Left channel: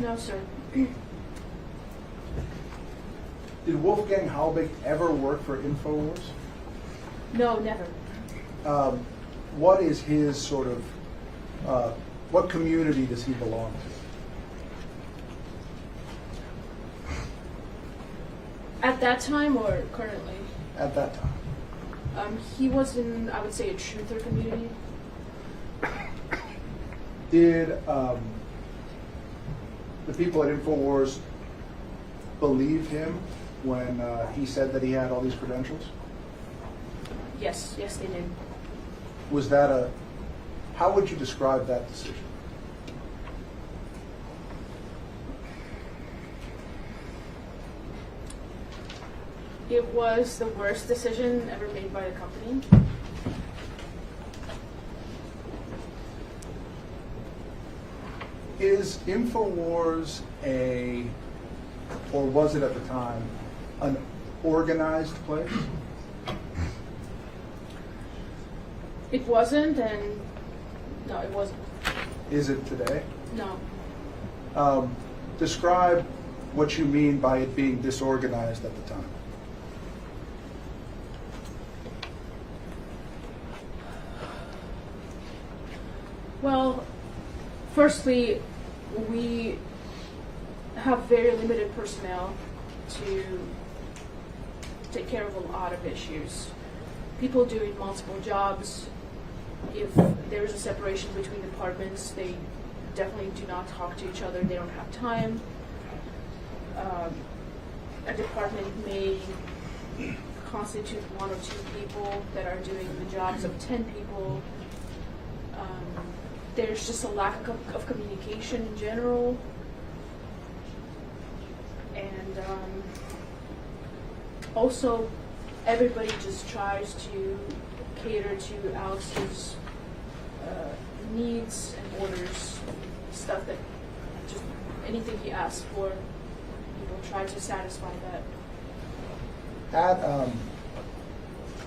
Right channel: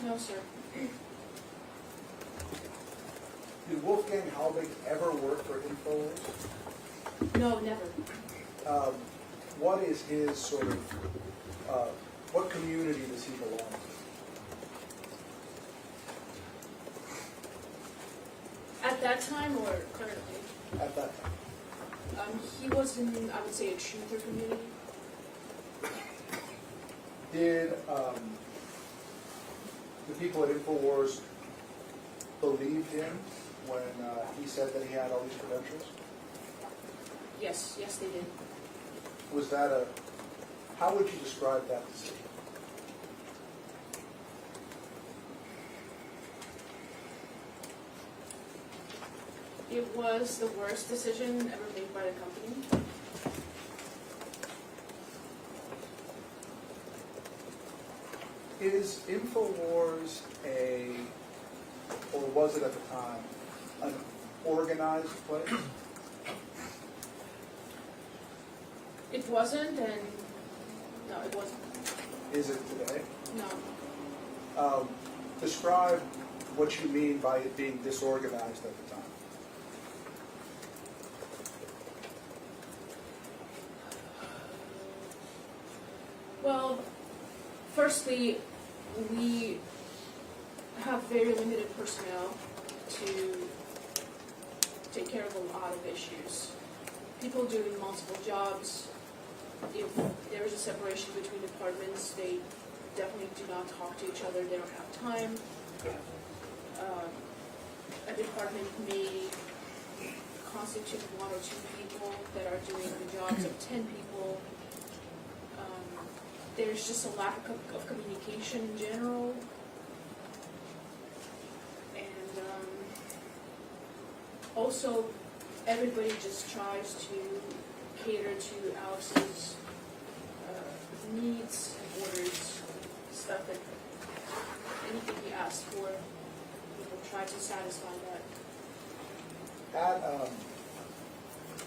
No, sir. Did Wolfgang Halbig ever work for InfoWars? No, never. What is his sort of, what community does he belong to? At that time or currently? At that time. He was in, I would say, a truther community. Did the people at InfoWars believe him when he said that he had all these credentials? Yes, yes, they did. Was that how would you describe that decision? It was the worst decision ever made by the company. Is InfoWars or was it at the time, an organized place? It wasn't, and no, it wasn't. Is it today? No. Describe what you mean by it being disorganized at the time. Well, firstly, we have very limited personnel to take care of a lot of issues. People doing multiple jobs. If there's a separation between departments, they definitely do not talk to each other. They don't have time. A department may constitute 1 or 2 people that are doing the jobs of 10 people. There's just a lack of communication in general. And also, everybody just tries to cater to Alex's needs and orders, stuff that just anything he asks for, people try to satisfy that.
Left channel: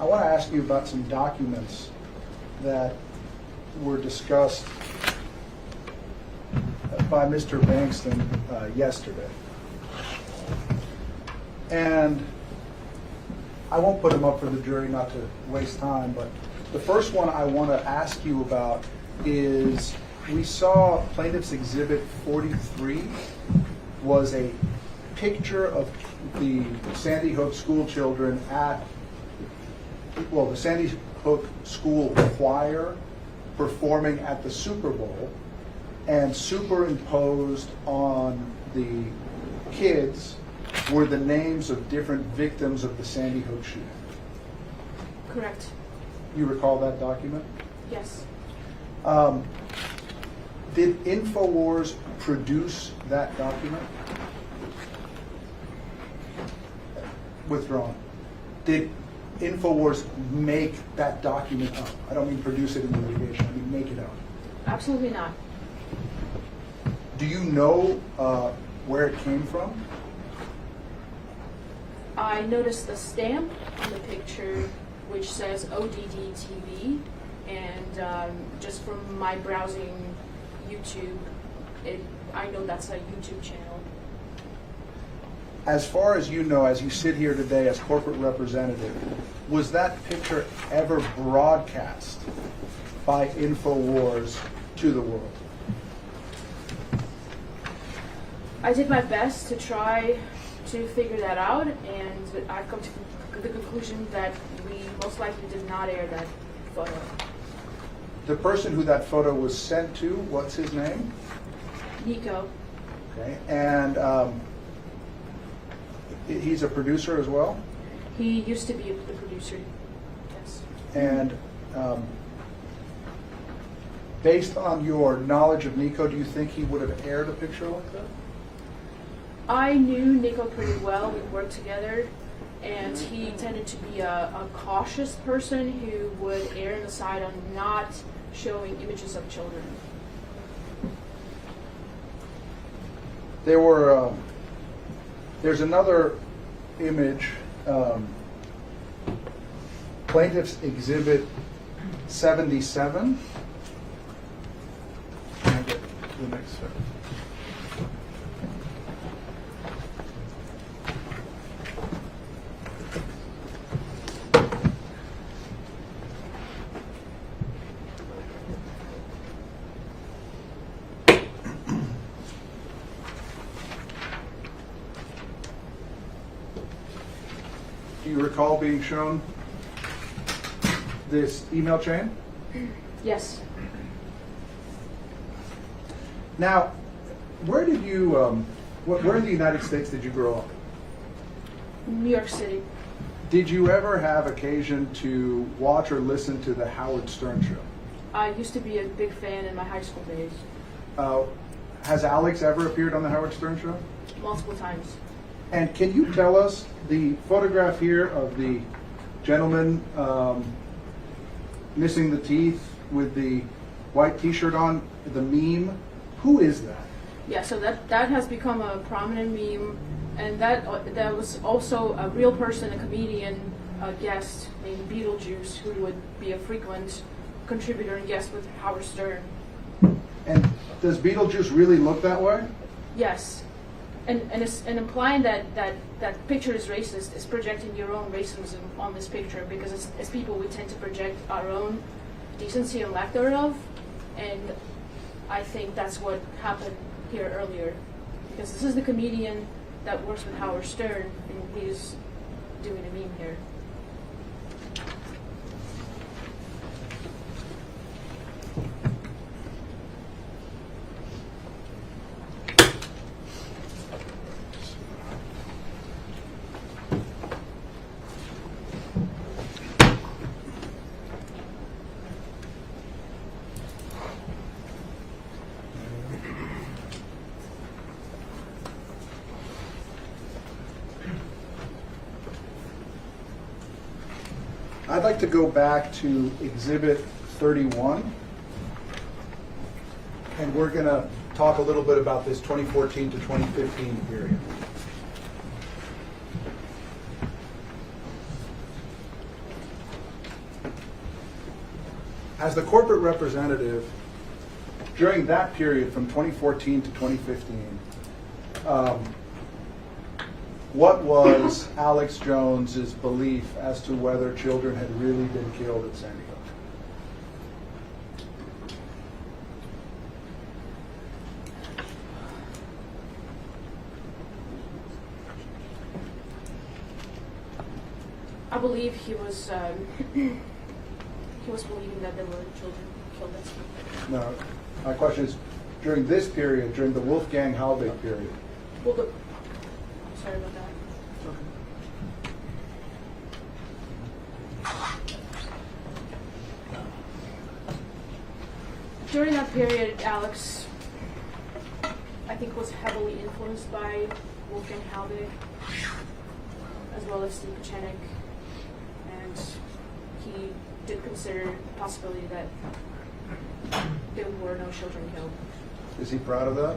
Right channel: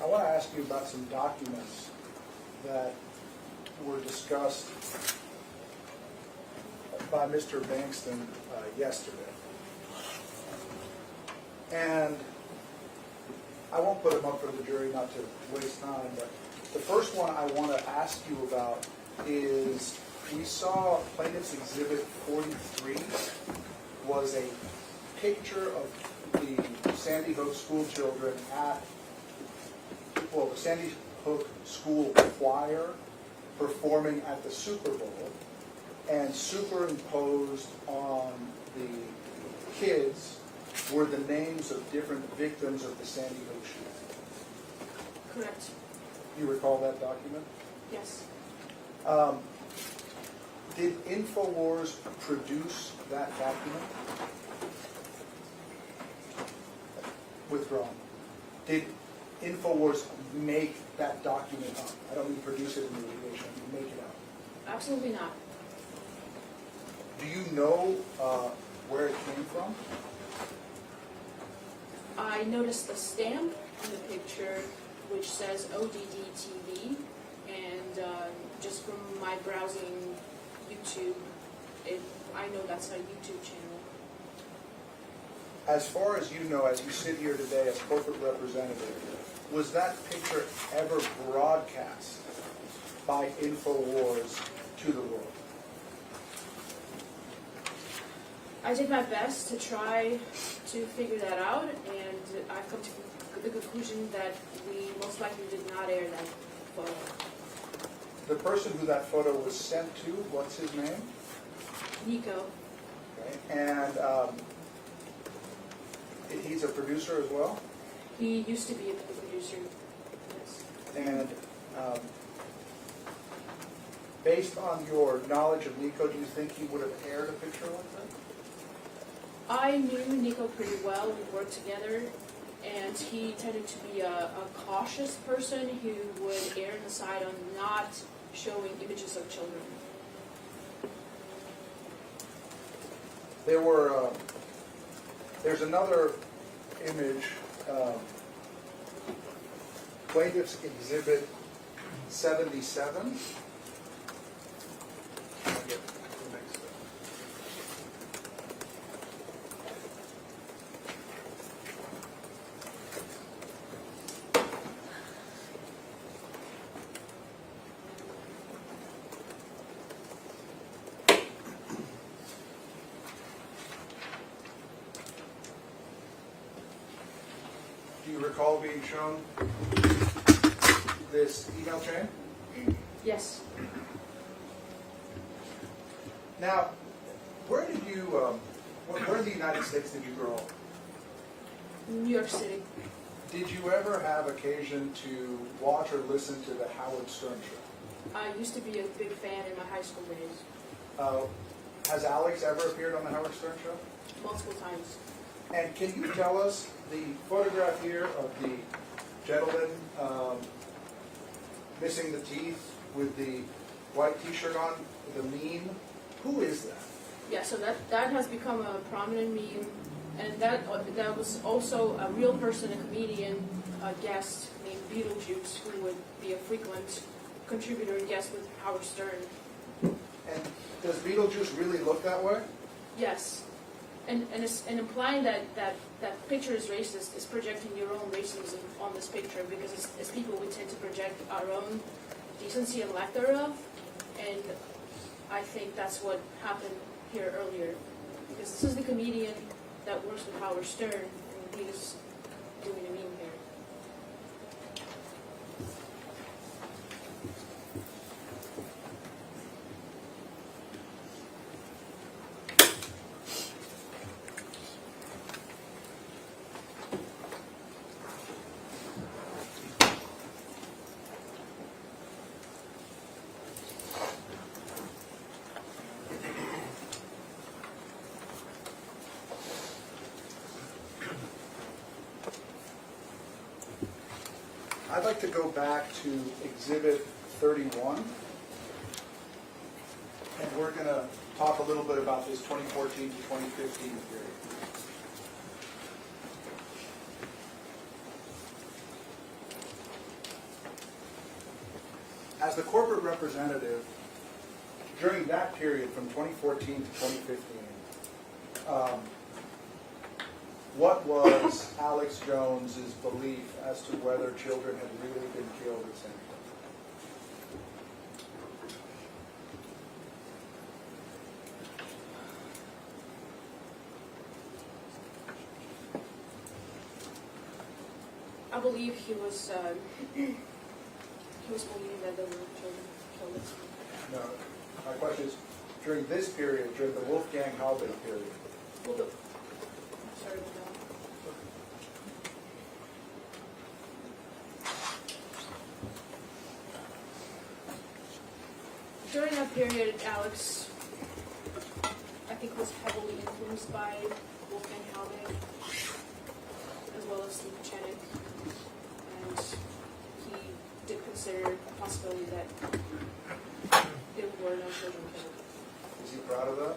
I want to ask you about some documents that were discussed by Mr. Bankston yesterday. And I won't put them up for the jury, not to waste time, but the first one I want to ask you about is we saw Plaintiff's Exhibit 43 was a picture of the Sandy Hook school children the Sandy Hook school choir performing at the Super Bowl, and superimposed on the kids were the names of different victims of the Sandy Hook shooting. Correct. You recall that document? Yes. Did InfoWars produce that document? Withdrawn. Did InfoWars make that document up? I don't mean produce it in litigation, I mean make it up. Absolutely not. Do you know where it came from? I noticed the stamp on the picture which says ODD TV, and just from my browsing YouTube, I know that's a YouTube channel. As far as you know, as you sit here today as corporate representative, was that picture ever broadcast by InfoWars to the world? I did my best to try to figure that out, and I've come to the conclusion that we most likely did not air that photo. The person who that photo was sent to, what's his name? Nico. Okay, and he's a producer as well? He used to be the producer, yes. And based on your knowledge of Nico, do you think he would have aired a picture like that? I knew Nico pretty well. We worked together, and he tended to be a cautious person who would err on the side on not showing images of children. There's another image, Plaintiff's Exhibit 77. Can I get the next one? do you recall being shown this email chain? Yes. Now, where did you, where in the United States did you grow up? New York City. Did you ever have occasion to watch or listen to the Howard Stern show? I used to be a big fan in my high school days, Has Alex ever appeared on the Howard Stern show? multiple times. And can you tell us the photograph here of the gentleman missing the teeth with the white T-shirt on, the meme? Who is that? Yeah, so that has become a prominent meme, and that was also a real person, a comedian, a guest named Beetlejuice, who would be a frequent contributor and guest with Howard Stern. And does Beetlejuice really look that way? Yes, and implying that picture is racist is projecting your own racism on this picture, because as people we tend to project our own decency and lack thereof, and I think that's what happened here earlier, because this is the comedian that works with Howard Stern, and he's doing a meme here. I'd like to go back to Exhibit 31, and we're going to talk a little bit about this 2014 to 2015 period. As the corporate representative, during that period from 2014 to 2015, what was Alex Jones's belief as to whether children had really been killed at Sandy Hook? I believe he was believing that there were children killed at Sandy Hook. No, my question is, during this period, during the Wolfgang Halbig period, Well, I'm sorry about that. During that period, Alex, I think, was heavily influenced by Wolfgang Halbig, as well as Steve Pachenik, and he did consider the possibility that there were no children killed. is he proud of that?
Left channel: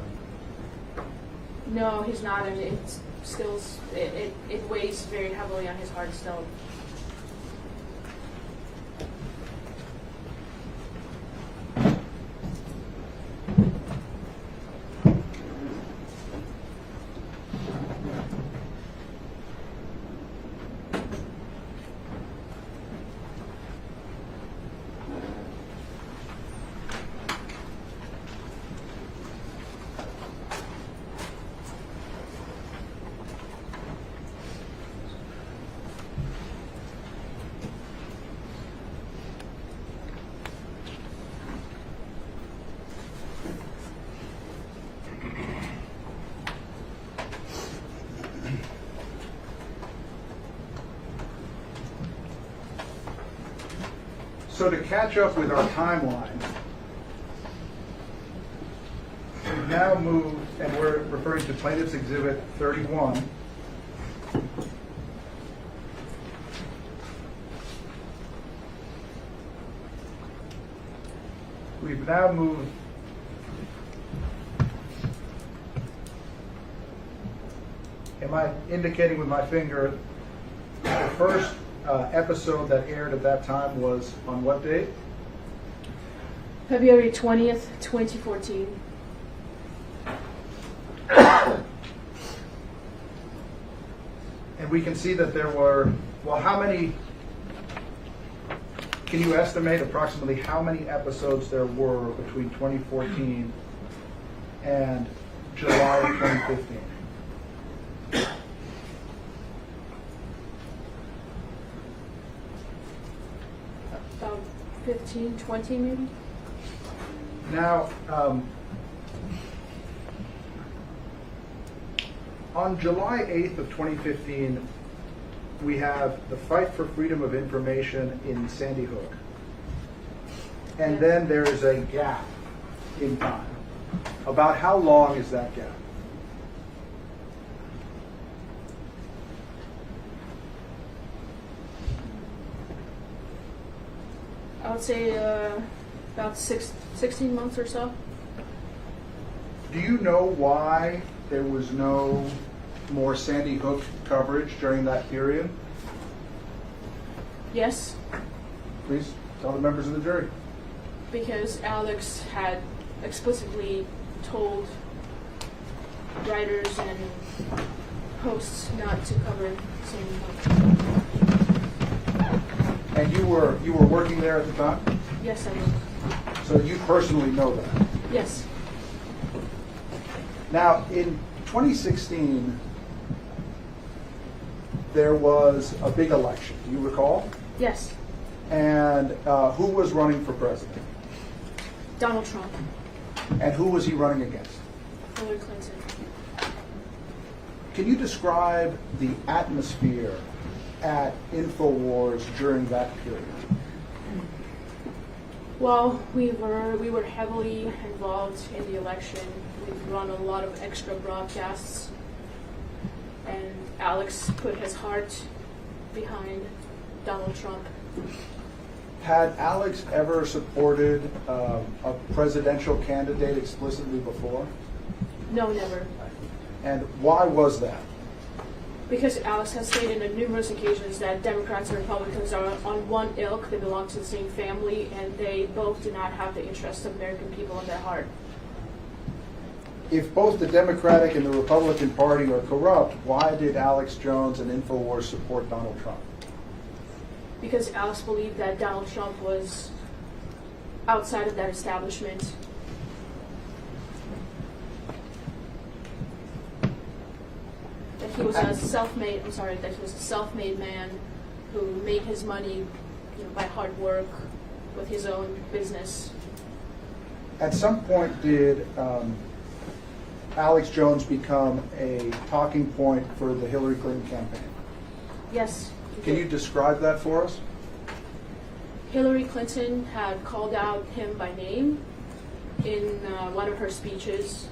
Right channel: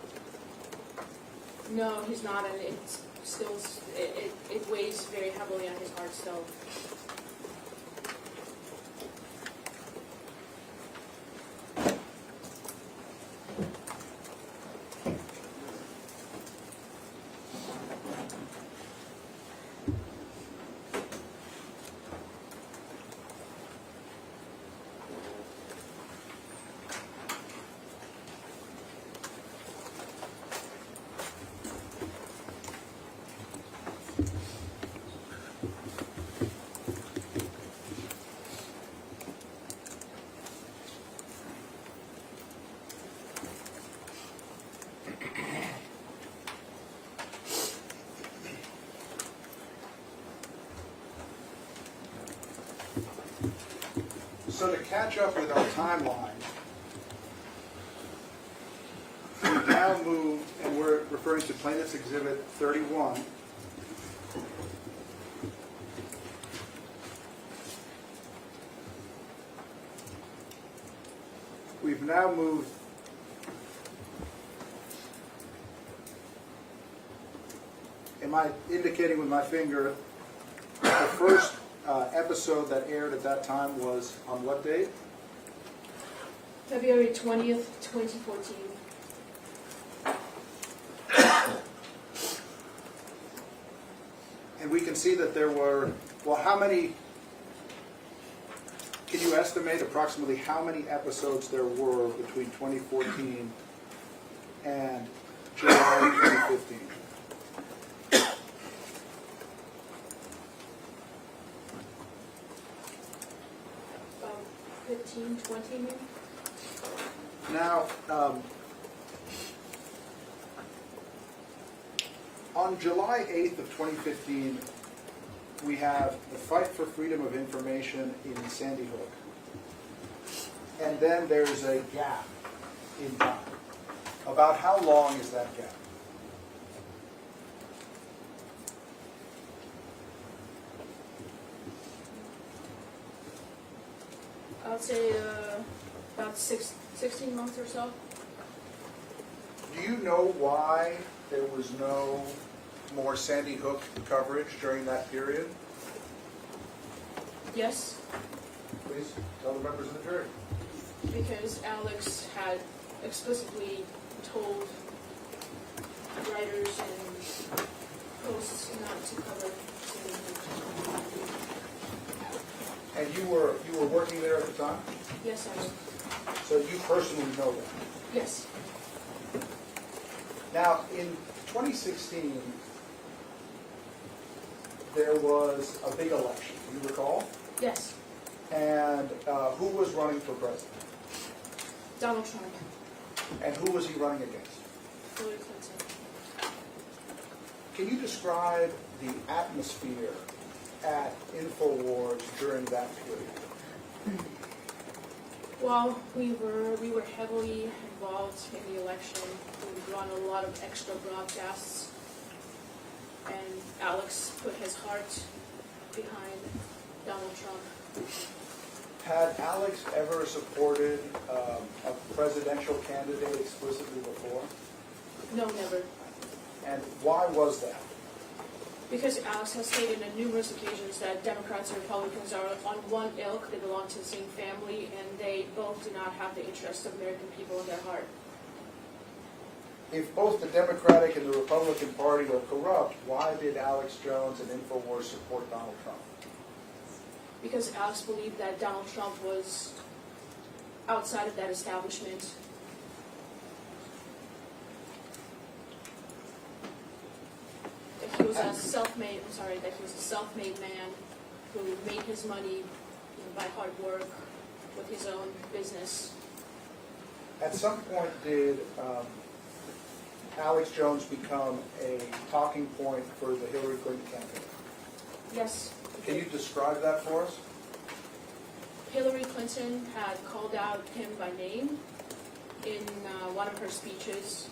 No, he's not, and it weighs very heavily on his heart still. So to catch up with our timeline, we've now moved, and we're referring to Plaintiff's Exhibit 31. We've now moved am I indicating with my finger the first episode that aired at that time was on what date? February 20th, 2014. And we can see that there were, well, how many, can you estimate approximately how many episodes there were between 2014 and July 2015? 2019, 20 maybe? Now, on July 8th of 2015, we have the fight for freedom of information in Sandy Hook. And then there's a gap in time. About how long is that gap? I would say about 16 months or so. Do you know why there was no more Sandy Hook coverage during that period? Yes, Please tell the members of the jury. because Alex had explicitly told writers and hosts not to cover Sandy Hook. And you were working there at the time? Yes, I was. So you personally know that. Yes. Now, in 2016, there was a big election. Do you recall? Yes. And who was running for president? Donald Trump. And who was he running against? Hillary Clinton. Can you describe the atmosphere at InfoWars during that period? Well, we were heavily involved in the election. We run a lot of extra broadcasts, and Alex put his heart behind Donald Trump. Had Alex ever supported a presidential candidate explicitly before? No, never. And why was that? Because Alex has stated on numerous occasions that Democrats and Republicans are on one ilk, they belong to the same family, and they both do not have the interests of American people in their heart. If both the Democratic and the Republican Party are corrupt, why did Alex Jones and InfoWars support Donald Trump? Because Alex believed that Donald Trump was outside of that establishment. That he was a self-made man who made his money, by hard work with his own business. At some point, did Alex Jones become a talking point for the Hillary Clinton campaign? Yes. Can you describe that for us? Hillary Clinton had called out him by name in one of her speeches,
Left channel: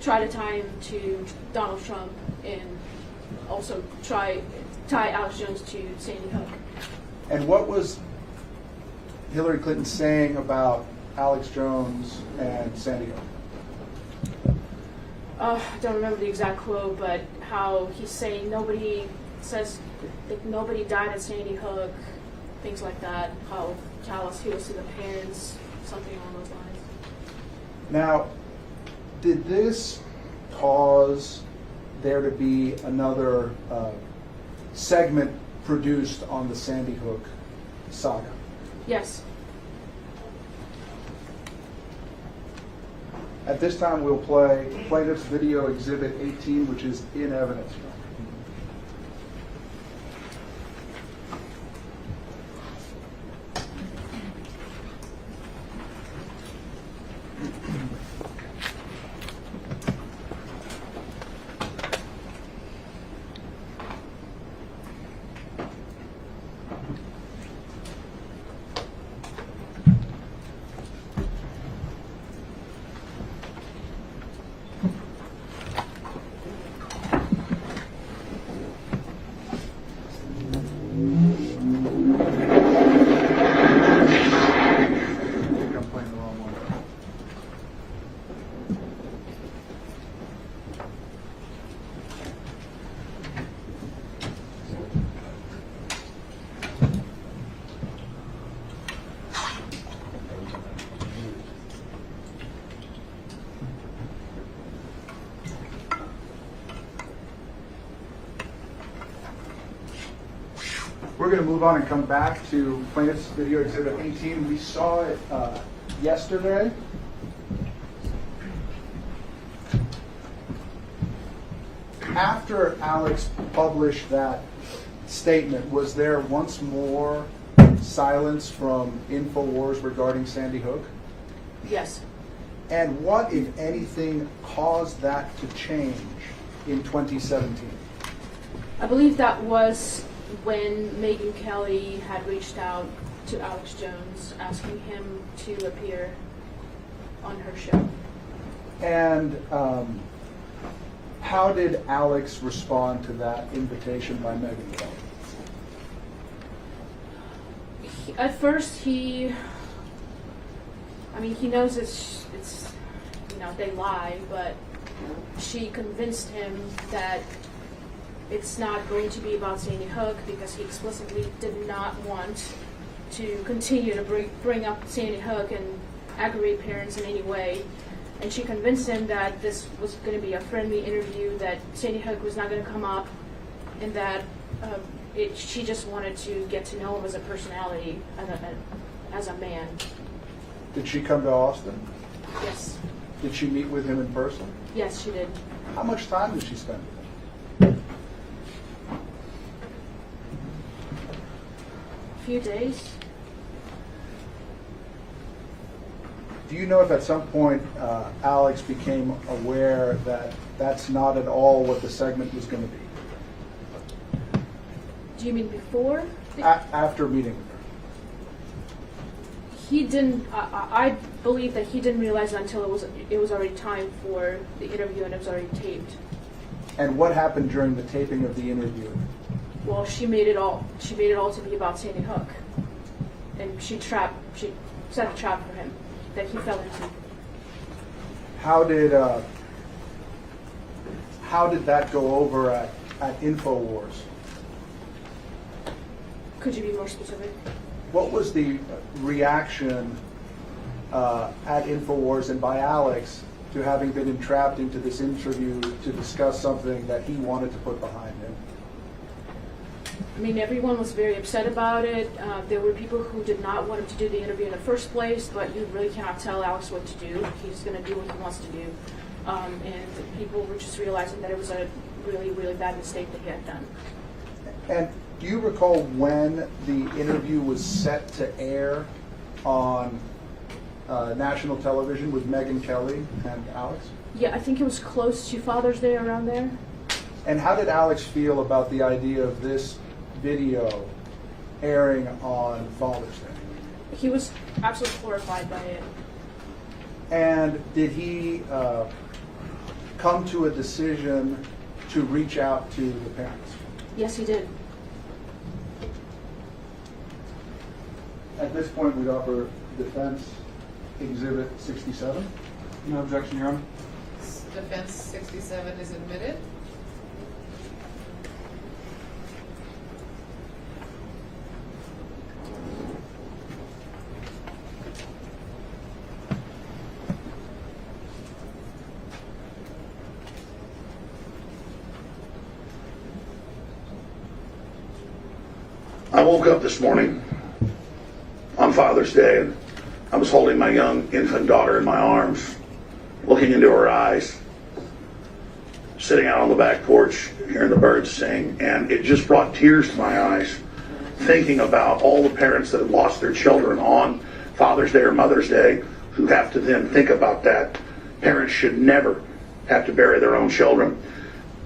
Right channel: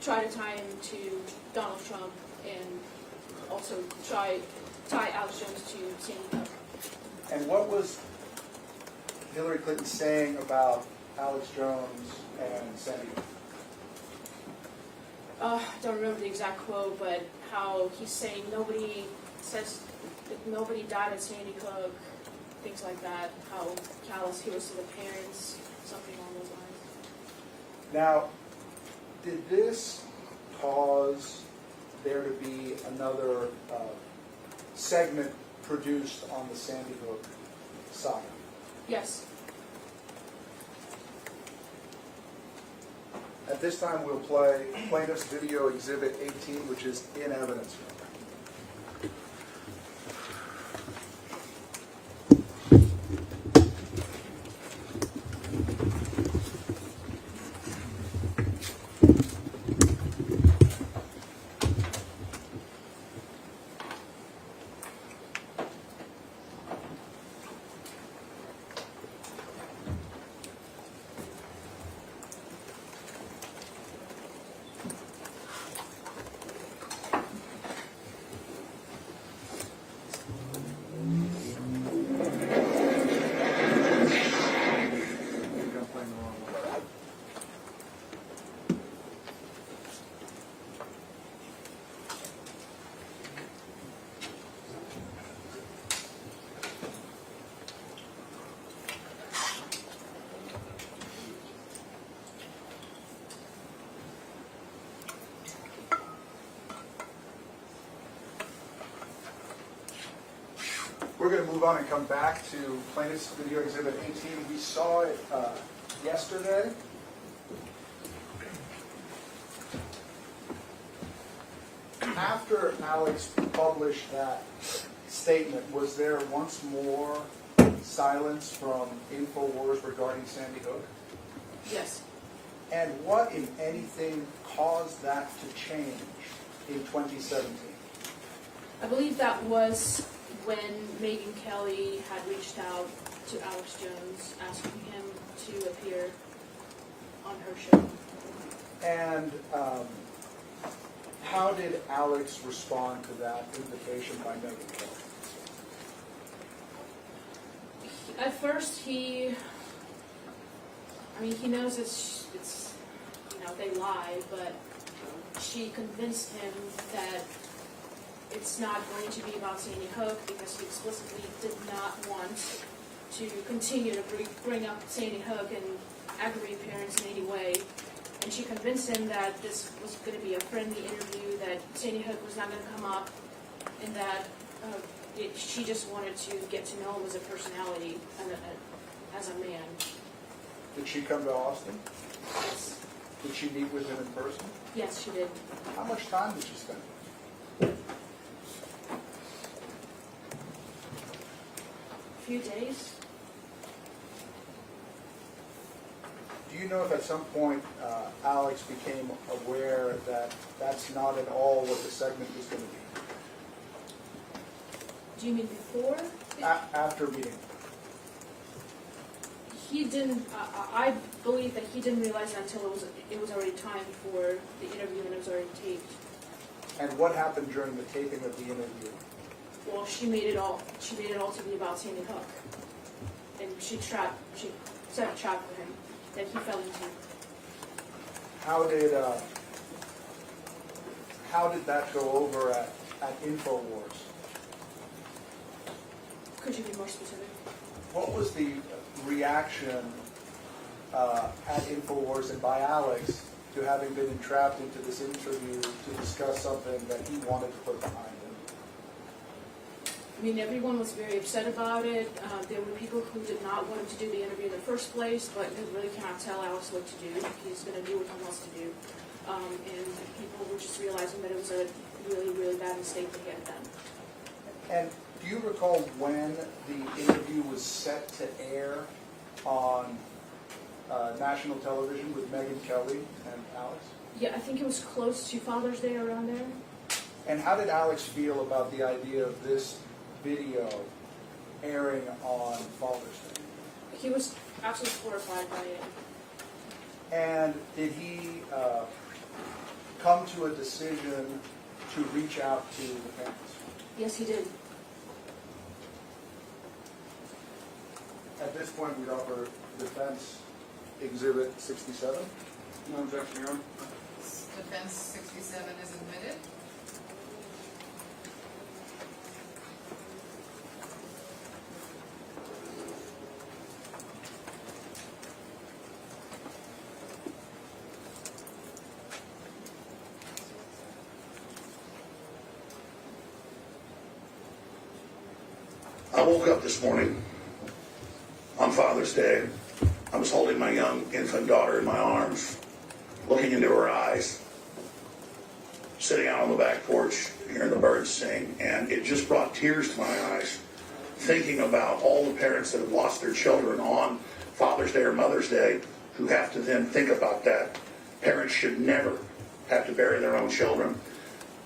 try to tie him to Donald Trump, and also tie Alex Jones to Sandy Hook. And what was Hillary Clinton saying about Alex Jones and Sandy Hook? I don't remember the exact quote, but how he's saying nobody says that nobody died at Sandy Hook, things like that, how callous he was to the parents, something along those lines. Now, did this cause there to be another segment produced on the Sandy Hook saga? Yes. At this time, we'll play Plaintiff's Video Exhibit 18, which is in evidence. We're going to move on and come back to Plaintiff's Video Exhibit 18. We saw it yesterday. After Alex published that statement, was there once more silence from InfoWars regarding Sandy Hook? Yes. And what, if anything, caused that to change in 2017? I believe that was when Megyn Kelly had reached out to Alex Jones asking him to appear on her show. And how did Alex respond to that invitation by Megyn Kelly? At first, he knows it's they lie, but she convinced him that it's not going to be about Sandy Hook because he explicitly did not want to continue to bring up Sandy Hook and aggravate parents in any way. And she convinced him that this was going to be a friendly interview, that Sandy Hook was not going to come up, and that she just wanted to get to know him as a personality, as a man. Did she come to Austin? Yes. Did she meet with him in person? Yes, she did. How much time did she spend with him? A few days. Do you know if at some point Alex became aware that that's not at all what the segment was going to be? Do you mean before? After meeting? He didn't. I believe that he didn't realize it until it was already time for the interview and it was already taped. And what happened during the taping of the interview? Well, she made it all to be about Sandy Hook, and she set a trap for him that he fell into. How did that go over at InfoWars? Could you be more specific? What was the reaction at InfoWars and by Alex to having been entrapped into this interview to discuss something that he wanted to put behind him? I mean, everyone was very upset about it. There were people who did not want him to do the interview in the first place, but you really cannot tell Alex what to do. He's going to do what he wants to do. And people were just realizing that it was a really, really bad mistake that he had done. And do you recall when the interview was set to air on national television with Megyn Kelly and Alex? Yeah, I think it was close to Father's Day, around there. And how did Alex feel about the idea of this video airing on Father's Day? He was absolutely horrified by it. And did he come to a decision to reach out to the parents? Yes, he did. At this point, we'd offer defense exhibit 67. No objection, Your Honor. Defense 67 is admitted. I woke up this morning on Father's Day, and I was holding my young infant daughter in my arms, looking into her eyes, sitting out on the back porch, hearing the birds sing, and it just brought tears to my eyes, thinking about all the parents that have lost their children on Father's Day or Mother's Day, who have to then think about that. Parents should never have to bury their own children.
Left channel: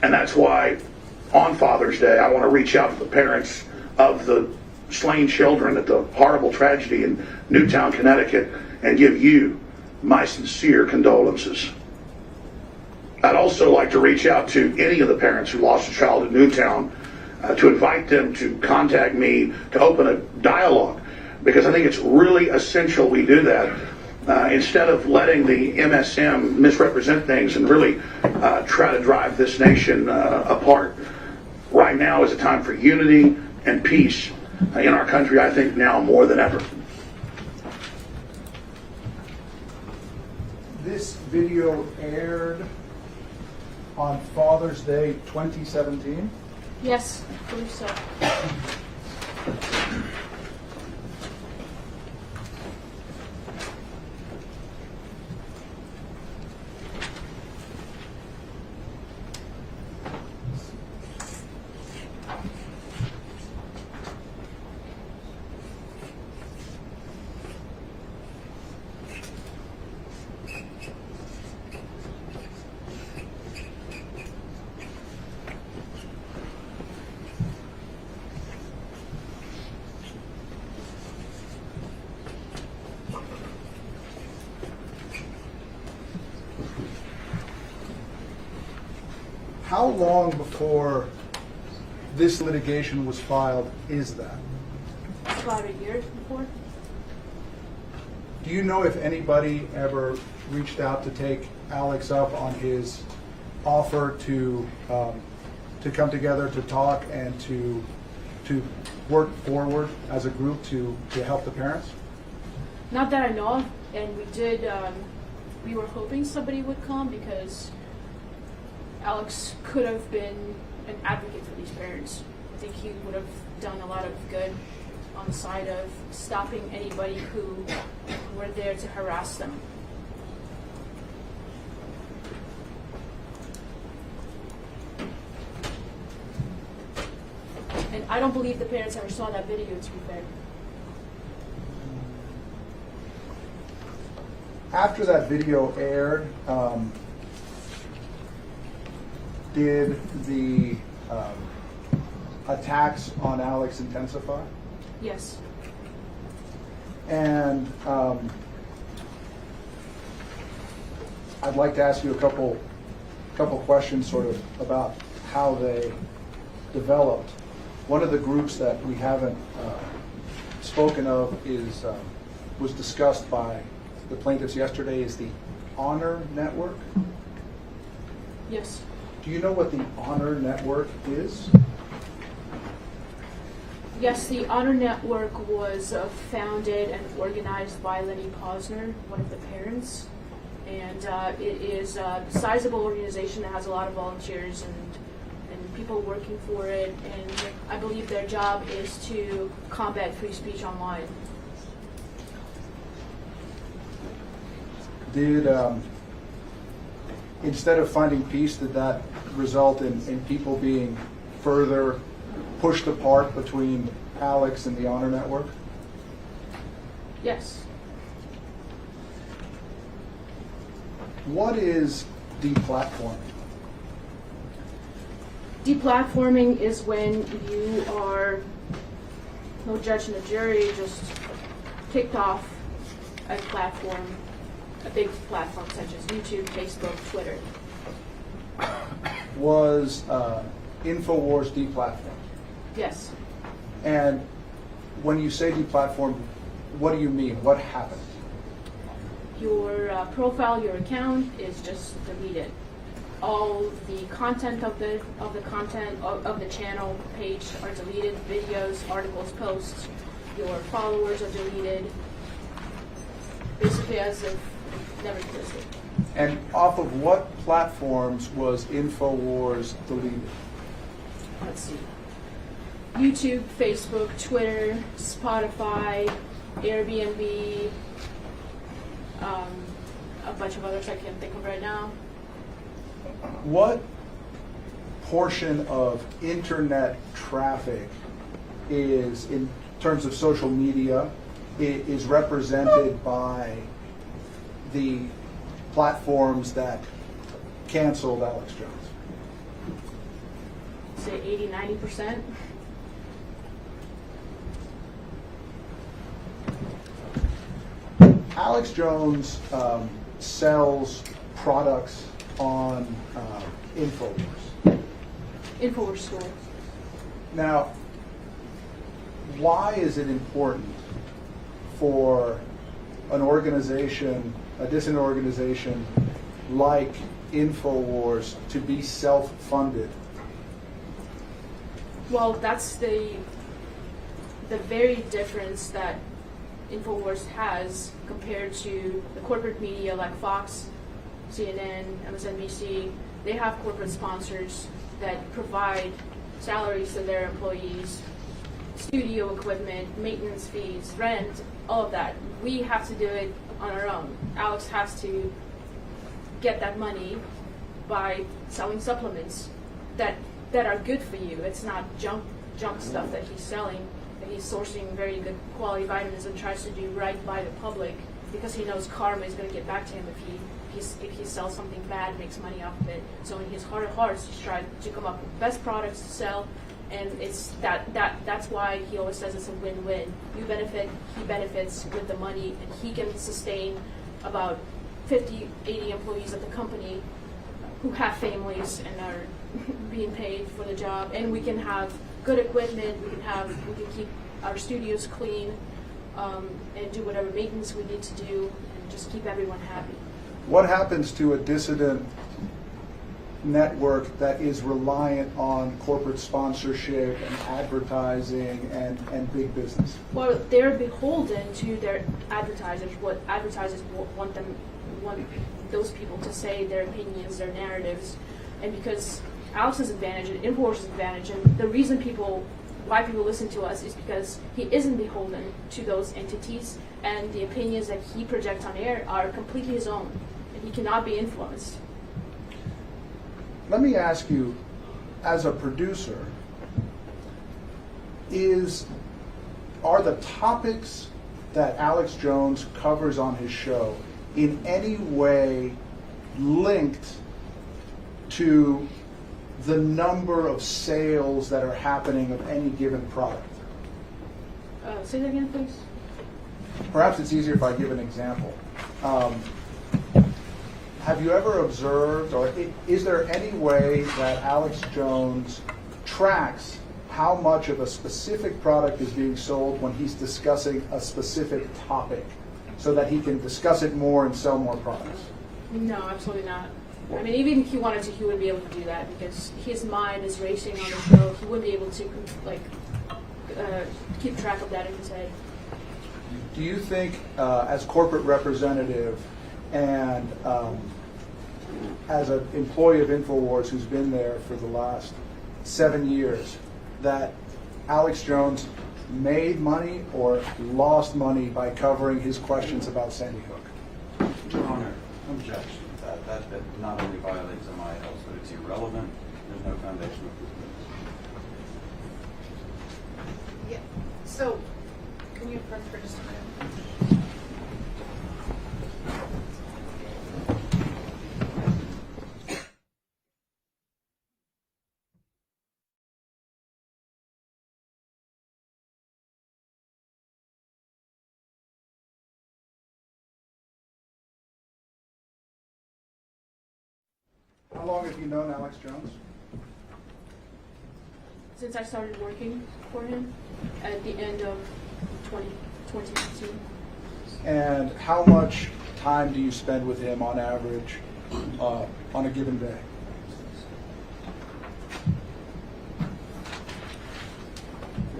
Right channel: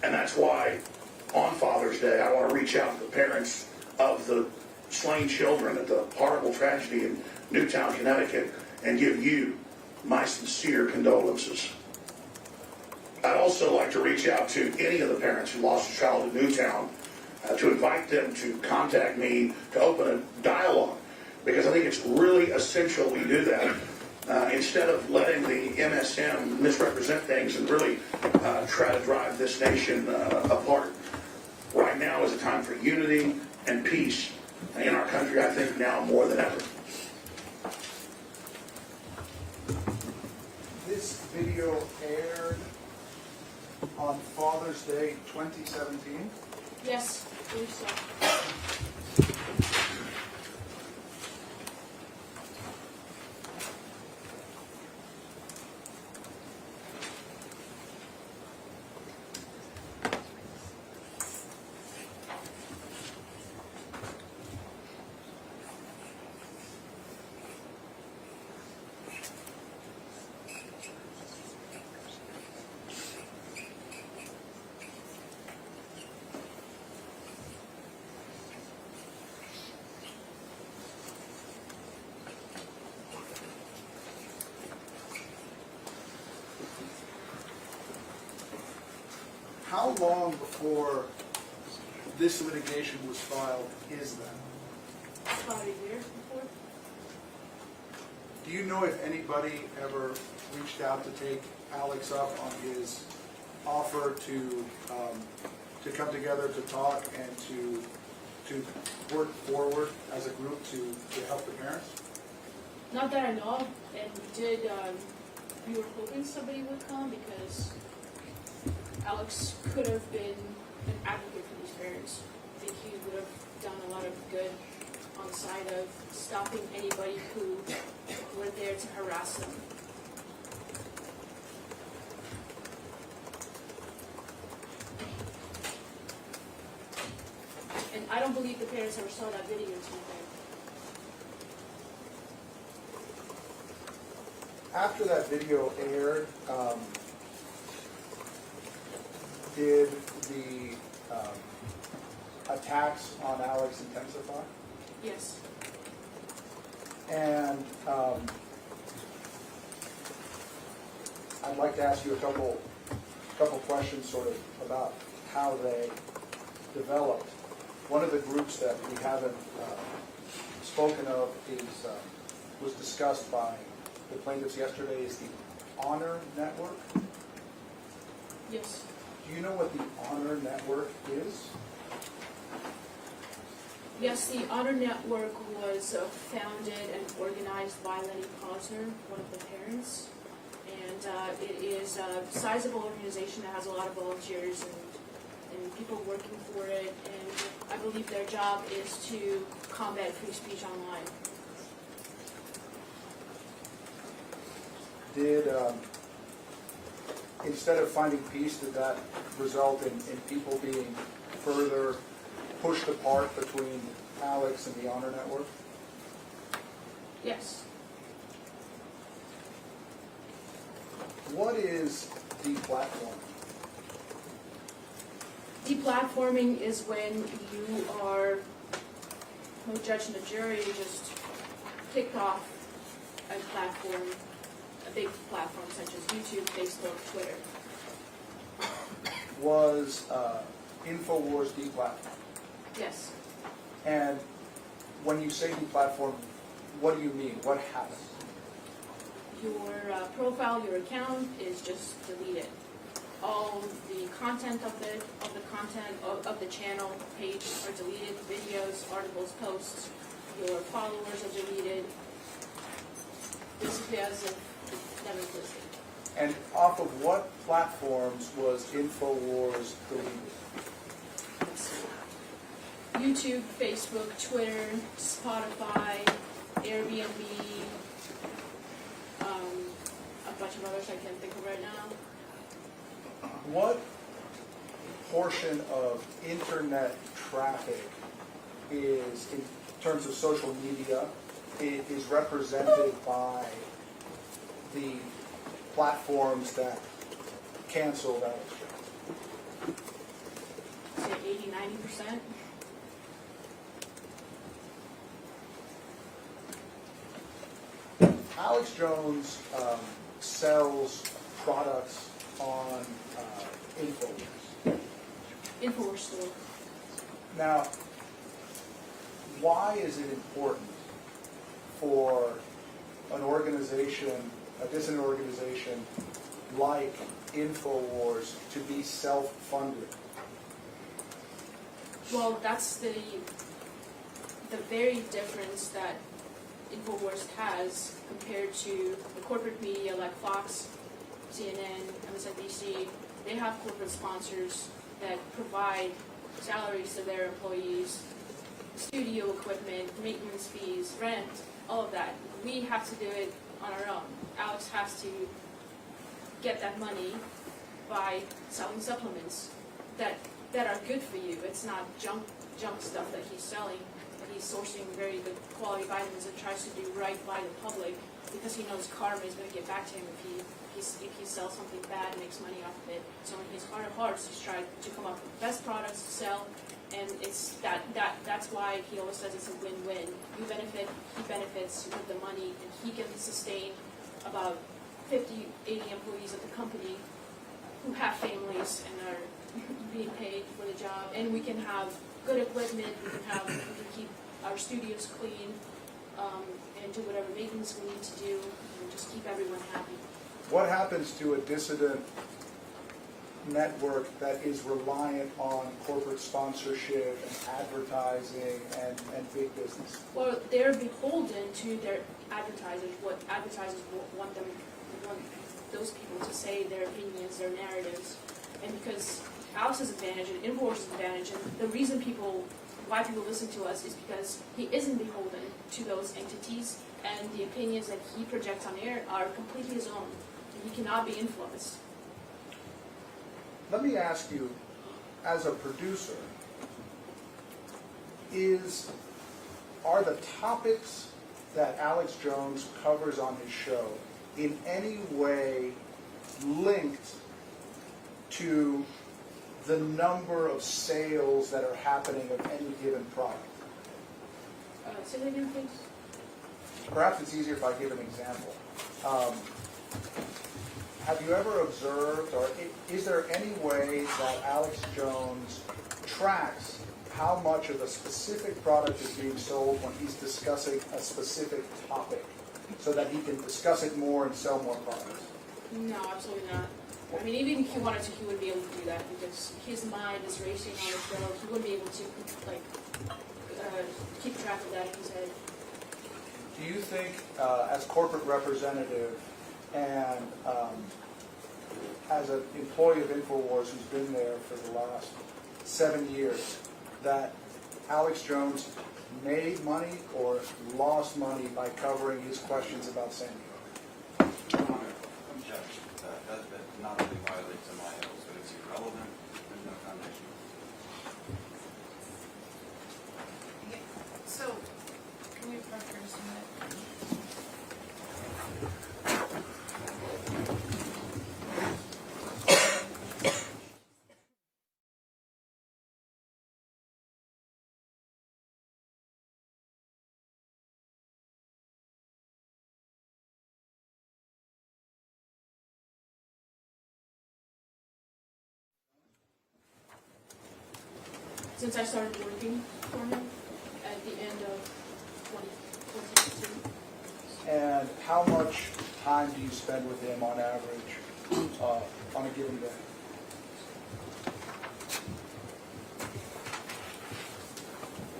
And that's why on Father's Day, I want to reach out to the parents of the slain children at the horrible tragedy in Newtown, Connecticut, and give you my sincere condolences. I'd also like to reach out to any of the parents who lost a child in Newtown to invite them to contact me to open a dialogue, because I think it's really essential we do that instead of letting the MSM misrepresent things and really try to drive this nation apart. Right now is a time for unity and peace in our country, I think now more than ever. This video aired on Father's Day 2017. Yes, I believe so. How long before this litigation was filed is that? About a year before. Do you know if anybody ever reached out to take Alex up on his offer to come together to talk and to work forward as a group to help the parents? Not that I know of, and we were hoping somebody would come because Alex could have been an advocate for these parents. I think he would have done a lot of good on the side of stopping anybody who were there to harass them. And I don't believe the parents ever saw that video, to be fair. After that video aired, did the attacks on Alex intensify? Yes. And I'd like to ask you a couple questions sort of about how they developed. One of the groups that we haven't spoken of was discussed by the plaintiffs yesterday is the Honor Network. Yes. Do you know what the Honor Network is? Yes, the Honor Network was founded and organized by Lenny Posner, one of the parents. And it is a sizable organization that has a lot of volunteers and people working for it. And I believe their job is to combat free speech online. Did, instead of finding peace, did that result in people being further pushed apart between Alex and the Honor Network? Yes. What is deplatforming? Deplatforming is when you are, no judge and a jury, just kicked off a platform, a big platform such as YouTube, Facebook, Twitter. Was InfoWars deplatformed? Yes. And when you say deplatformed, what do you mean? What happened? Your profile, your account is just deleted. All the content of the channel page are deleted. Videos, articles, posts. Your followers are deleted. Basically, as if it never existed. And off of what platforms was InfoWars deleted? Let's see. YouTube, Facebook, Twitter, Spotify, Airbnb, a bunch of others I can't think of right now. What portion of internet traffic is, in terms of social media, is represented by the platforms that canceled Alex Jones? Say 80-90%. Alex Jones sells products on InfoWars. InfoWars store. Now, why is it important for an organization, a dissident organization like InfoWars to be self-funded? Well, that's the very difference that InfoWars has compared to the corporate media like Fox, CNN, MSNBC. They have corporate sponsors that provide salaries to their employees, studio equipment, maintenance fees, rent, all of that. We have to do it on our own. Alex has to get that money by selling supplements that are good for you. It's not junk stuff that he's selling. He's sourcing very good quality vitamins and tries to do right by the public because he knows karma is going to get back to him if he sells something bad and makes money off of it. So in his heart of hearts, he's trying to come up with the best products to sell, and it's that's why he always says it's a win-win. You benefit, he benefits with the money, and he can sustain about 50, 80 employees at the company who have families and are being paid for the job, and we can have good equipment. We can keep our studios clean, and do whatever maintenance we need to do, and just keep everyone happy. What happens to a dissident network that is reliant on corporate sponsorship and advertising and big business? Well, they're beholden to their advertisers. What advertisers want those people to say, their opinions, their narratives, and because Alex's advantage and InfoWars' advantage, and the reason why people listen to us is because he isn't beholden to those entities, and the opinions that he projects on air are completely his own, and he cannot be influenced. Let me ask you, as a producer, are the topics that Alex Jones covers on his show in any way linked to the number of sales that are happening of any given product? Say that again, please. Perhaps it's easier if I give an example. Have you ever observed, or is there any way that Alex Jones tracks how much of a specific product is being sold when he's discussing a specific topic, so that he can discuss it more and sell more products? No, absolutely not. I mean, even if he wanted to, he wouldn't be able to do that because his mind is racing on the show. He wouldn't be able to keep track of that in his head. Do you think, as corporate representative and as an employee of InfoWars who's been there for the last 7 years, that Alex Jones made money or lost money by covering his questions about Sandy Hook? Your Honor, objection. That not only violates MILs, but it's irrelevant. There's no foundation of Yeah, so, can you front for just a minute? How long have you known Alex Jones? Since I started working for him at the end of 2018. And how much time do you spend with him on average on a given day?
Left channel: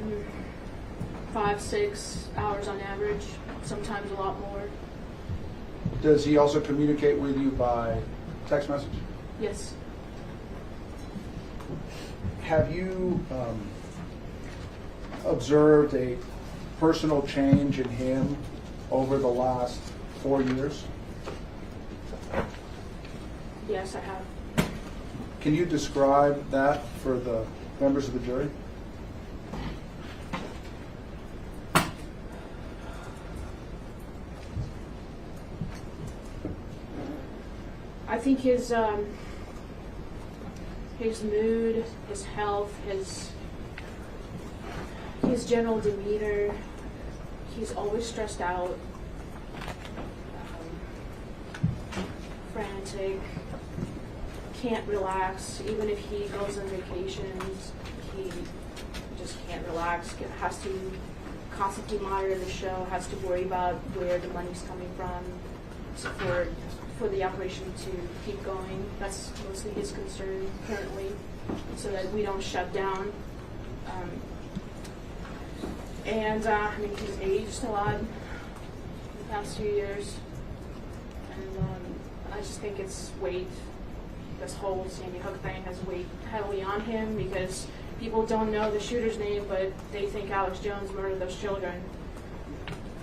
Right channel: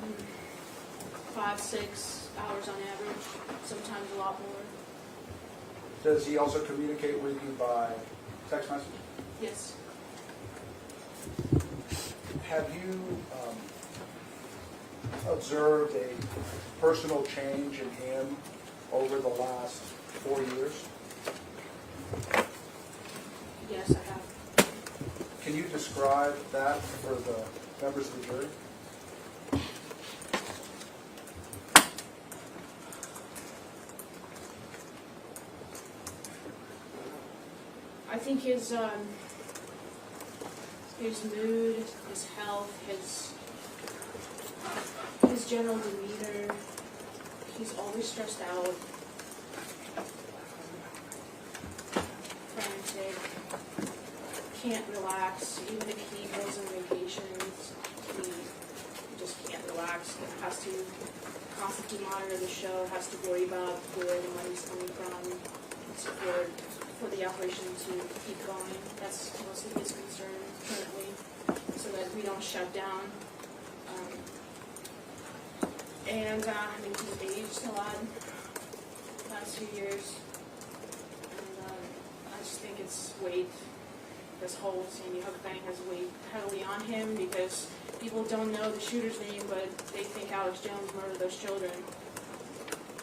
Mm, 5-6 hours on average, sometimes a lot more. Does he also communicate with you by text message? Yes. Have you observed a personal change in him over the last 4 years? Yes, I have. Can you describe that for the members of the jury? I think his mood, his health, his general demeanor, he's always stressed out, frantic, can't relax. Even if he goes on vacations, he just can't relax. Has to constantly monitor the show, has to worry about where the money's coming from for the operation to keep going. That's mostly his concern currently, so that we don't shut down. I mean, he's aged a lot in the past few years, and I just think it's weighed. This whole Sandy Hook thing has weighed heavily on him because people don't know the shooter's name, but they think Alex Jones murdered those children.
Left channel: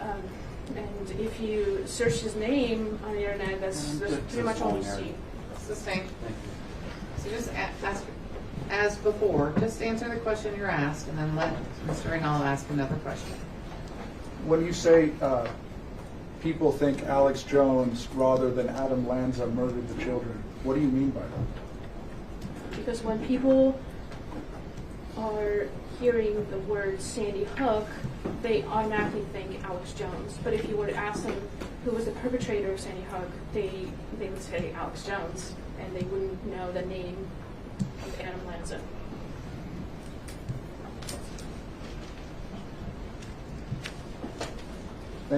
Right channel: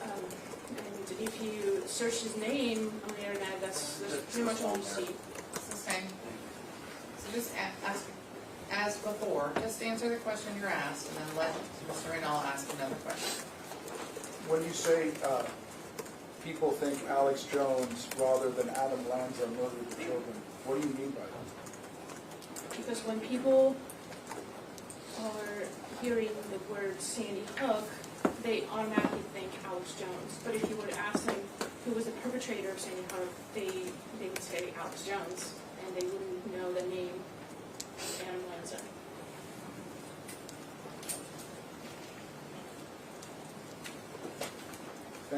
And if you search his name on the internet, that's pretty much all you see. Sustained. So just ask, as before, just answer the question you're asked, and then let Mr. Reynal ask another question. When you say people think Alex Jones rather than Adam Lanza murdered the children, what do you mean by that? Because when people are hearing the word Sandy Hook, they automatically think Alex Jones. But if you were to ask them who was the perpetrator of Sandy Hook, they would say Alex Jones, and they wouldn't know the name of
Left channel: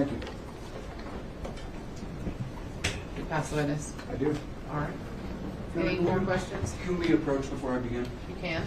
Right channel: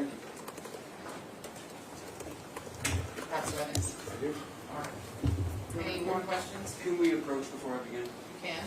Thank you. Pass witness. I do. All right. Any more questions? Can we approach before I begin? You can.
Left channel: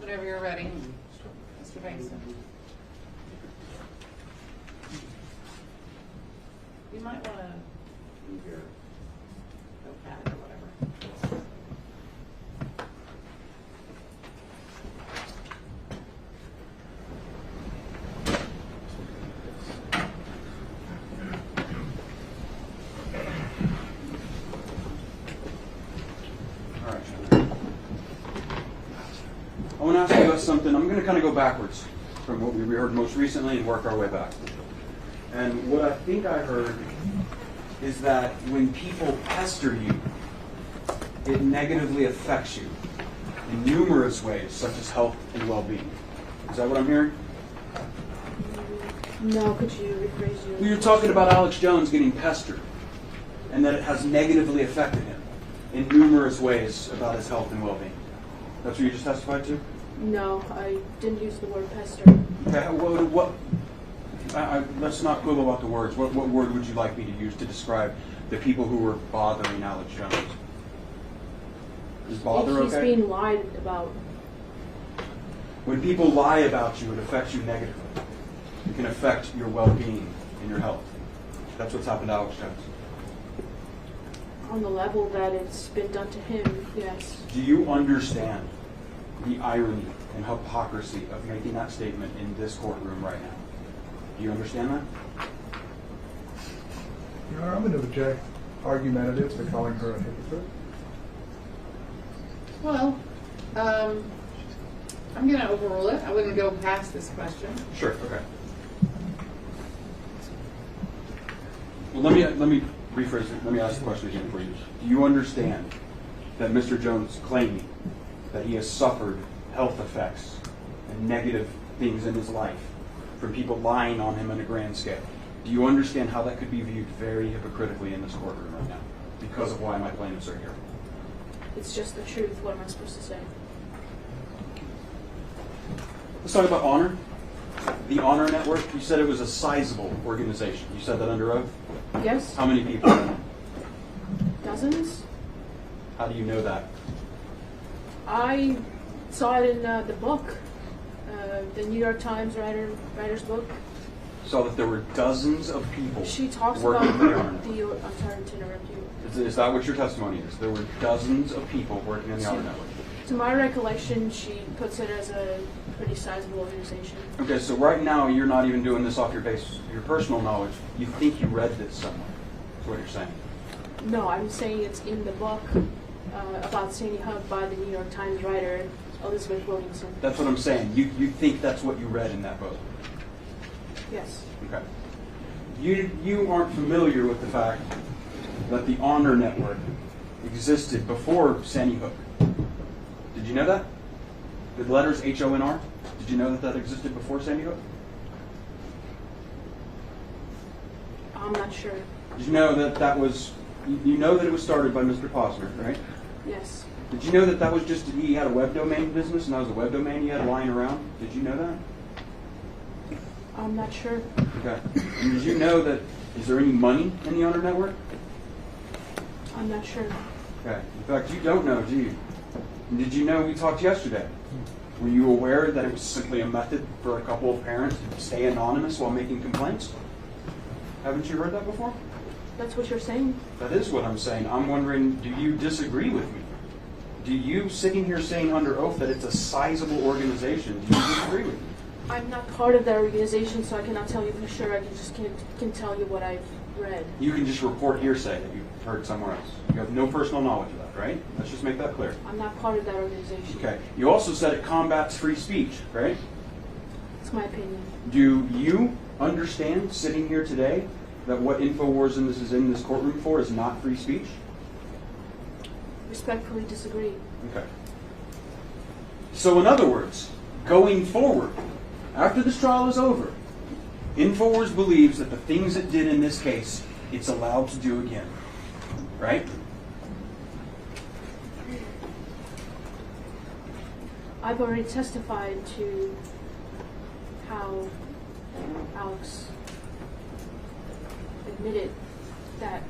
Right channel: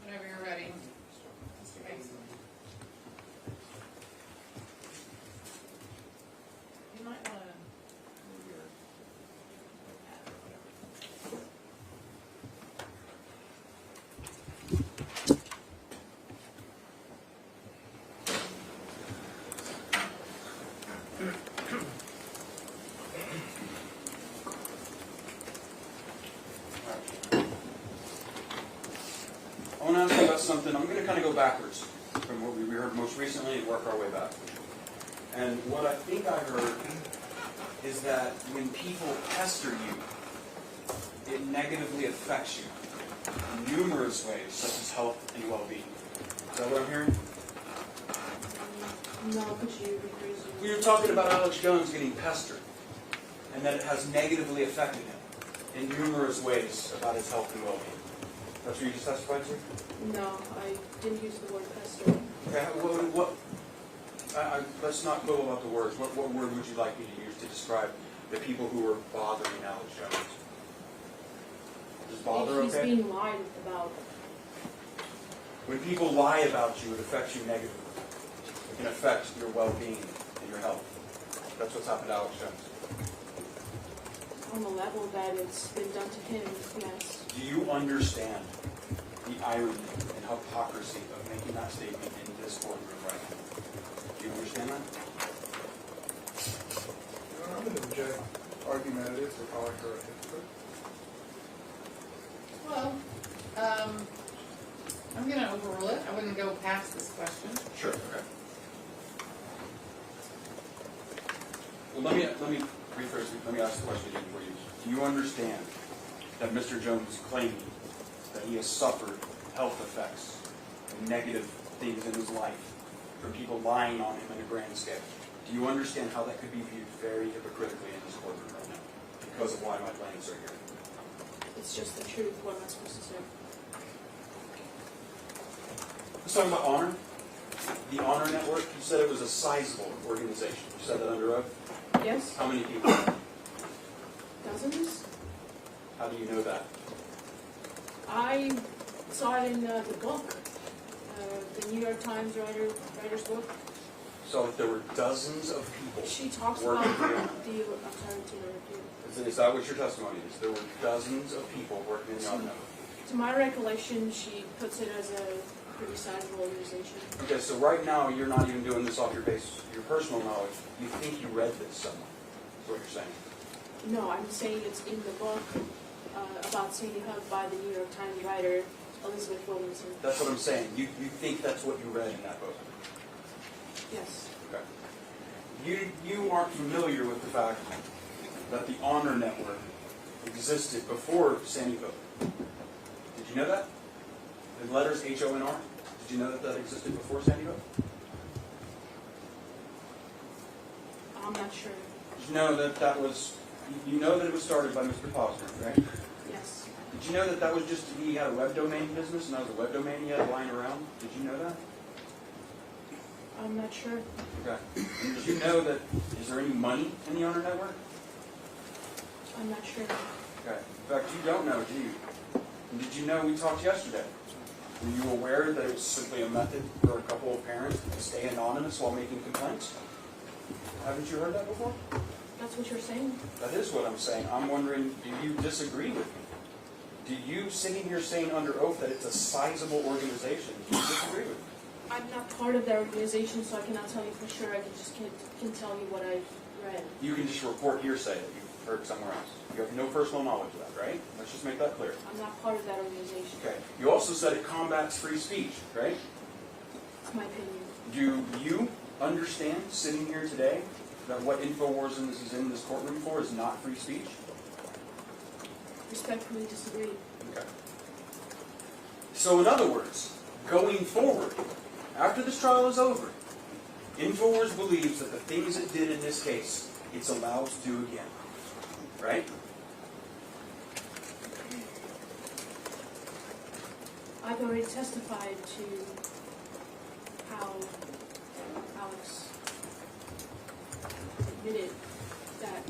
Whenever you're ready. Mr. Mason. You might want to move your notepad or whatever. I want to ask you about something. I'm going to kind of go backwards from what we heard most recently and work our way back. And what I think I heard is that when people pester you, it negatively affects you in numerous ways, such as health and well-being. Is that what I'm hearing? No, could you rephrase your... We were talking about Alex Jones getting pestered, and that it has negatively affected him in numerous ways about his health and well-being. That's what you just testified to? No, I didn't use the word pester. Okay, let's not quibble about the words. What word would you like me to use to describe the people who were bothering Alex Jones? Is bother He's okay? being lied about. When people lie about you, it affects you negatively. It can affect your well-being and your health. That's what's happened to Alex Jones. On the level that it's been done to him, yes. Do you understand the irony and hypocrisy of making that statement in this courtroom right now? Do you understand that? Your Honor, I'm going to object argumentative for calling her a hypocrite. Well, I'm going to overrule it. I wouldn't go past this question. Sure. Okay. Well, let me rephrase it. Let me ask the question again for you. Do you understand that Mr. Jones claiming that he has suffered health effects and negative things in his life from people lying on him on a grand scale? Do you understand how that could be viewed very hypocritically in this courtroom right now because of why my plaintiffs are here? It's just the truth. What am I supposed to say? Let's talk about Honor. The Honor Network, you said it was a sizable organization. You said that under oath? Yes? How many people? Dozens? How do you know that? I saw it in the book, the New York Times writer's book. You saw that there were dozens of people She talks working about for the Honor the... Network. I'm sorry to interrupt you. Is that what your testimony is? There were dozens of people working in the Honor Network. To my recollection, she puts it as a pretty sizable organization. Okay, so right now you're not even doing this off your personal knowledge. You think you read this somewhere. That's what you're saying. No, I'm saying it's in the book. about Sandy Hook by the New York Times writer Elizabeth Williamson. That's what I'm saying. You think that's what you read in that book? Yes. Okay. You aren't familiar with the fact that the Honor Network existed before Sandy Hook. Did you know that? The letters HONR? Did you know that that existed before Sandy Hook? I'm not sure. Did you know that that was, you know that it was started by Mr. Posner, right? Yes. Did you know that that was just, he had a web domain business and that was a web domain he had lying around? Did you know that? I'm not sure. Okay. And did you know that, is there any money in the Honor Network? I'm not sure. Okay. In fact, you don't know, do you? And did you know we talked yesterday? Were you aware that it was simply a method for a couple of parents to stay anonymous while making complaints? Haven't you heard that before? That's what you're saying? That is what I'm saying. I'm wondering, do you disagree with me? Do you, sitting here saying under oath that it's a sizable organization, do you disagree with me? I'm not part of that organization, so I cannot tell you for sure. I can tell you what I've read. You can just report hearsay that you've heard somewhere else. You have no personal knowledge of that, right? Let's just make that clear. I'm not part of that organization. Okay. You also said it combats free speech, right? It's my opinion. Do you understand, sitting here today, that what InfoWars is in this courtroom for is not free speech? Respectfully disagree. Okay. So in other words, going forward, after this trial is over, InfoWars believes that the things it did in this case, it's allowed to do again. Right? I've already testified to how Alex admitted that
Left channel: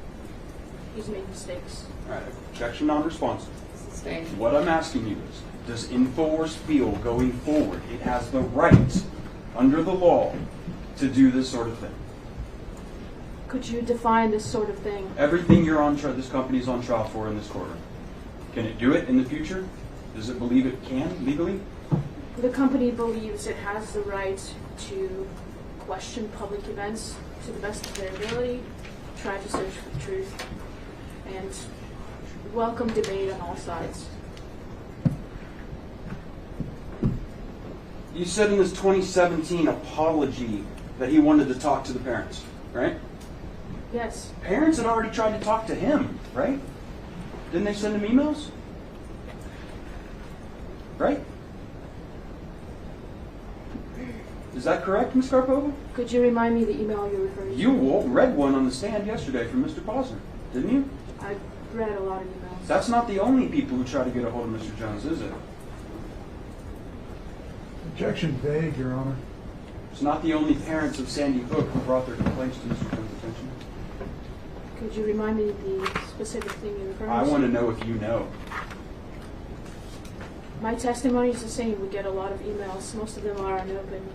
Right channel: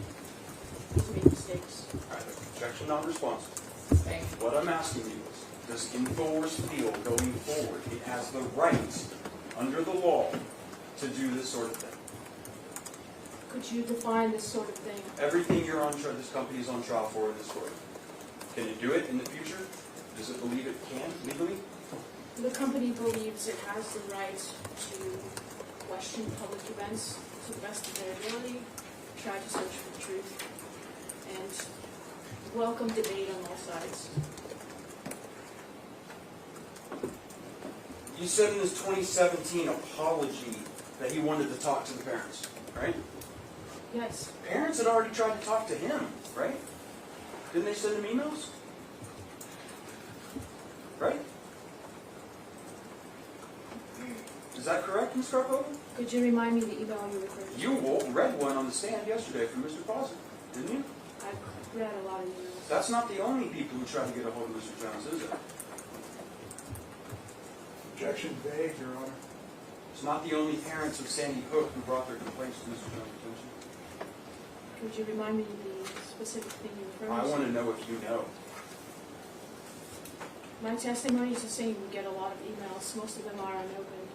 he's made mistakes. All right. Objection non-responsive. Sustained. What I'm asking you is, does InfoWars feel going forward it has the right, under the law, to do this sort of thing? Could you define this sort of thing? Everything you're on this company is on trial for in this courtroom. Can it do it in the future? Does it believe it can legally? The company believes it has the right to question public events to the best of their ability, try to search for the truth, and welcome debate on all sides. You said in this 2017 apology that he wanted to talk to the parents, right? Yes. Parents had already tried to talk to him, right? Didn't they send him emails? Right? Is that correct, Ms. Karpova? Could you remind me the email you're referring to? You read one on the stand yesterday from Mr. Posner, didn't you? I read a lot of emails. That's not the only people who try to get a hold of Mr. Jones, is it? Objection vague, Your Honor. It's not the only parents of Sandy Hook who brought their complaints to Mr. Jones' attention. Could you remind me the specific thing you're referring to? I want to know if you know. My testimony is the same. We get a lot of emails. Most of them are unopened.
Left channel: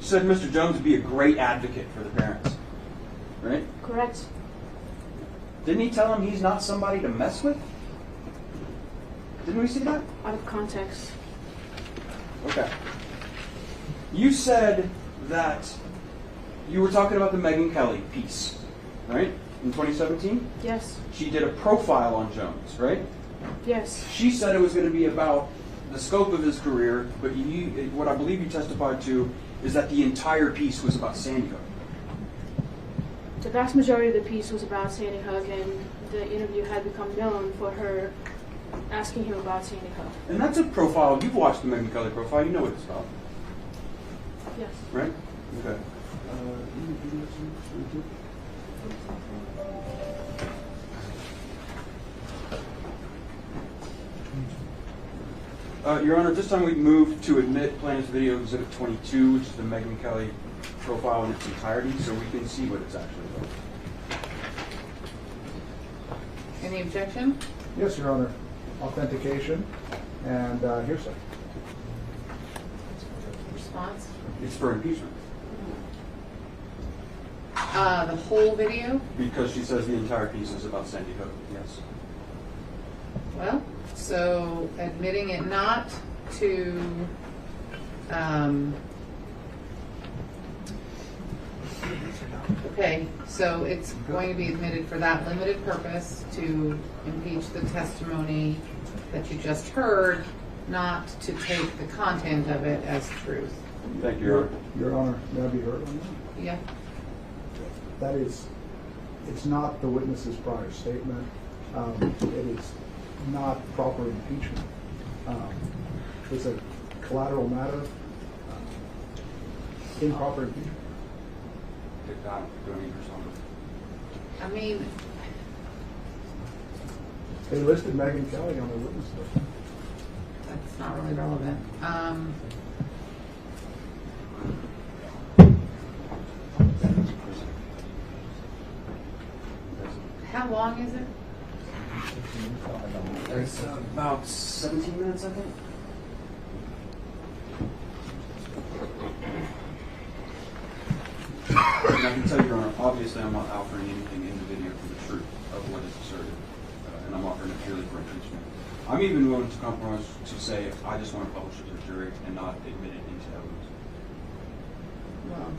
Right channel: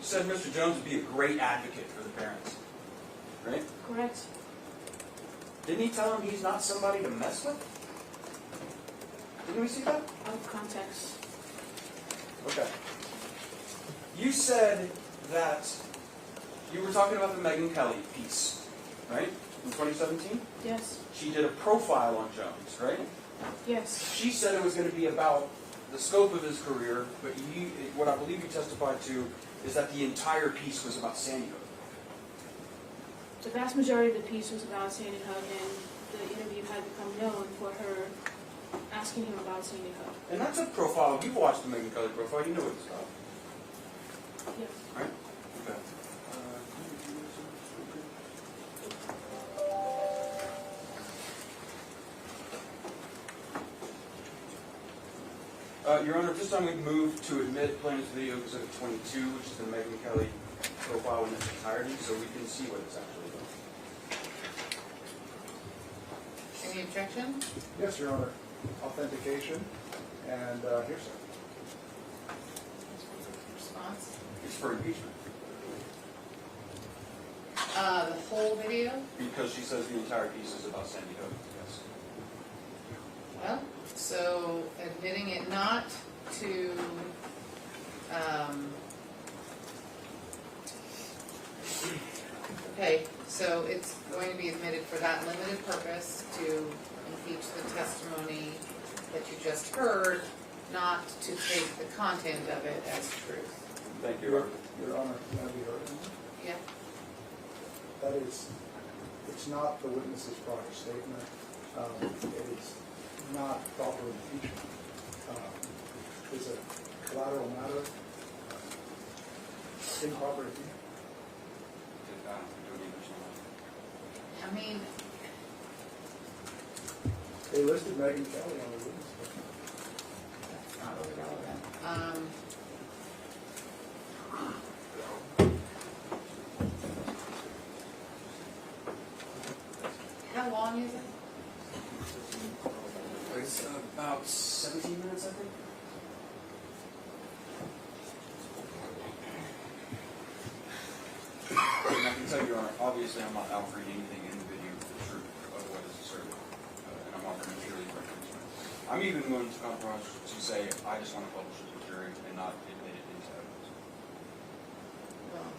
You said Mr. Jones would be a great advocate for the parents, right? Correct. Didn't he tell him he's not somebody to mess with? Didn't we see that? Out of context. Okay. You said that you were talking about the Megyn Kelly piece, right? In 2017? Yes. She did a profile on Jones, right? Yes. She said it was going to be about the scope of his career, but what I believe you testified to is that the entire piece was about Sandy Hook. The vast majority of the piece was about Sandy Hook, and the interview had become known for her asking him about Sandy Hook. And that's a profile. You've watched the Megyn Kelly profile. You know what it's about, Yes. right? Okay. Your Honor, this time we've moved to admit plaintiff's video exhibit 22, which is the Megyn Kelly profile in its entirety, so we can see what it's actually about. Any objection? Yes, Your Honor. Authentication and hearsay. Response? It's for impeachment. The whole video? Because she says the entire piece is about Sandy Hook, yes. Well, so admitting it not to, Okay, so it's going to be admitted for that limited purpose to impeach the testimony that you just heard, not to take the content of it as truth. Thank you, Your Honor. Your Honor, may I be heard? Yeah? That is, it's not the witness's prior statement. It is not proper impeachment. It's a collateral matter. Improper impeachment. Do I need to respond? I mean, They listed Megan Kelly on the witness list. that's not really relevant. How long is it? It's about 17 minutes, I think. And I can tell you, Your Honor, obviously I'm not offering anything in the video for the truth of what is asserted, and I'm offering it purely for impeachment. I'm even willing to compromise to say I just want to publish it to the jury and not admit it into evidence. Well,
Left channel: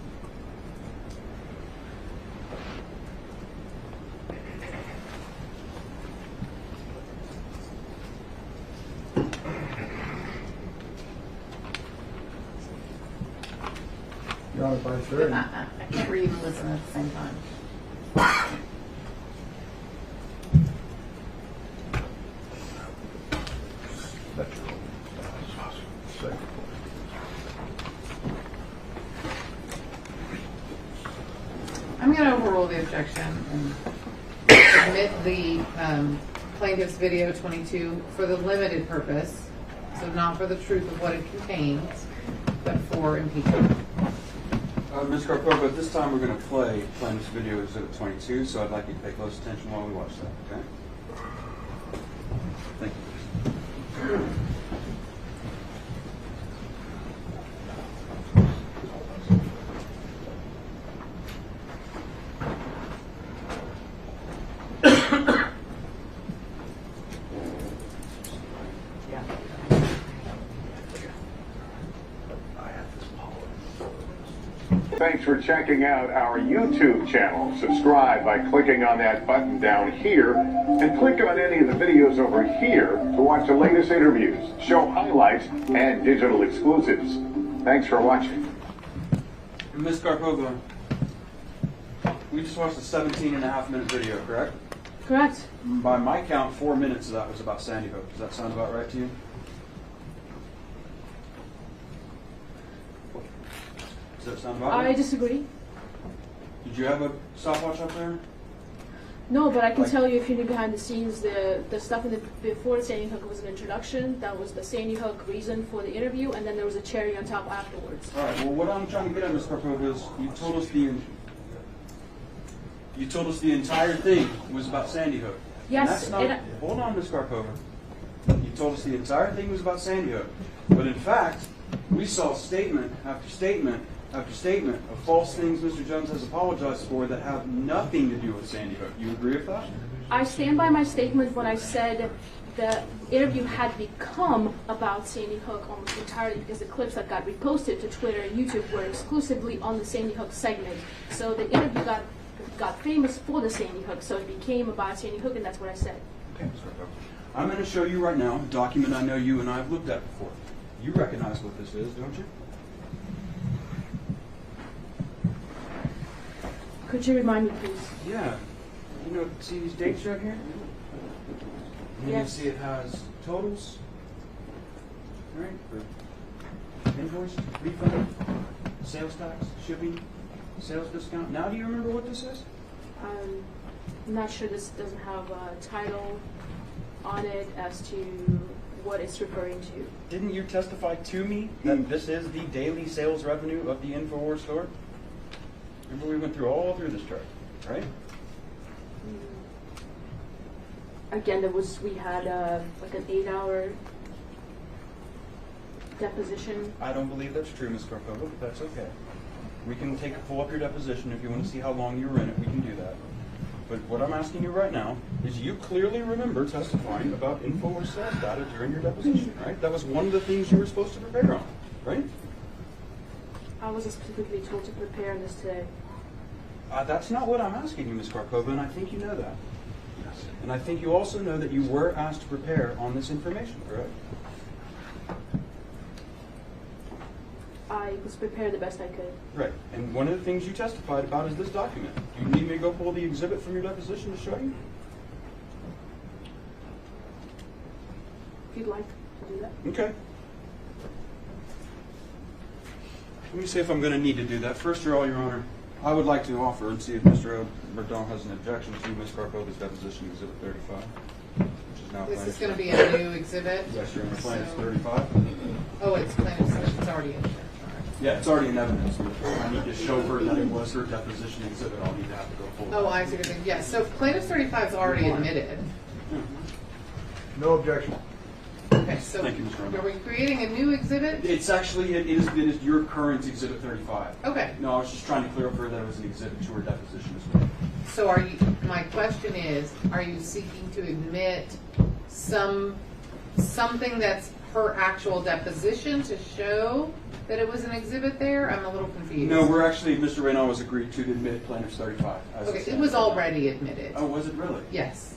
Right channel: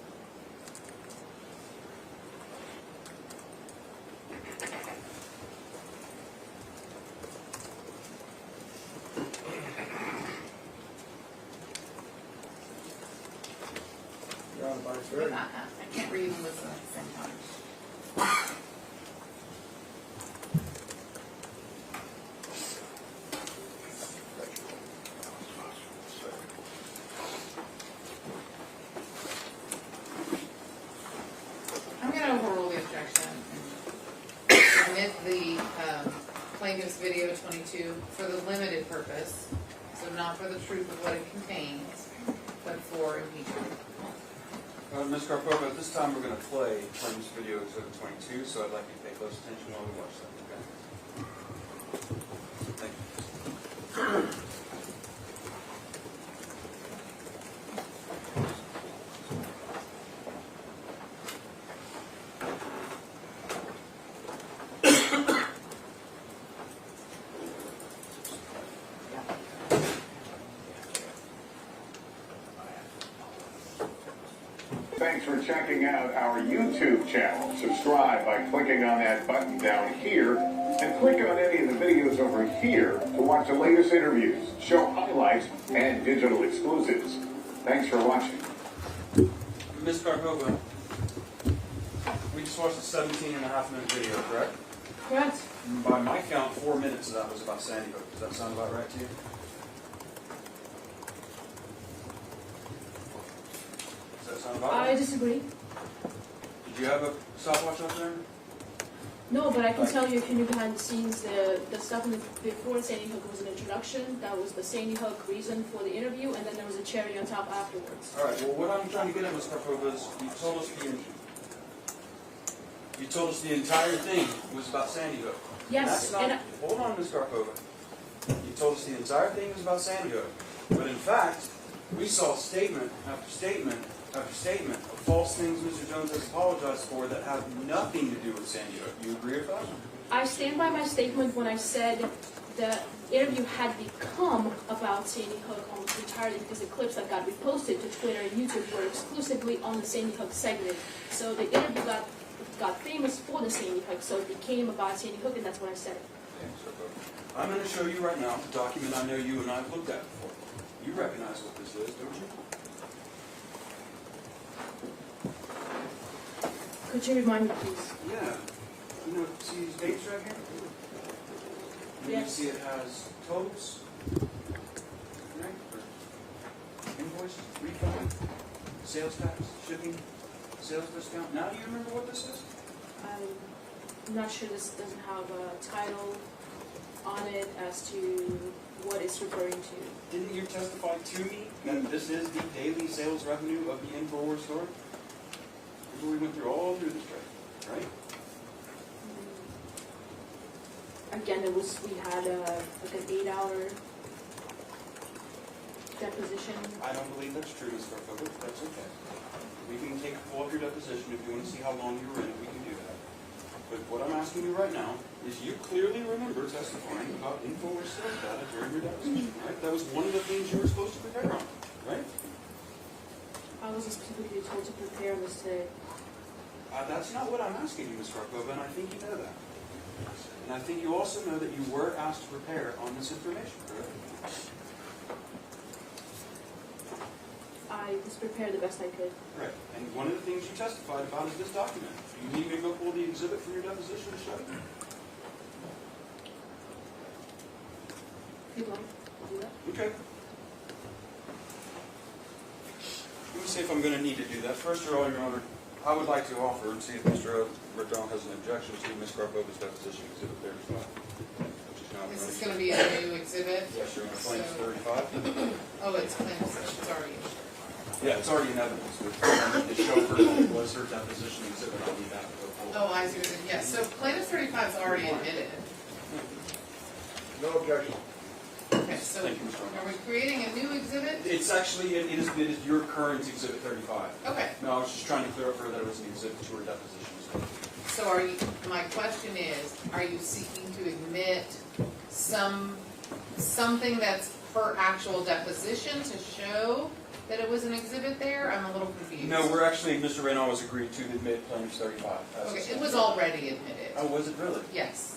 Your Honor, by jury. I can't read and listen at the same time. I'm going to overrule the objection and admit the plaintiff's video 22 for the limited purpose, so not for the truth of what it contains, but for impeachment. Ms. Karpova, at this time we're going to play plaintiff's video exhibit 22, so I'd like you to pay close attention while we watch that, okay? Thank you. Thanks for checking out our YouTube channel. Subscribe by clicking on that button down here and click on any of the videos over here to watch the latest interviews, show highlights, and digital exclusives. Thanks for watching. Ms. Karpova, we just watched a 17.5-minute video, correct? Correct. By my count, 4 minutes of that was about Sandy Hook. Does that sound about right to you? Does that sound about right? I disagree. Did you have a stopwatch up there? No, but I can tell you if you knew behind the scenes, the stuff before the Sandy Hook was an introduction. That was the Sandy Hook reason for the interview, and then there was a cherry on top afterwards. All right. Well, what I'm trying to get at, Ms. Karpova, is you told us the entire thing was about Sandy Hook. Yes. And that's not. and Hold on, Ms. Karpova. You told us the entire thing was about Sandy Hook, but in fact, we saw statement after statement after statement of false things Mr. Jones has apologized for that have nothing to do with Sandy Hook. You agree with that? I stand by my statement when I said the interview had become about Sandy Hook almost entirely because the clips that got reposted to Twitter and YouTube were exclusively on the Sandy Hook segment. So the interview got famous for the Sandy Hook, so it became about Sandy Hook, and that's what I said. Okay, Ms. Karpova. I'm going to show you right now a document I know you and I have looked at before. You recognize what this is, don't you? Could you remind me, please? Yeah. You know, see these dates right here? And you can Yes. see it has totals, right? For invoice, refund, sales tax, shipping, sales discount. Now do you remember what this is? I'm not sure this doesn't have a title on it as to what it's referring to. Didn't you testify to me that this is the daily sales revenue of the InfoWars store? Remember we went through all through this chart, right? Again, we had like an 8-hour deposition. I don't believe that's true, Ms. Karpova, but that's okay. We can pull up your deposition if you want to see how long you were in it, we can do that. But what I'm asking you right now is you clearly remember testifying about InfoWars sales data during your deposition, right? That was one of the things you were supposed to prepare on, right? I was specifically told to prepare this today. That's not what I'm asking you, Ms. Karpova, and I think you know that. And I think you also know that you were asked to prepare on this information, correct? I was prepared the best I could. Right. And one of the things you testified about is this document. Do you need me to go pull the exhibit from your deposition to show you? If you'd like to do that. Okay. Let me see if I'm going to need to do that. First of all, Your Honor, I would like to offer and see if Mr. Verdon has an objection to Ms. Karpova's deposition exhibit 35, which is now This is plaintiff's- going to be a new exhibit? Yes, Your Honor, plaintiff's So- 35. Oh, it's plaintiff's, it's already in there. Yeah, it's already in evidence. But I need to show her that it was her deposition exhibit. I'll be happy to go pull it. Oh, I see what you're saying. Yes, so plaintiff 35 is already admitted. No objection. Okay, so Thank you, Mr. Arnold. are we creating a new exhibit? It's actually, it is your current exhibit 35. Okay, No, I was just trying to clear up for her that it was an exhibit to her deposition as well. so are you, my question is, are you seeking to admit something that's her actual deposition to show that it was an exhibit there? I'm a little confused. No, we're actually, Mr. Reynolds was agreed to admit plaintiff's 35. as Okay, said. it was already admitted. Oh, was it really? Yes.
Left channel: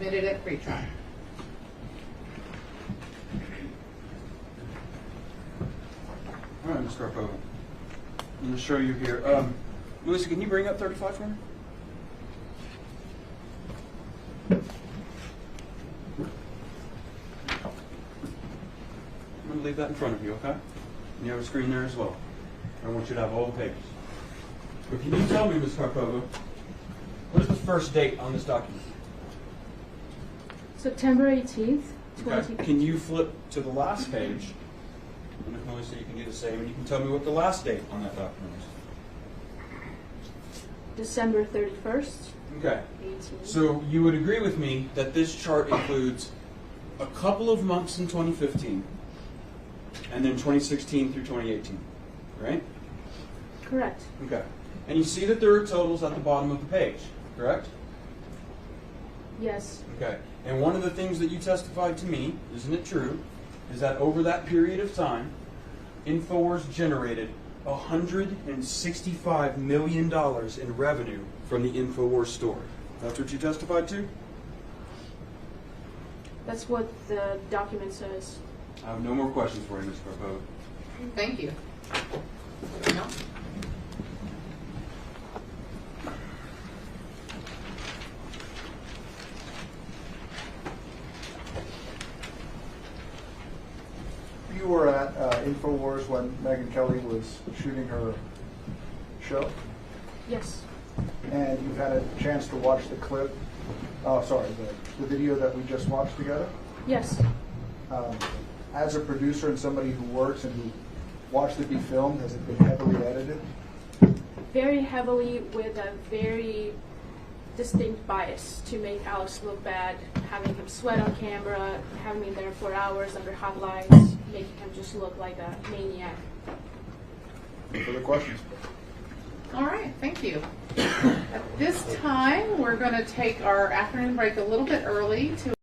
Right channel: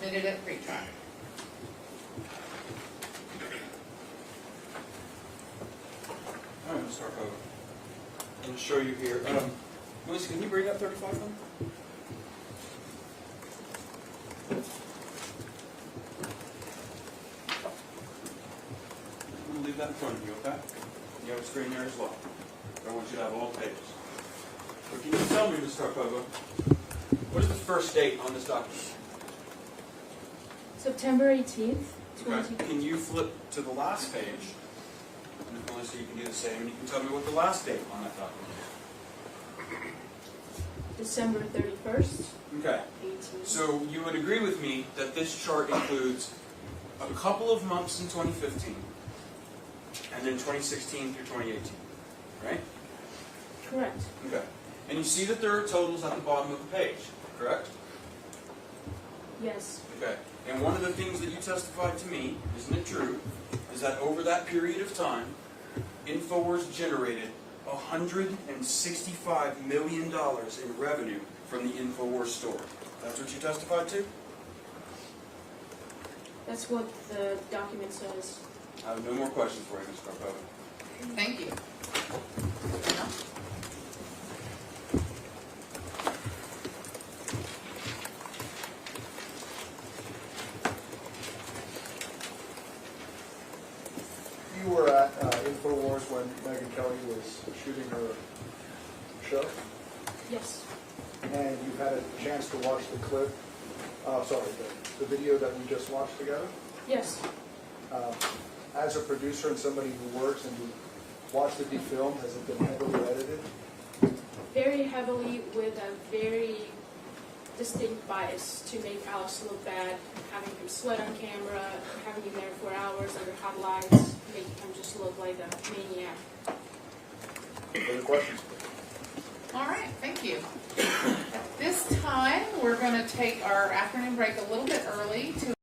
Admitted at pre-trial. All right, Ms. Karpova. I'm going to show you here. Melissa, can you bring up 35 for me? I'm going to leave that in front of you, okay? You have a screen there as well. I want you to have all pages. So can you tell me, Ms. Karpova, what is the first date on this document? September 18th, Okay. Can you flip to the last page? And if Melissa, you can do the same, and you can tell me what the last date on that document is. December 31st, Okay. 18. So you would agree with me that this chart includes a couple of months in 2015, and then 2016 through 2018, right? Correct. Okay. And you see that there are totals at the bottom of the page, correct? Yes. Okay. And one of the things that you testified to me, isn't it true, is that over that period of time, InfoWars generated $165 million in revenue from the InfoWars store. That's what you testified to? That's what the document says. I have no more questions for you, Ms. Karpova. Thank you. No? You were at InfoWars when Megyn Kelly was shooting her show, Yes. and you had a chance to watch the clip, the video that we just watched together. Yes. As a producer and somebody who works and who watched it be filmed, has it been heavily edited? Very heavily with a very distinct bias to make Alex look bad, having him sweat on camera, having him there for hours under hot lights, making him just look like a maniac. Further questions? All right, thank you. At this time, we're going to take our afternoon break a little bit early to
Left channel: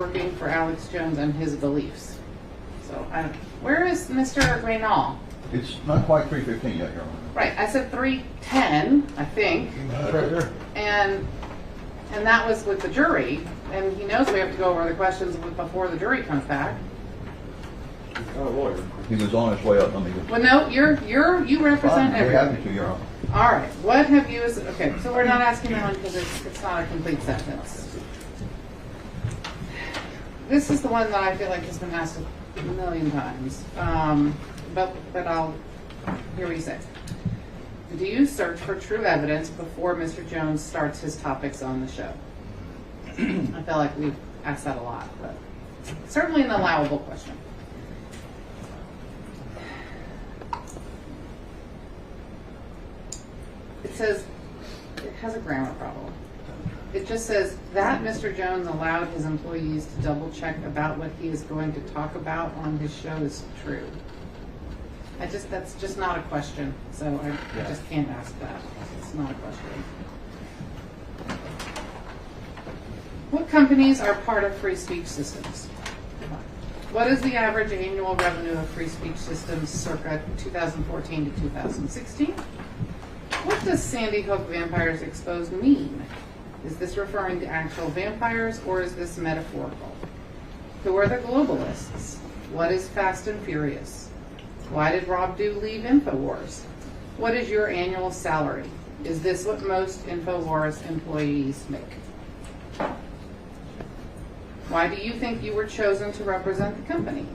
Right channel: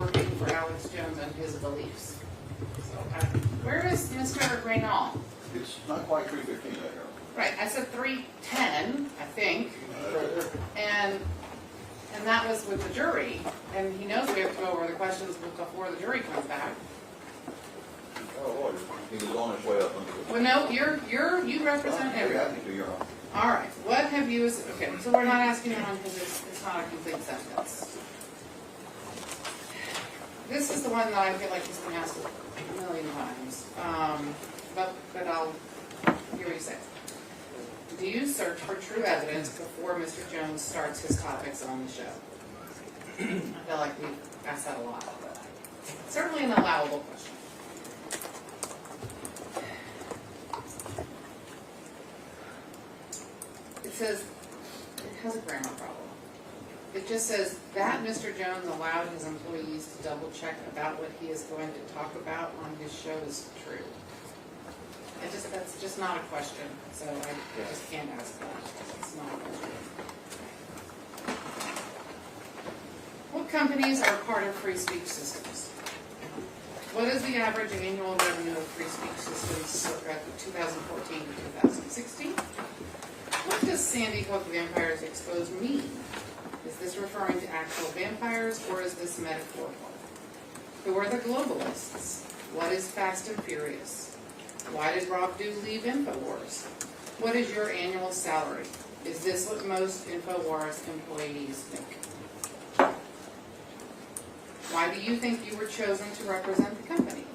working for Alex Jones and his beliefs. So, where is Mr. Reynal? It's not quite 3:15 yet, Your Honor. Right, I said 3:10, I think, Right there. and that was with the jury, and he knows we have to go over the questions before the jury comes back. Oh, lawyer. He was on his way up when he was. Well, no, you represent Fine, very everyone. happy to, Your Honor. All right, what have you, okay, so we're not asking that one because it's not a complete sentence. This is the one that I feel like has been asked a million times, but I'll hear what you say. Do you search for true evidence before Mr. Jones starts his topics on the show? I feel like we've asked that a lot, but Certainly an allowable question. It says, it has a grammar problem. It just says that Mr. Jones allowed his employees to double check about what he is going to talk about on his show is true. That's just not a question, so I just can't ask that. It's not a question. What companies are part of free speech systems? What is the average annual revenue of free speech systems circa 2014 to 2016? What does Sandy Hook Vampires Exposed mean? Is this referring to actual vampires or is this metaphorical? Who are the globalists? What is Fast and Furious? Why did Rob Dew leave InfoWars? What is your annual salary? Is this what most InfoWars employees make? Why do you think you were chosen to represent the company?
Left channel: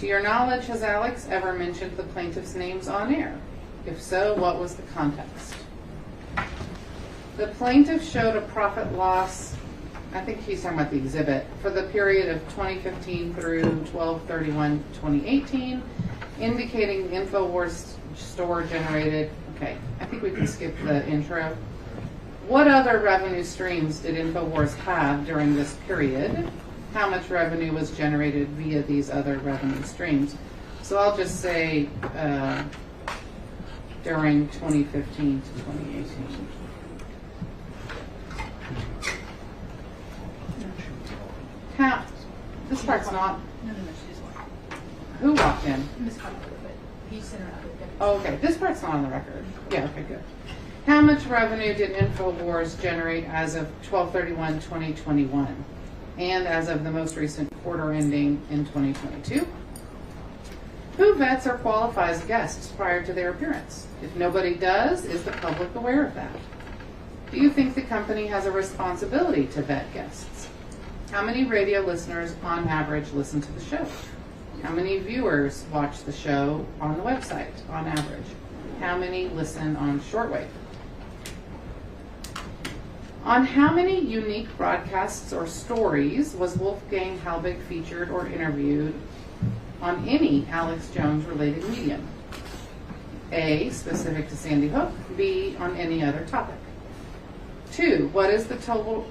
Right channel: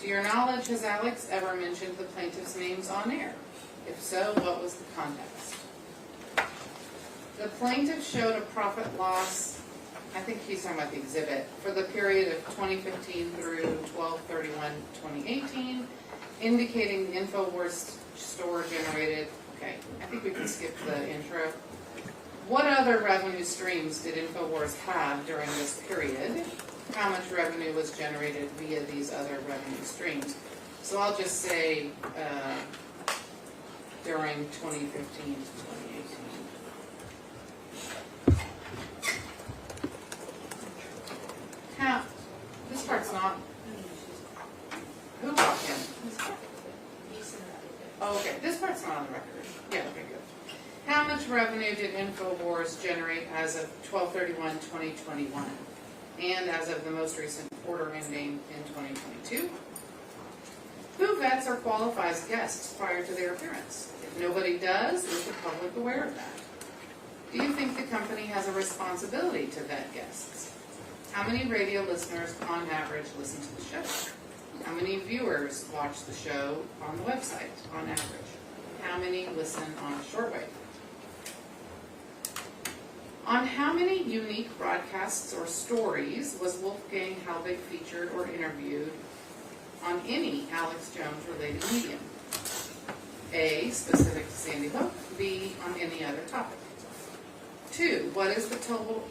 To your knowledge, has Alex ever mentioned the plaintiff's names on air? If so, what was the context? The plaintiff showed a profit loss, I think he's talking about the exhibit, for the period of 2015 through 12/31/2018, indicating the InfoWars store generated, okay, I think we can skip the intro. What other revenue streams did InfoWars have during this period? How much revenue was generated via these other revenue streams? So I'll just say during 2015 to 2018. This part's not. Who walked in? Oh, okay. This part's not on the record. Yeah, okay, good. How much revenue did InfoWars generate as of 12/31/2021 and as of the most recent quarter ending in 2022? Who vets or qualifies guests prior to their appearance? If nobody does, is the public aware of that? Do you think the company has a responsibility to vet guests? How many radio listeners on average listen to the show? How many viewers watch the show on the website on average? How many listen on shortwave? On how many unique broadcasts or stories was Wolfgang Halbig featured or interviewed on any Alex Jones related medium? A, specific to Sandy Hook. B, on any other topic. 2, what is the total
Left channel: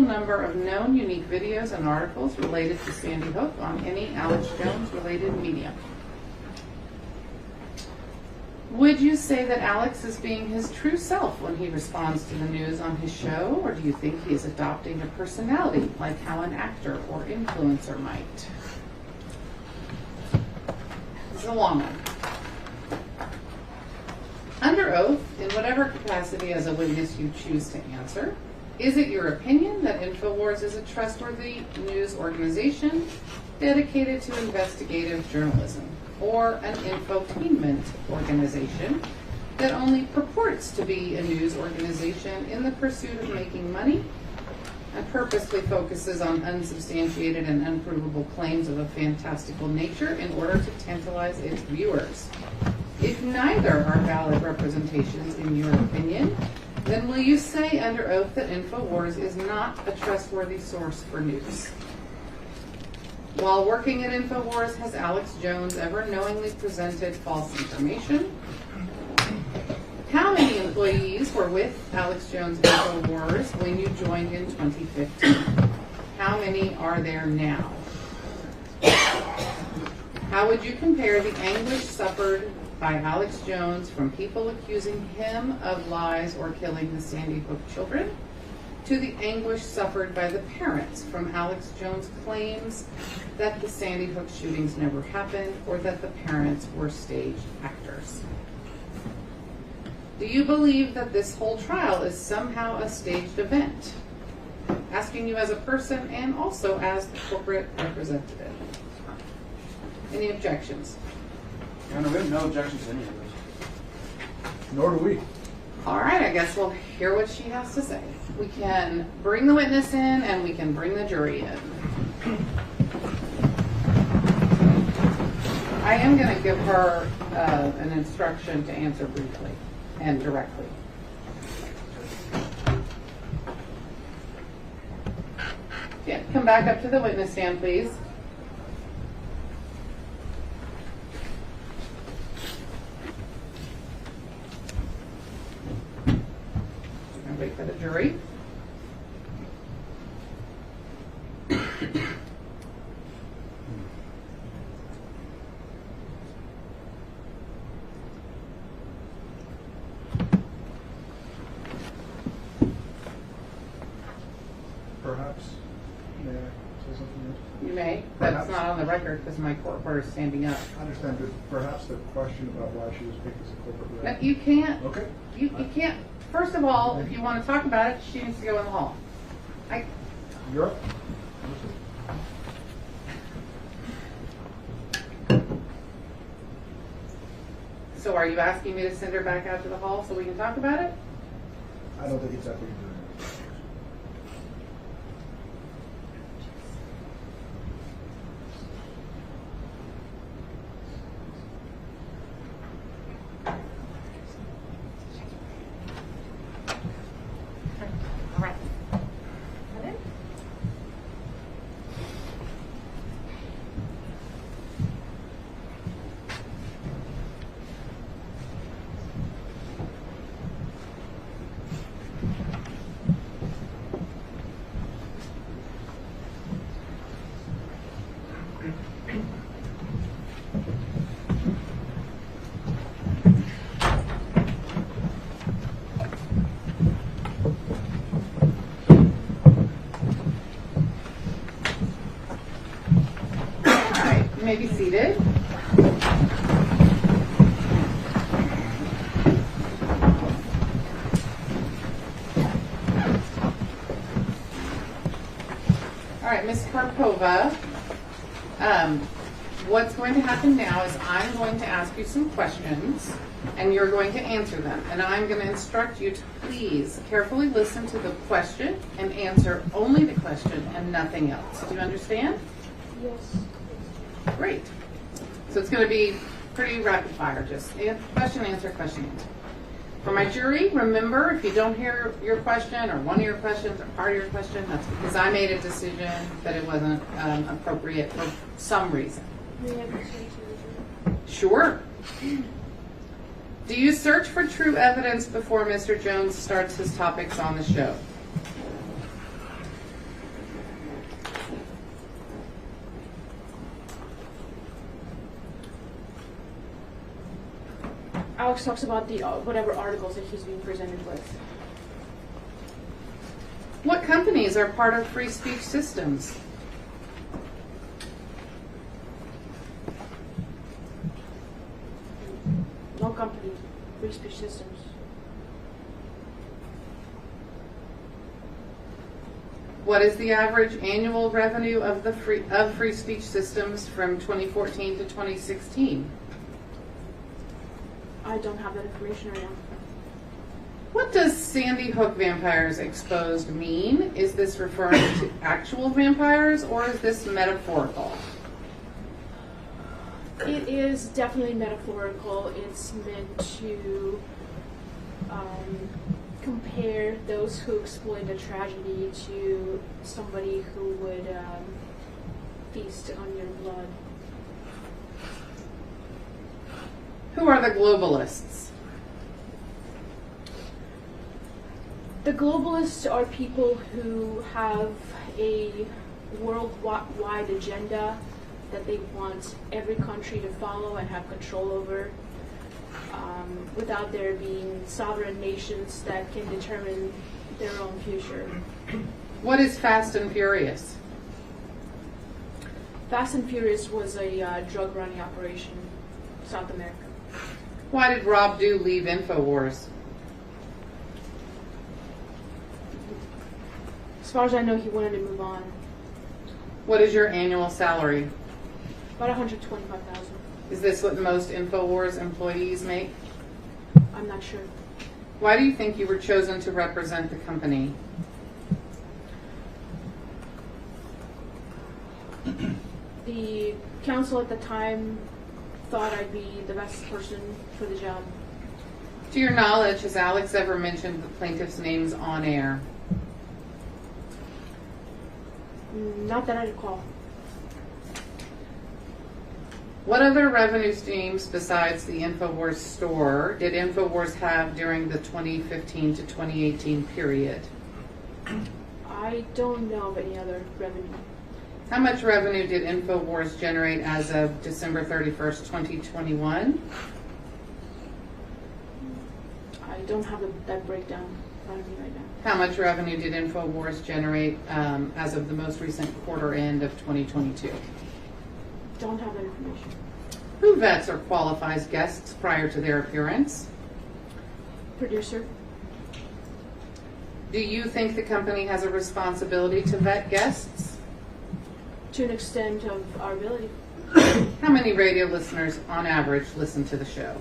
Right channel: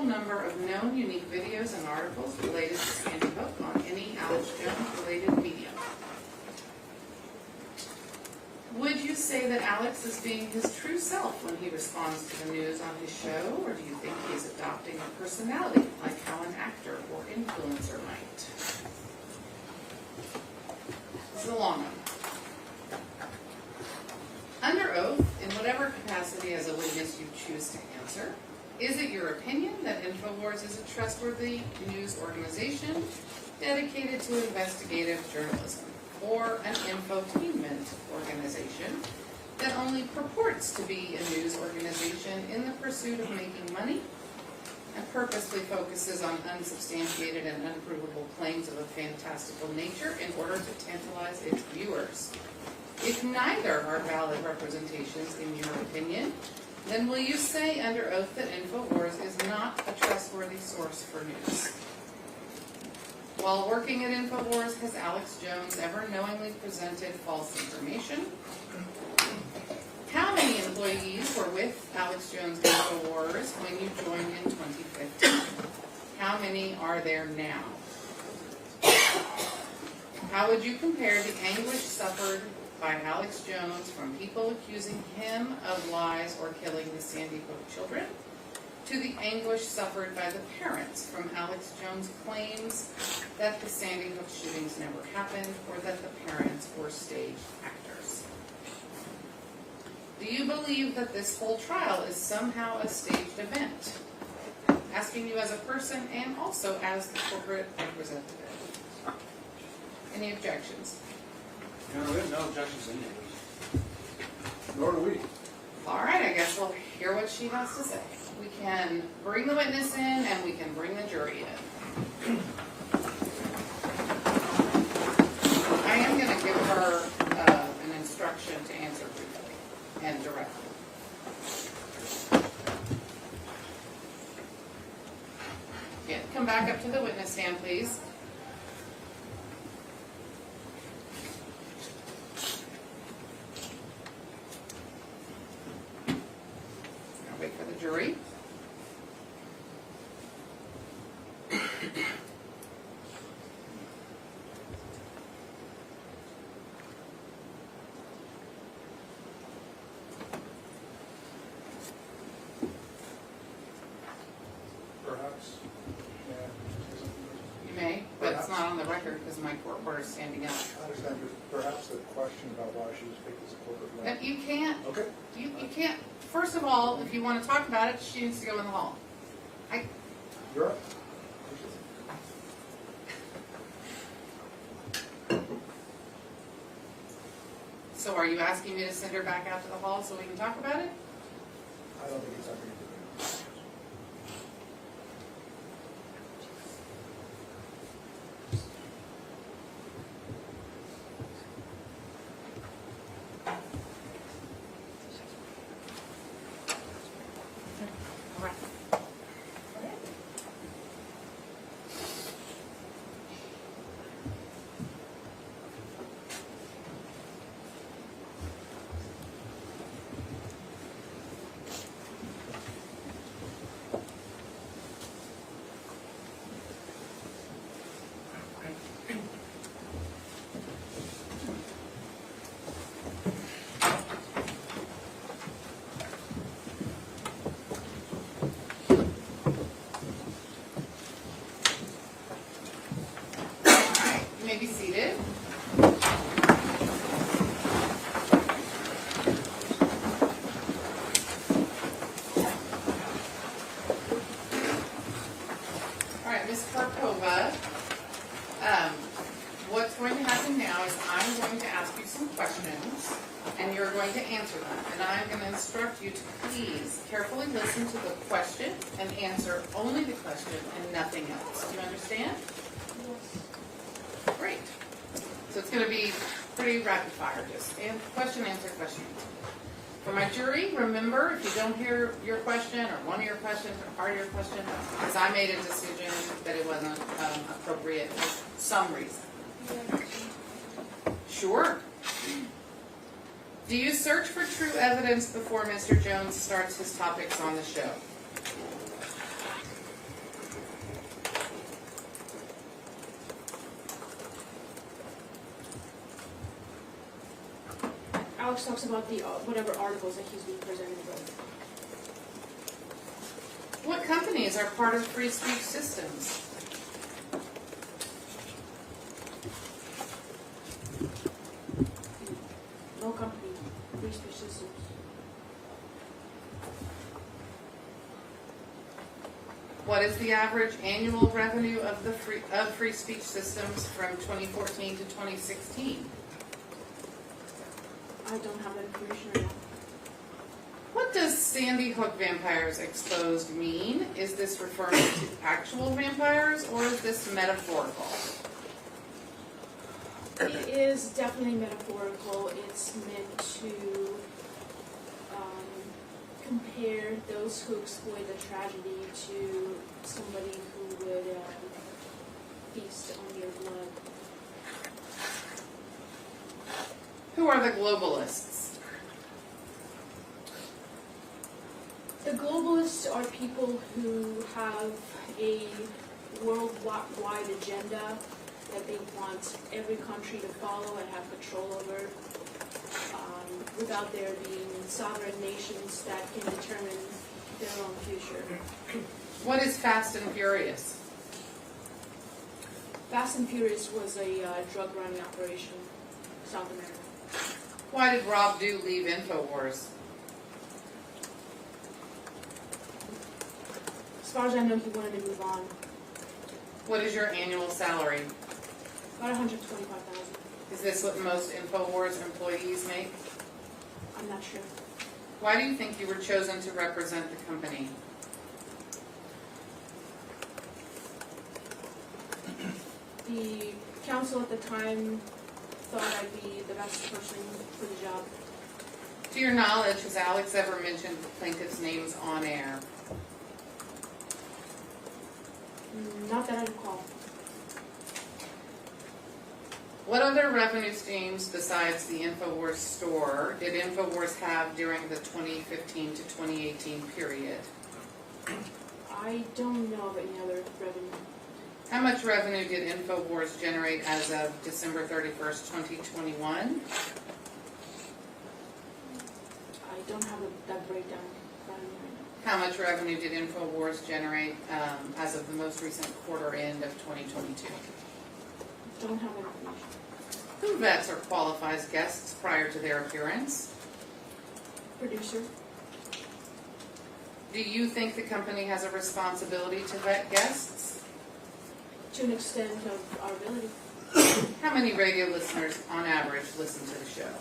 number of known unique videos and articles related to Sandy Hook on any Alex Jones related medium? Would you say that Alex is being his true self when he responds to the news on his show, or do you think he is adopting a personality like how an actor or influencer might? This is a long one. Under oath, in whatever capacity as a witness you choose to answer, is it your opinion that InfoWars is a trustworthy news organization dedicated to investigative journalism, or an infotainment organization that only purports to be a news organization in the pursuit of making money and purposely focuses on unsubstantiated and unprovable claims of a fantastical nature in order to tantalize its viewers? If neither are valid representations in your opinion, then will you say under oath that InfoWars is not a trustworthy source for news? While working at InfoWars, has Alex Jones ever knowingly presented false information? How many employees were with Alex Jones InfoWars when you joined in 2015? How many are there now? How would you compare the anguish suffered by Alex Jones from people accusing him of lies or killing the Sandy Hook children to the anguish suffered by the parents from Alex Jones' claims that the Sandy Hook shootings never happened or that the parents were stage actors? Do you believe that this whole trial is somehow a staged event? Asking you as a person and also as the corporate representative. Any objections? Your Honor, we have no objections to any of those. Nor do we. All right, I guess we'll hear what she has to say. We can bring the witness in and we can bring the jury in. I am going to give her an instruction to answer briefly and directly. Again, come back up to the witness stand, please. We're gonna wait for the jury. Perhaps, may I say something? You may, but it's Perhaps. not on the record because my court reporter is standing up. I understand, but perhaps the question about why she was picked as a corporate rep. But you can't, Okay. you can't, first of all, if you want to talk about it, she needs to go in the hall. You're up. So are you asking me to send her back out to the hall so we can talk about it? I don't think it's up to you to do. You may be seated. All right, Ms. Karpova, what's going to happen now is I'm going to ask you some questions, and you're going to answer them. And I'm going to instruct you to please carefully listen to the question and answer only the question and nothing else. Do you understand? Yes. Great. So it's going to be pretty rapid fire, just question, answer, question, answer. For my jury, remember, if you don't hear your question or one of your questions or part of your question, that's because I made a decision that it wasn't appropriate for some reason. May I have this one too? Sure. Do you search for true evidence before Mr. Jones starts his topics on the show? Alex talks about the whatever articles that he's being presented with. What companies are part of free speech systems? No company, free speech systems. What is the average annual revenue of the free speech systems from 2014 to 2016? I don't have that information right now. What does Sandy Hook vampires exposed mean? Is this referring to actual vampires or is this metaphorical? It is definitely metaphorical. It's meant to compare those who exploit a tragedy to somebody who would feast on your blood. Who are the globalists? The globalists are people who have a worldwide agenda that they want every country to follow and have control over, without there being sovereign nations that can determine their own future. What is Fast and Furious? Fast and Furious was a drug running operation in South America. Why did Rob Dew leave InfoWars? As far as I know, he wanted to move on. What is your annual salary? About $125,000. Is this what most InfoWars employees make? I'm not sure. Why do you think you were chosen to represent the company? The council at the time thought I'd be the best person for the job. To your knowledge, has Alex ever mentioned the plaintiff's names on air? Not that I recall. What other revenue streams besides the InfoWars store did InfoWars have during the 2015 to 2018 period? I don't know of any other revenue. How much revenue did InfoWars generate as of December 31st, 2021? I don't have that breakdown in front of me right now. How much revenue did InfoWars generate as of the most recent quarter end of 2022? Don't have that information. Who vets or qualifies guests prior to their appearance? Producer? Do you think the company has a responsibility to vet guests? To an extent of our ability. How many radio listeners on average listen to the show?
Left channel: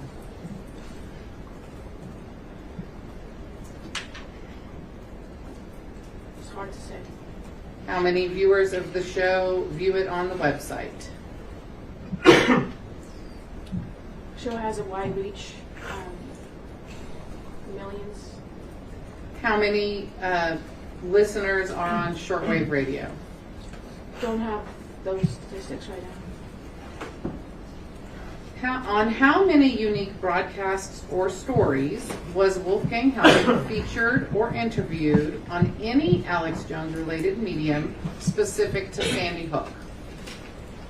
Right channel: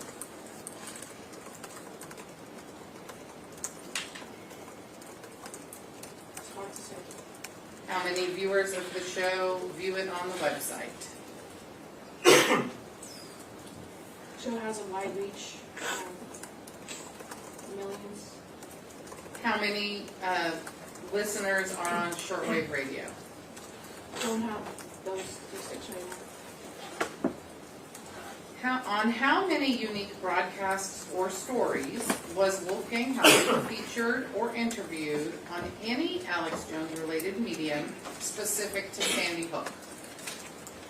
It's hard to say. How many viewers of the show view it on the website? Show has a wide reach. Millions. How many listeners are on shortwave radio? Don't have those statistics right now. On how many unique broadcasts or stories was Wolfgang Halbig featured or interviewed on any Alex Jones related medium specific to Sandy Hook?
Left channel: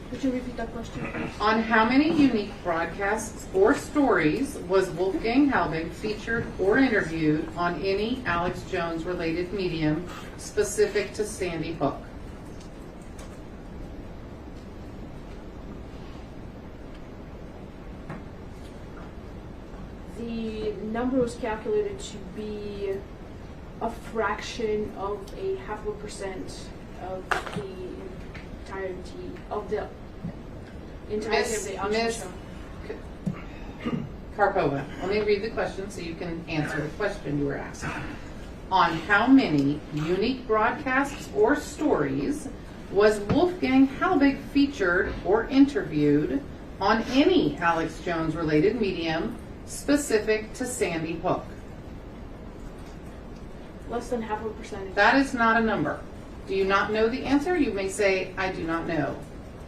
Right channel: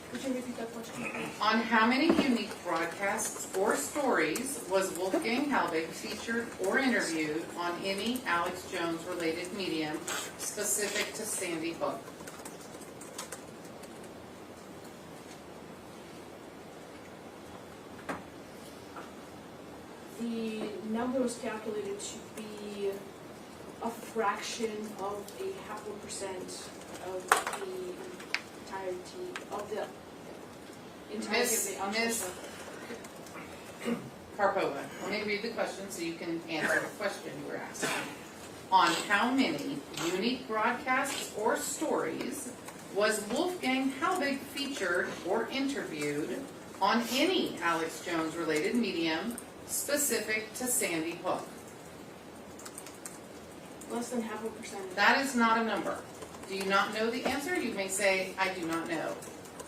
Could you repeat that question, please? On how many unique broadcasts or stories was Wolfgang Halbig featured or interviewed on any Alex Jones related medium specific to Sandy Hook? The number was calculated to be a fraction of 0.5% of the entirety of the auction Miss show. Karpova, let me read the question so you can answer the question you were asking. On how many unique broadcasts or stories was Wolfgang Halbig featured or interviewed on any Alex Jones related medium specific to Sandy Hook? Less than 0.5%. That is not a number. Do you not know the answer? You may say, I do not know.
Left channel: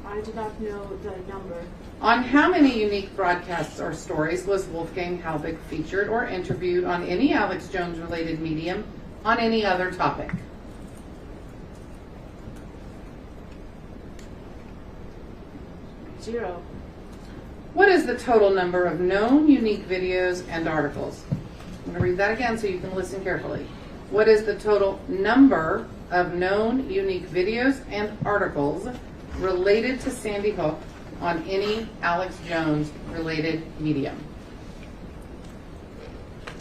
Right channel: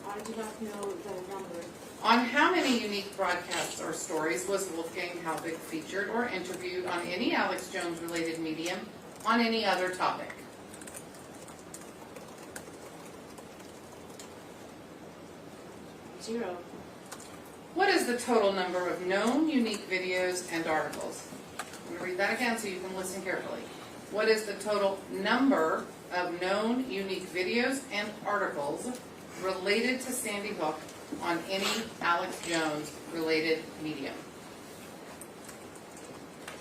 I do not know the number. On how many unique broadcasts or stories was Wolfgang Halbig featured or interviewed on any Alex Jones related medium on any other topic? Zero. What is the total number of known unique videos and articles? I'm going to read that again so you can listen carefully. What is the total number of known unique videos and articles related to Sandy Hook on any Alex Jones related medium?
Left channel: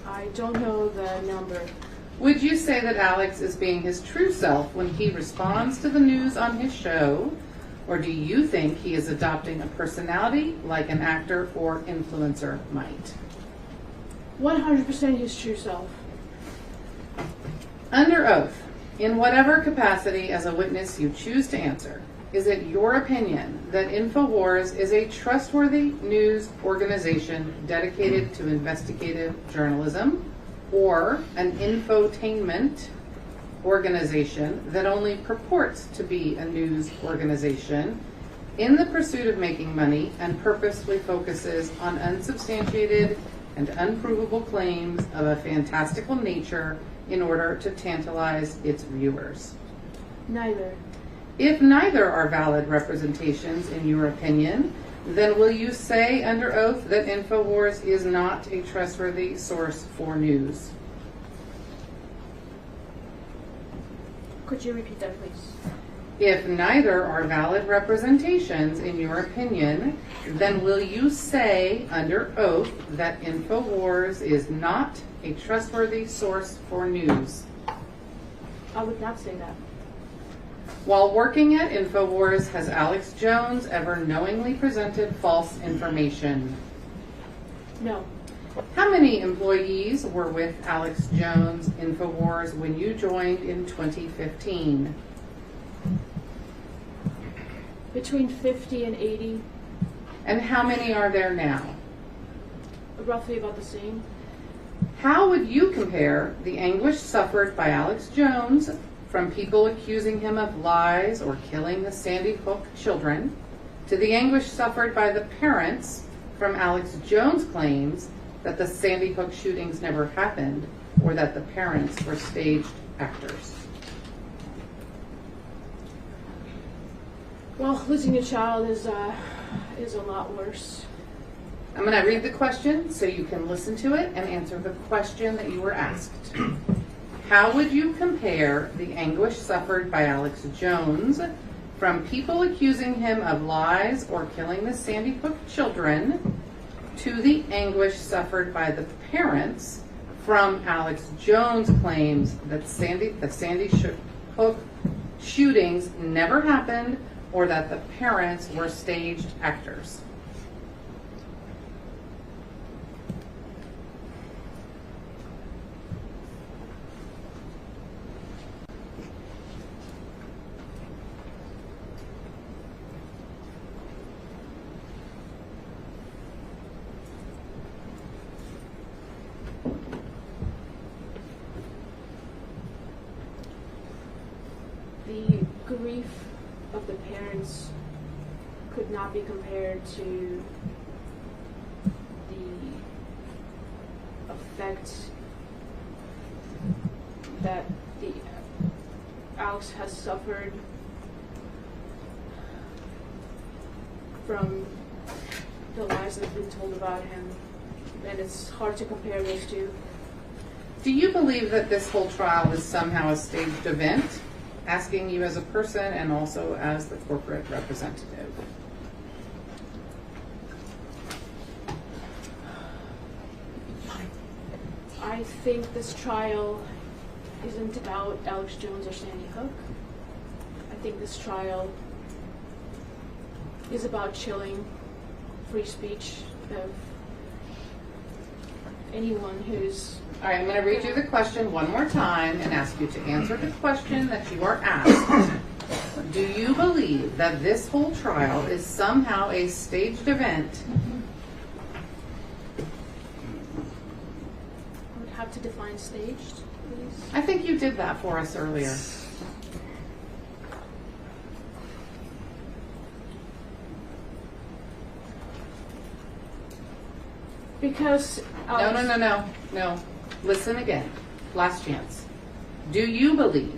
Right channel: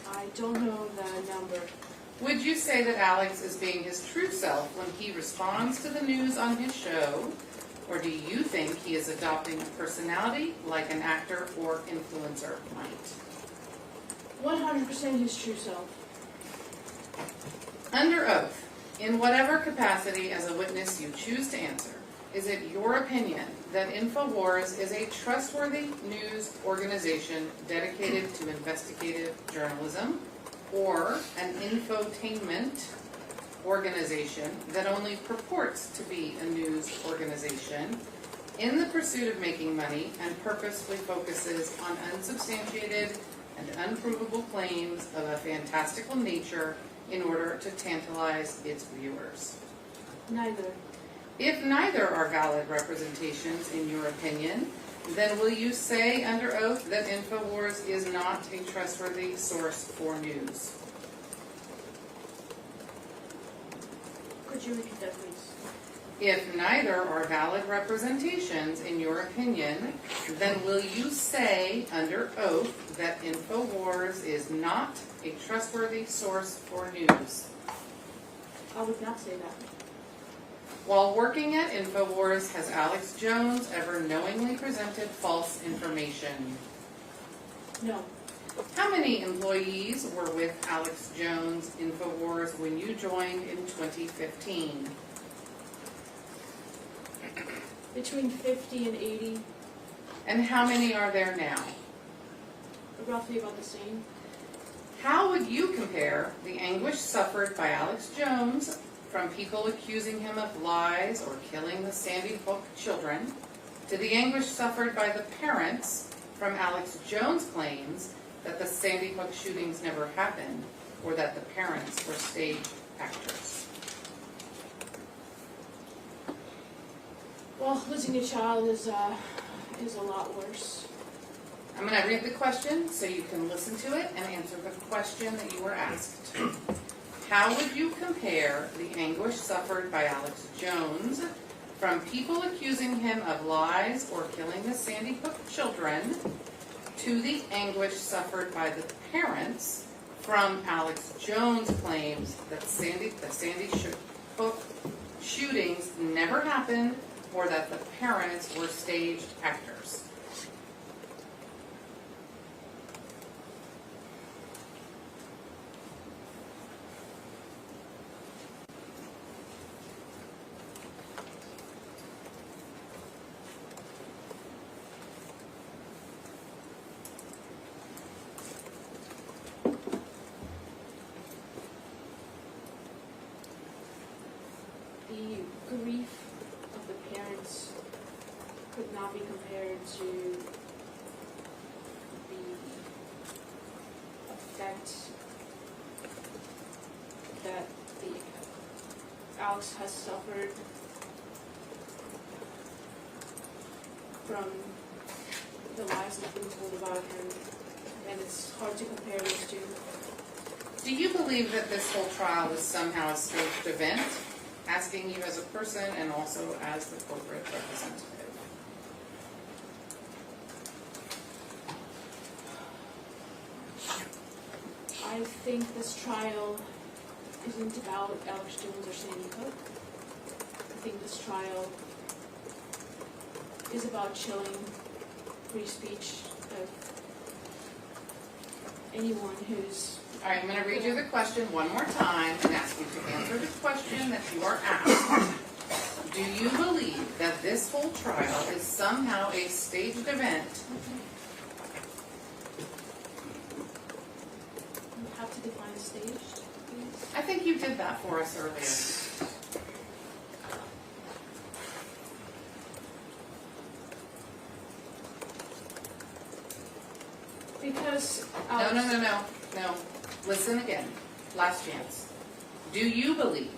I don't know the number. Would you say that Alex is being his true self when he responds to the news on his show? Or do you think he is adopting a personality like an actor or influencer might? 100% his true self. Under oath, in whatever capacity as a witness you choose to answer, is it your opinion that InfoWars is a trustworthy news organization dedicated to investigative journalism, or an infotainment organization that only purports to be a news organization in the pursuit of making money and purposefully focuses on unsubstantiated and unprovable claims of a fantastical nature in order to tantalize its viewers? Neither. If neither are valid representations in your opinion, then will you say under oath that InfoWars is not a trustworthy source for news? Could you repeat that, please? If neither are valid representations in your opinion, then will you say under oath that InfoWars is not a trustworthy source for news? I would not say that. While working at InfoWars, has Alex Jones ever knowingly presented false information? No. How many employees were with Alex Jones InfoWars when you joined in 2015? Between 50 and 80, And how many are there now? roughly about the same. How would you compare the anguish suffered by Alex Jones from people accusing him of lies or killing the Sandy Hook children, to the anguish suffered by the parents from Alex Jones' claims that the Sandy Hook shootings never happened or that the parents were staged actors. Well, losing a child is a lot worse. I'm going to read the question so you can listen to it and answer the question that you were asked. How would you compare the anguish suffered by Alex Jones from people accusing him of lies or killing the Sandy Hook children to the anguish suffered by the parents from Alex Jones' claims that the Sandy Hook shootings never happened or that the parents were staged actors? The grief of the parents could not be compared to the effect that the Alex has suffered from the lies that have been told about him, and it's hard to compare those two. Do you believe that this whole trial is somehow a staged event? Asking you as a person and also as the corporate representative. I think this trial isn't about Alex Jones or Sandy Hook. I think this trial is about chilling free speech of anyone who's... All right, I'm going to read you the question one more time and ask you to answer the question that you are asked. Do you believe that this whole trial is somehow a staged event? You would have to define staged, please. I think you did that for us earlier. Because Alex... No. Listen again. Last chance. Do you believe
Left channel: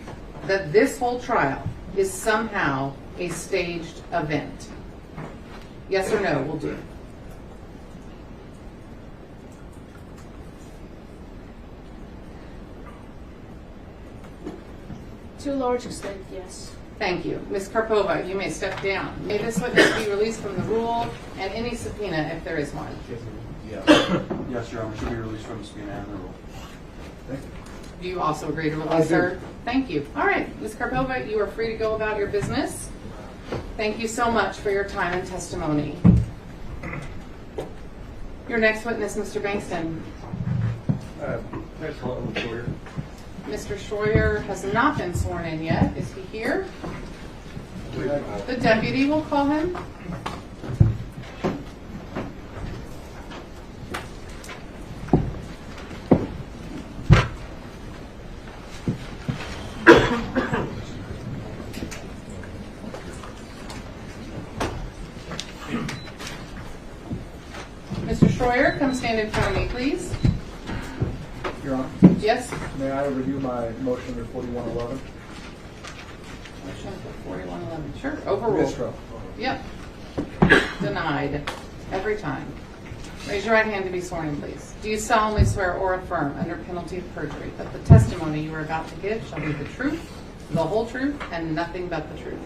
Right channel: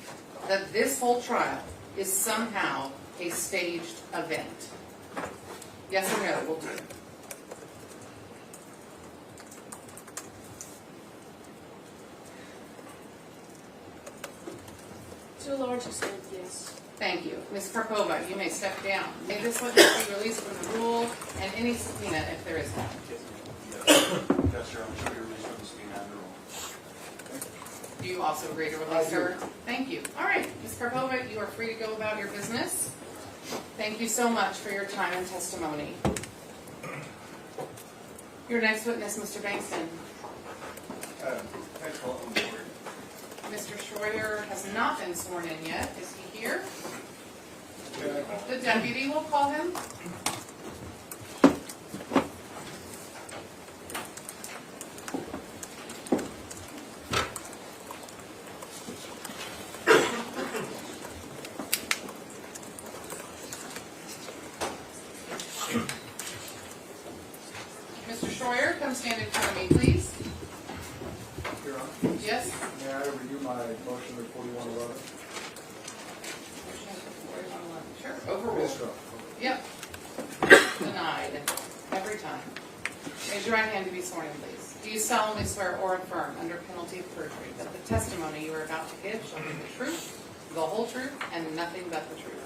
that this whole trial is somehow a staged event? Yes or no will do. To a large extent, yes. Thank you. Ms. Karpova, you may step down. May this witness be released from the rule and any subpoena if there is one? Yes, Your Honor, should be released from the subpoena and the rule. Do you also agree to release her? Thank you. All right, Ms. Karpova, you are free to go about your business. Thank you so much for your time and testimony. Your next witness, Mr. Bankston. Mr. Schroyer has not been sworn in yet. Is he here? The deputy will call him. Mr. Schroyer, come stand in front of me, please. Your Honor, Yes? may I review my motion under 4111? Motion for 4111. Sure, overruled. Mistro. Yep. Denied. Every time. Raise your right hand to be sworn in, please. Do you solemnly swear or affirm under penalty of perjury that the testimony you are about to give shall be the truth, the whole truth, and nothing but the truth?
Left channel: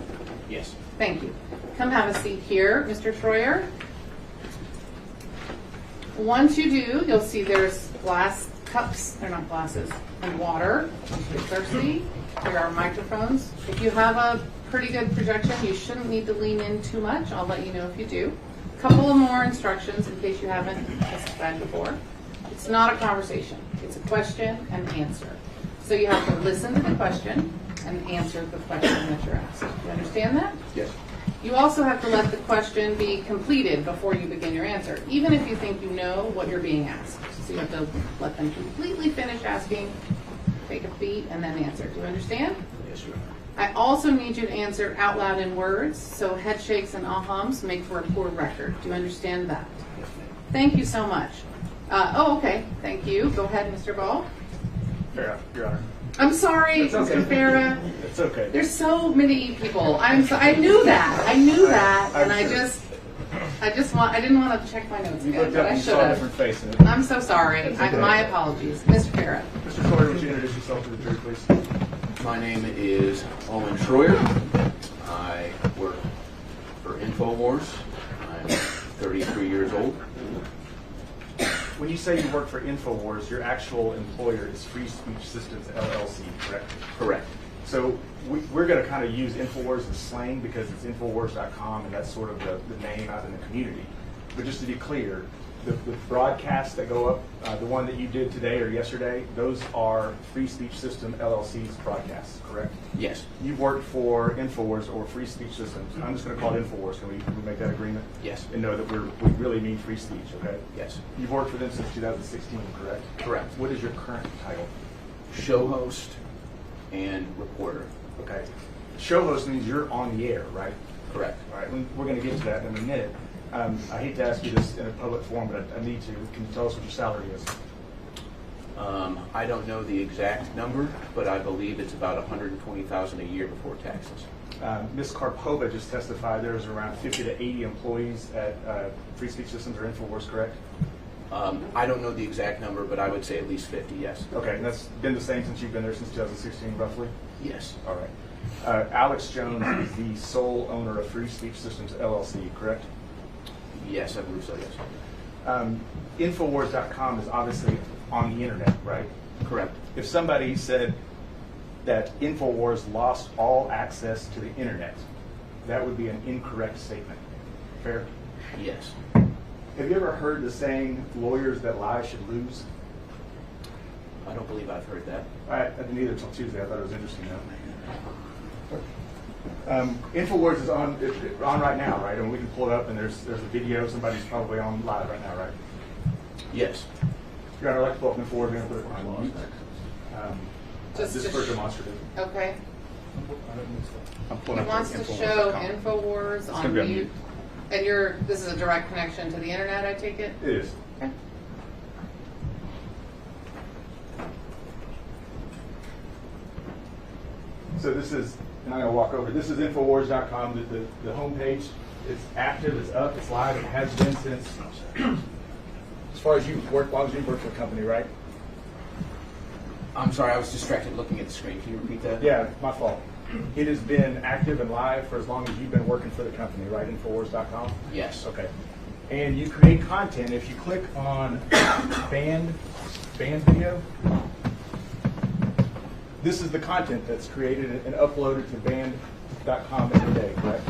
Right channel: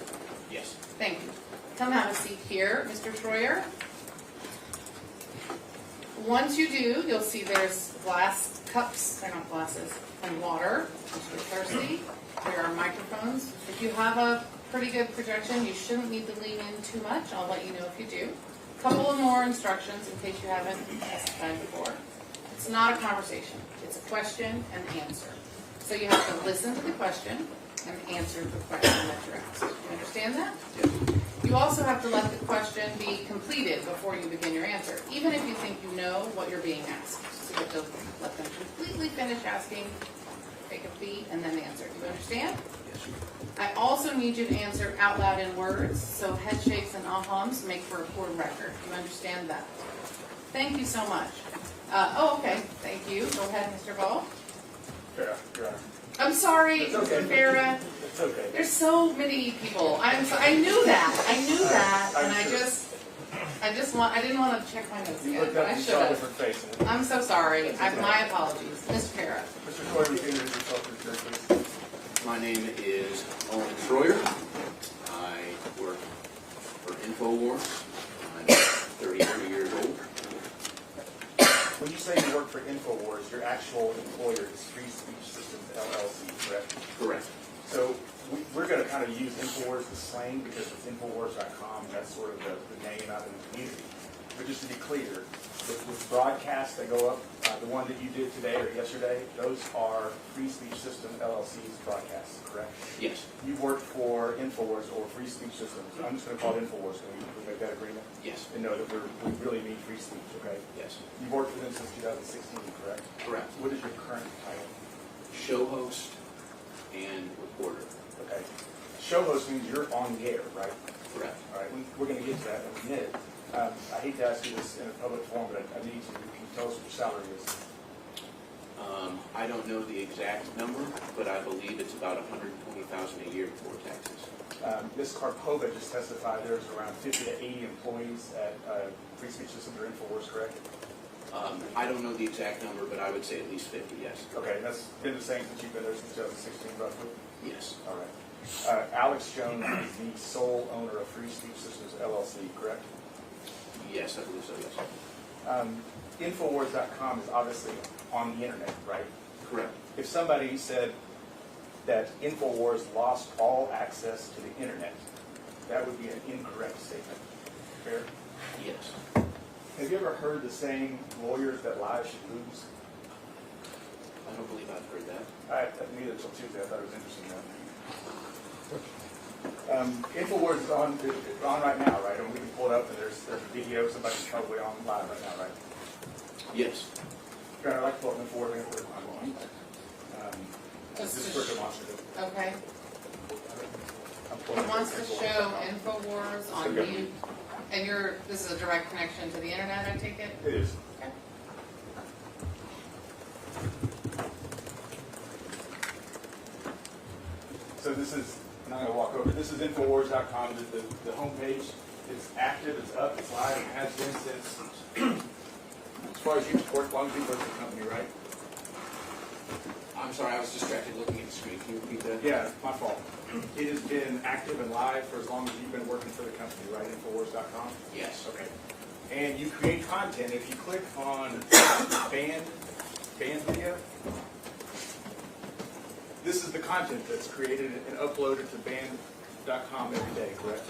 Yes. Thank you. Come have a seat here, Mr. Schroyer. Once you do, you'll see there's glass cups, they're not glasses, and water, if you're thirsty. There are microphones. If you have a pretty good projection, you shouldn't need to lean in too much. I'll let you know if you do. A couple of more instructions in case you haven't testified before. It's not a conversation. It's a question and answer. So you have to listen to the question and answer the question that you're asked. Do you understand that? Yes. You also have to let the question be completed before you begin your answer, even if you think you know what you're being asked. So you have to let them completely finish asking, take a beat, and then answer. Do you understand? Yes. I also need you to answer out loud in words, so head shakes and ahams make for a poor record. Do you understand that? Thank you so much. Okay, thank you. Go ahead, Mr. Ball. Your Honor. I'm sorry, It's okay. Mr. Farah. It's okay. There's so many people. I knew that. I knew that, and I didn't want to check my notes You again, looked but up I and should saw have. different faces. I'm so sorry. My apologies, Mr. Farah. Mr. Troyer, would you introduce yourself to the jury, please? My name is Owen Troyer. I work for InfoWars. I'm 33 years old. When you say you work for InfoWars, your actual employer is Free Speech Systems LLC, correct? Correct. So we're going to kind of use InfoWars as slang because it's InfoWars.com and that's sort of the name out in the community. But just to be clear, the broadcasts that go up, the one that you did today or yesterday, those are Free Speech System LLC's broadcasts, correct? Yes. You work for InfoWars or Free Speech Systems. I'm just going to call it InfoWars. Can we make that agreement? Yes. And know that we really mean free speech, okay? Yes. You've worked for them since 2016, correct? Correct. What is your current title? Show host and reporter. Okay. Show host means you're on the air, right? Correct. All right, we're going to get to that in a minute. I hate to ask you this in a public forum, but I need to. Can you tell us what your salary is? I don't know the exact number, but I believe it's about $120,000 a year before taxes. Ms. Karpova just testified there's around 50 to 80 employees at Free Speech Systems or InfoWars, correct? I don't know the exact number, but I would say at least 50, yes. Okay, and that's been the same since you've been there since 2016, roughly? Yes. All right. Alex Jones is the sole owner of Free Speech Systems LLC, correct? Yes, I believe so, yes. Infowars.com is obviously on the internet, right? Correct. If somebody said that InfoWars lost all access to the internet, that would be an incorrect statement. Fair? Yes. Have you ever heard the saying, lawyers that lie should lose? I don't believe I've heard that. I didn't either until Tuesday. I thought it was interesting though. InfoWars is on right now, right? And we can pull it up and there's a video. Somebody's probably on live right now, right? Yes. Your Honor, I'd like to pull up InfoWars and put it Just for demonstrative. Okay. I'm pulling He up wants to Infowars.com. show InfoWars gonna on be on mute. And this is a direct connection to the internet, I take it? It is. Okay. So this is, I'm not going to walk over, this is Infowars.com, the homepage. It's active, it's up, it's live, it has been since, as far as you've worked, as long as you've worked for the company, right? I'm sorry, I was distracted looking at the screen. Can you repeat that? Yeah, it's my fault. It has been active and live for as long as you've been working for the company, right? Infowars.com? Yes. Okay. And you create content. If you click on banned video, this is the content that's created and uploaded to banned.com every day, correct?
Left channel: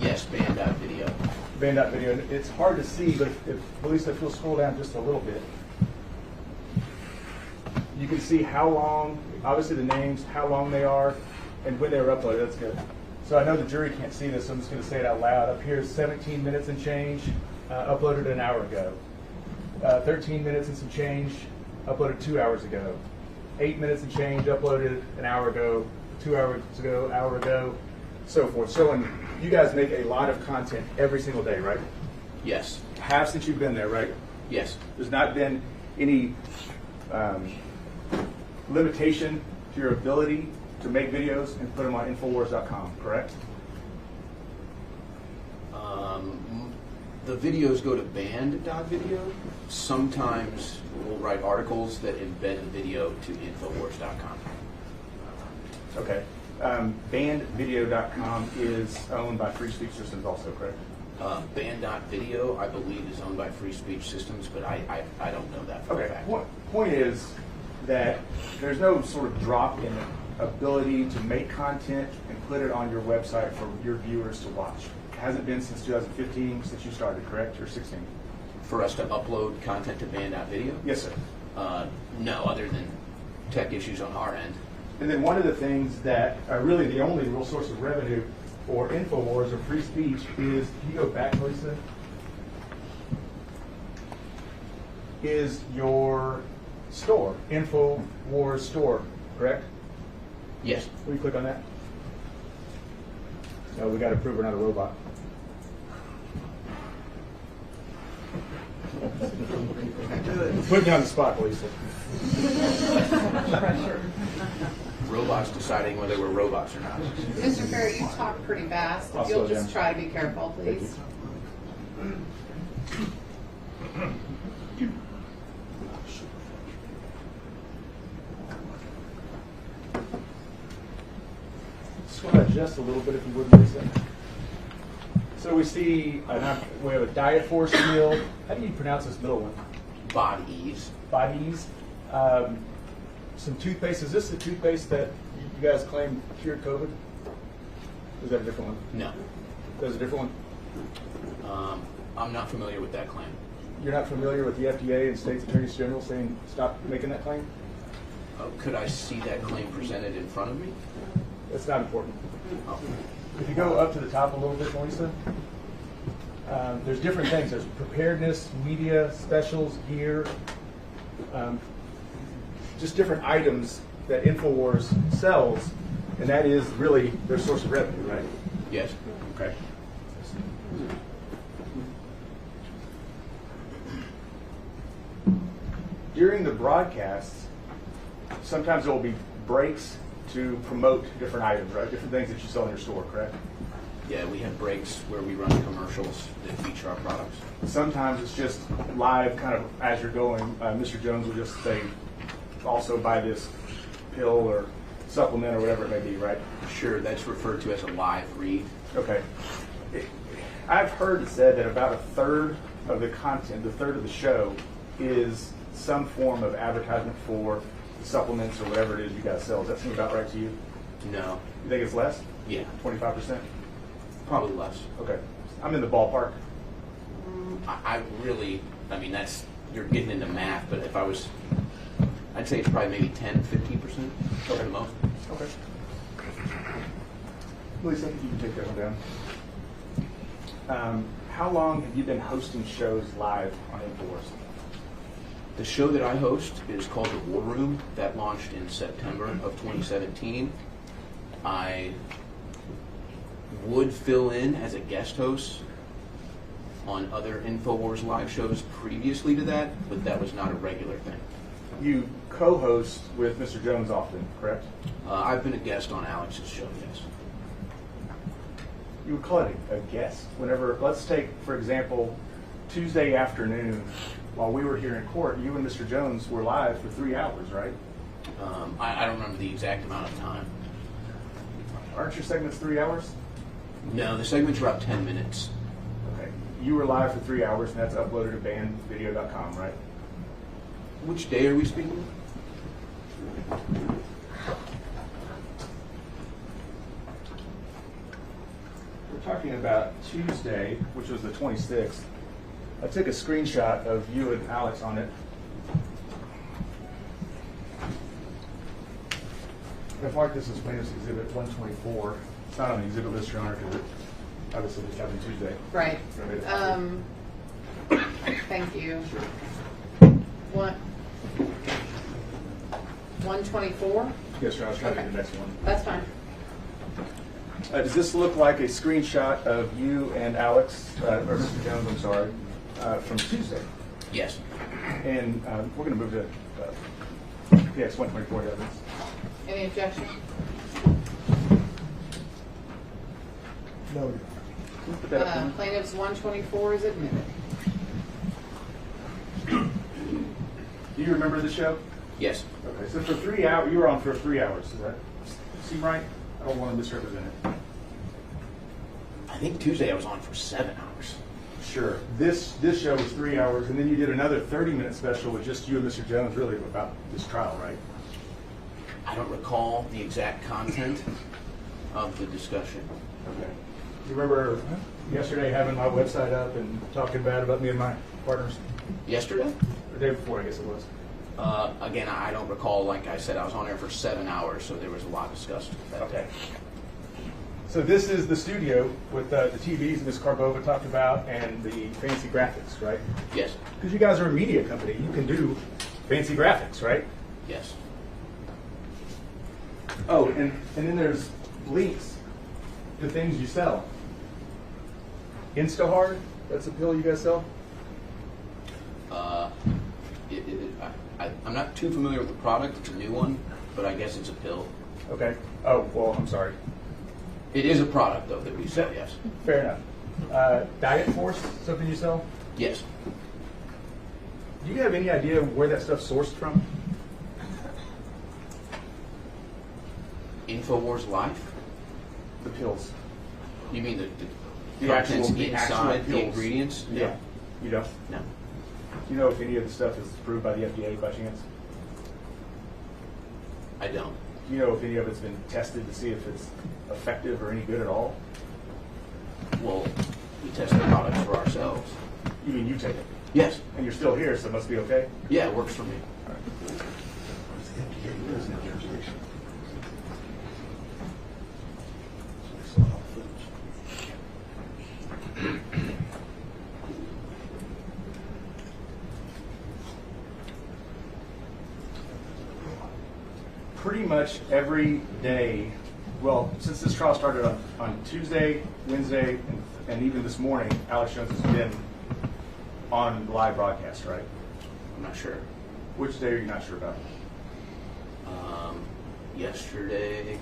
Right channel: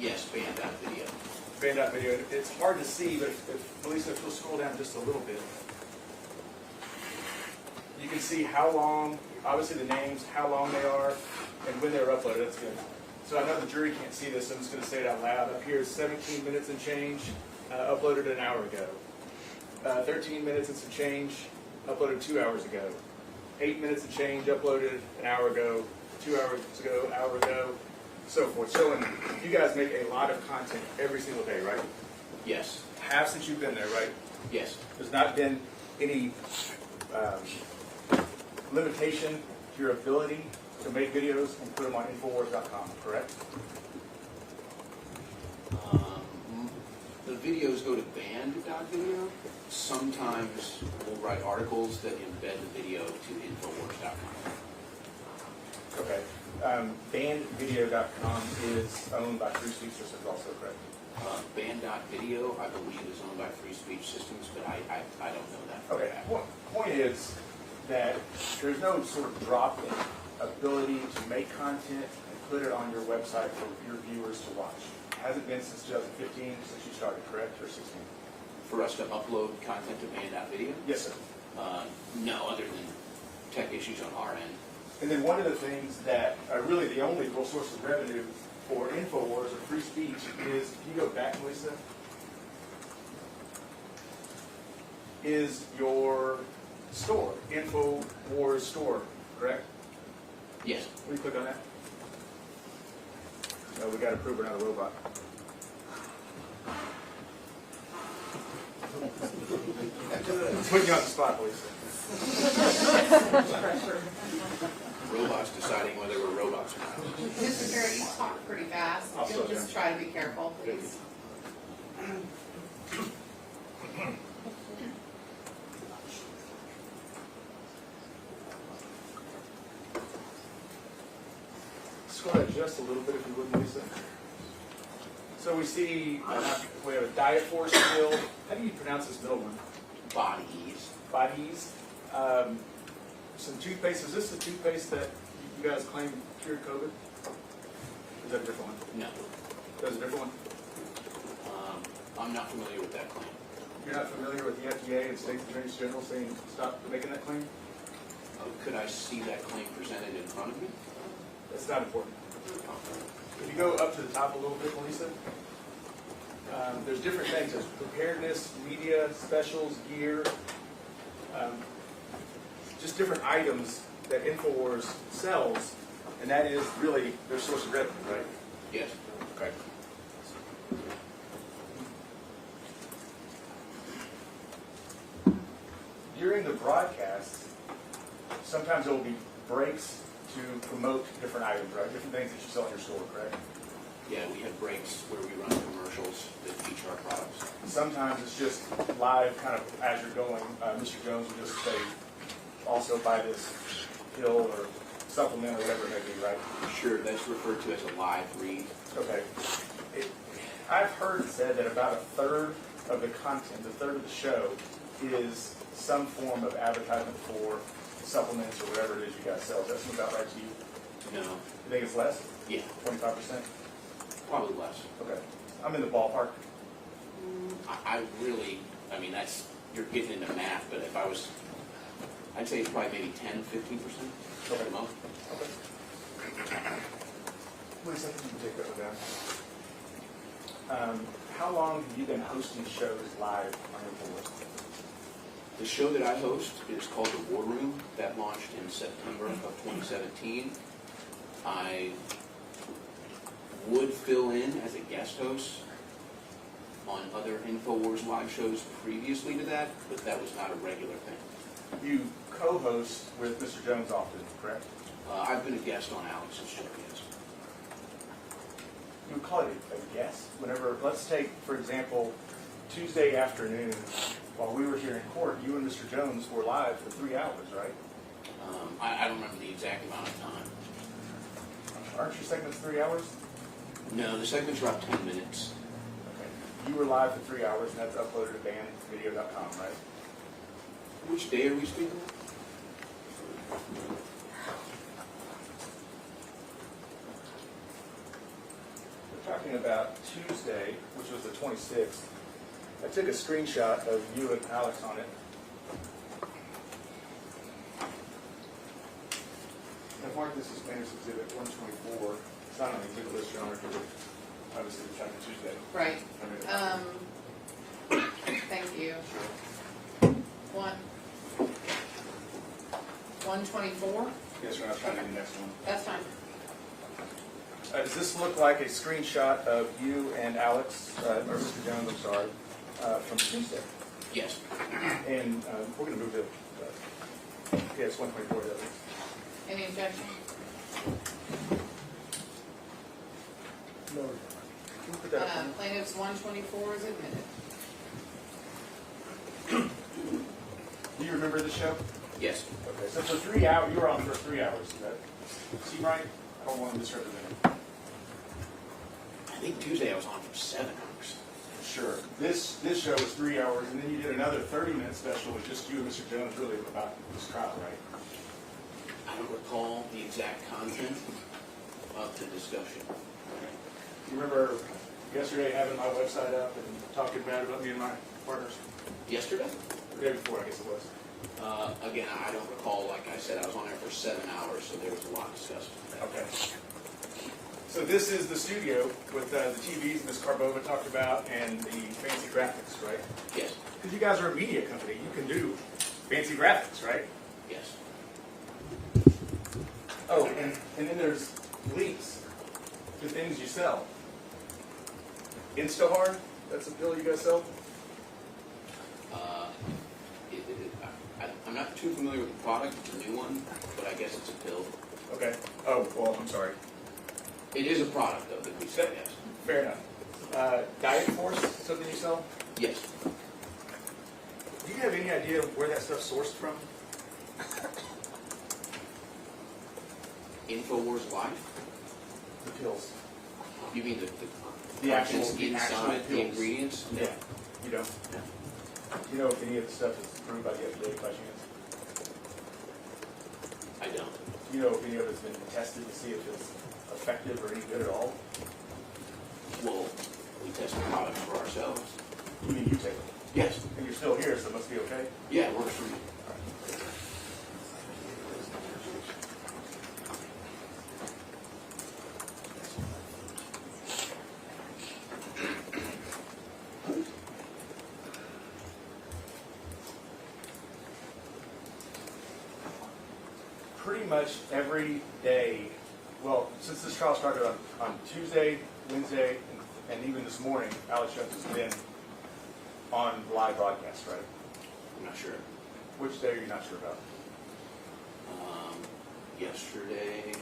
Yes, band.video. Banned.video. And it's hard to see, but if Melissa, if you'll scroll down just a little bit, you can see how long, obviously the names, how long they are, and when they were uploaded. That's good. So I know the jury can't see this, so I'm just going to say it out loud. Up here is 17 minutes and change, uploaded an hour ago. 13 minutes and some change, uploaded 2 hours ago. 8 minutes and change, uploaded an hour ago, 2 hours ago, hour ago, so forth. Showing you guys make a lot of content every single day, right? Yes. Have since you've been there, right? Yes. There's not been any limitation to your ability to make videos and put them on Infowars.com, correct? The videos go to band.video. Sometimes we'll write articles that embed the video to infowars.com. Okay. Bandvideo.com is owned by Free Speech Systems also, correct? Band.video, I believe, is owned by Free Speech Systems, but I don't know that for a Okay. fact. Point is that there's no sort of drop in ability to make content and put it on your website for your viewers to watch. It hasn't been since 2015 since you started, correct? Or 16? For us to upload content to band.video? Yes, sir. No, other than tech issues on our end. And then one of the things that really the only real source of revenue for InfoWars or free speech is, can you go back, Lisa? Is your store, InfoWars store, correct? Yes. Will you click on that? We got to prove we're not a robot. Put me on the spot, Lisa. Robots deciding whether we're robots or not. Mr. Ferry, you talk pretty fast. I'll If you'll slow just down. try to be careful, Thank please. Just go ahead just a little bit if you would, Lisa. So we see, we have a diet force field. How do you pronounce this middle one? Bodies. Bodies. Some toothpaste. Is this the toothpaste that you guys claim cured COVID? Or is that a different one? No. That's a different one? I'm not familiar with that claim. You're not familiar with the FDA and State's Attorneys General saying stop making that claim? Could I see that claim presented in front of me? That's not important. Oh. If you go up to the top a little bit, Melissa, there's different things. There's preparedness, media, specials, gear, just different items that InfoWars sells, and that is really their source of revenue, right? Yes. Okay. During the broadcasts, sometimes there will be breaks to promote different items, right? Different things that you sell in your store, correct? Yeah, we have breaks where we run commercials that feature our products. Sometimes it's just live, kind of as you're going. Mr. Jones will just say, also buy this pill or supplement or whatever it may be, right? Sure, that's referred to as a live read. Okay. I've heard it said that about a third of the content, the third of the show, is some form of advertisement for supplements or whatever it is you guys sell. Does that seem about right to you? No. You think it's less? Yeah, 25%? probably less. Okay. I'm in the ballpark. I really, I mean, you're getting into math, but if I was, I'd say it's probably maybe 10, 15% at the most. Okay. Lisa, you can take this one down. How long have you been hosting shows live on InfoWars? The show that I host is called The War Room. That launched in September of 2017. I would fill in as a guest host on other InfoWars live shows previously to that, but that was not a regular thing. You co-host with Mr. Jones often, correct? I've been a guest on Alex's show, yes. You would call it a guest whenever, let's take, for example, Tuesday afternoon, while we were here in court, you and Mr. Jones were live for 3 hours, right? I don't remember the exact amount of time. Aren't your segments 3 hours? No, the segments are about 10 minutes. Okay. You were live for 3 hours, and that's uploaded to bandvideo.com, right? Which day are we speaking of? We're talking about Tuesday, which was the 26th. I took a screenshot of you and Alex on it. I've marked this as plaintiff's exhibit 124. It's not on the exhibit list, Your Honor, because it obviously just happened Tuesday. Right. Thank you. 124? Yes, Your Honor, I was trying to get the next one. That's fine. Does this look like a screenshot of you and Alex, or Mr. Jones, I'm sorry, from Tuesday? Yes. And we're going to move to PS 124 evidence. Any objection? No. Put that up for me. Plaintiff's 124 is admitted. Do you remember the show? Yes. Okay, so for 3 hours, you were on for 3 hours. Does that seem right? I don't want to misrepresent it. I think Tuesday I was on for 7 hours. Sure. This show was 3 hours, and then you did another 30-minute special with just you and Mr. Jones, really about this trial, right? I don't recall the exact content of the discussion. Okay. You remember yesterday having my website up and talking bad about me and my partners? Yesterday? The day before, I guess it was. Again, I don't recall. Like I said, I was on there for 7 hours, so there was a lot discussed. Okay. So this is the studio with the TVs Ms. Carbova talked about and the fancy graphics, right? Yes. Because you guys are a media company, you can do fancy graphics, right? Yes. Oh, and then there's links to things you sell. Instahard, that's a pill you guys sell? I'm not too familiar with the product. It's a new one, but I guess it's a pill. Okay. Oh, well, I'm sorry. It is a product, though, that we sell, yes. Fair enough. Diet Force, something you sell? Yes. Do you have any idea where that stuff's sourced from? InfoWars Life? The pills. You mean the The contents actual inside the pills. ingredients? No. Yeah. You don't? No. Do you know if any of the stuff is approved by the FDA by chance? I don't. Do you know if any of it's been tested to see if it's effective or any good at all? Well, we test the products for ourselves. You mean you take it? Yes. And you're still here, so it must be okay? Yeah, it works for me. Pretty much every day, well, since this trial started on Tuesday, Wednesday, and even this morning, Alex Jones has been on live broadcast, right? I'm not sure. Which day are you not sure about? Yesterday.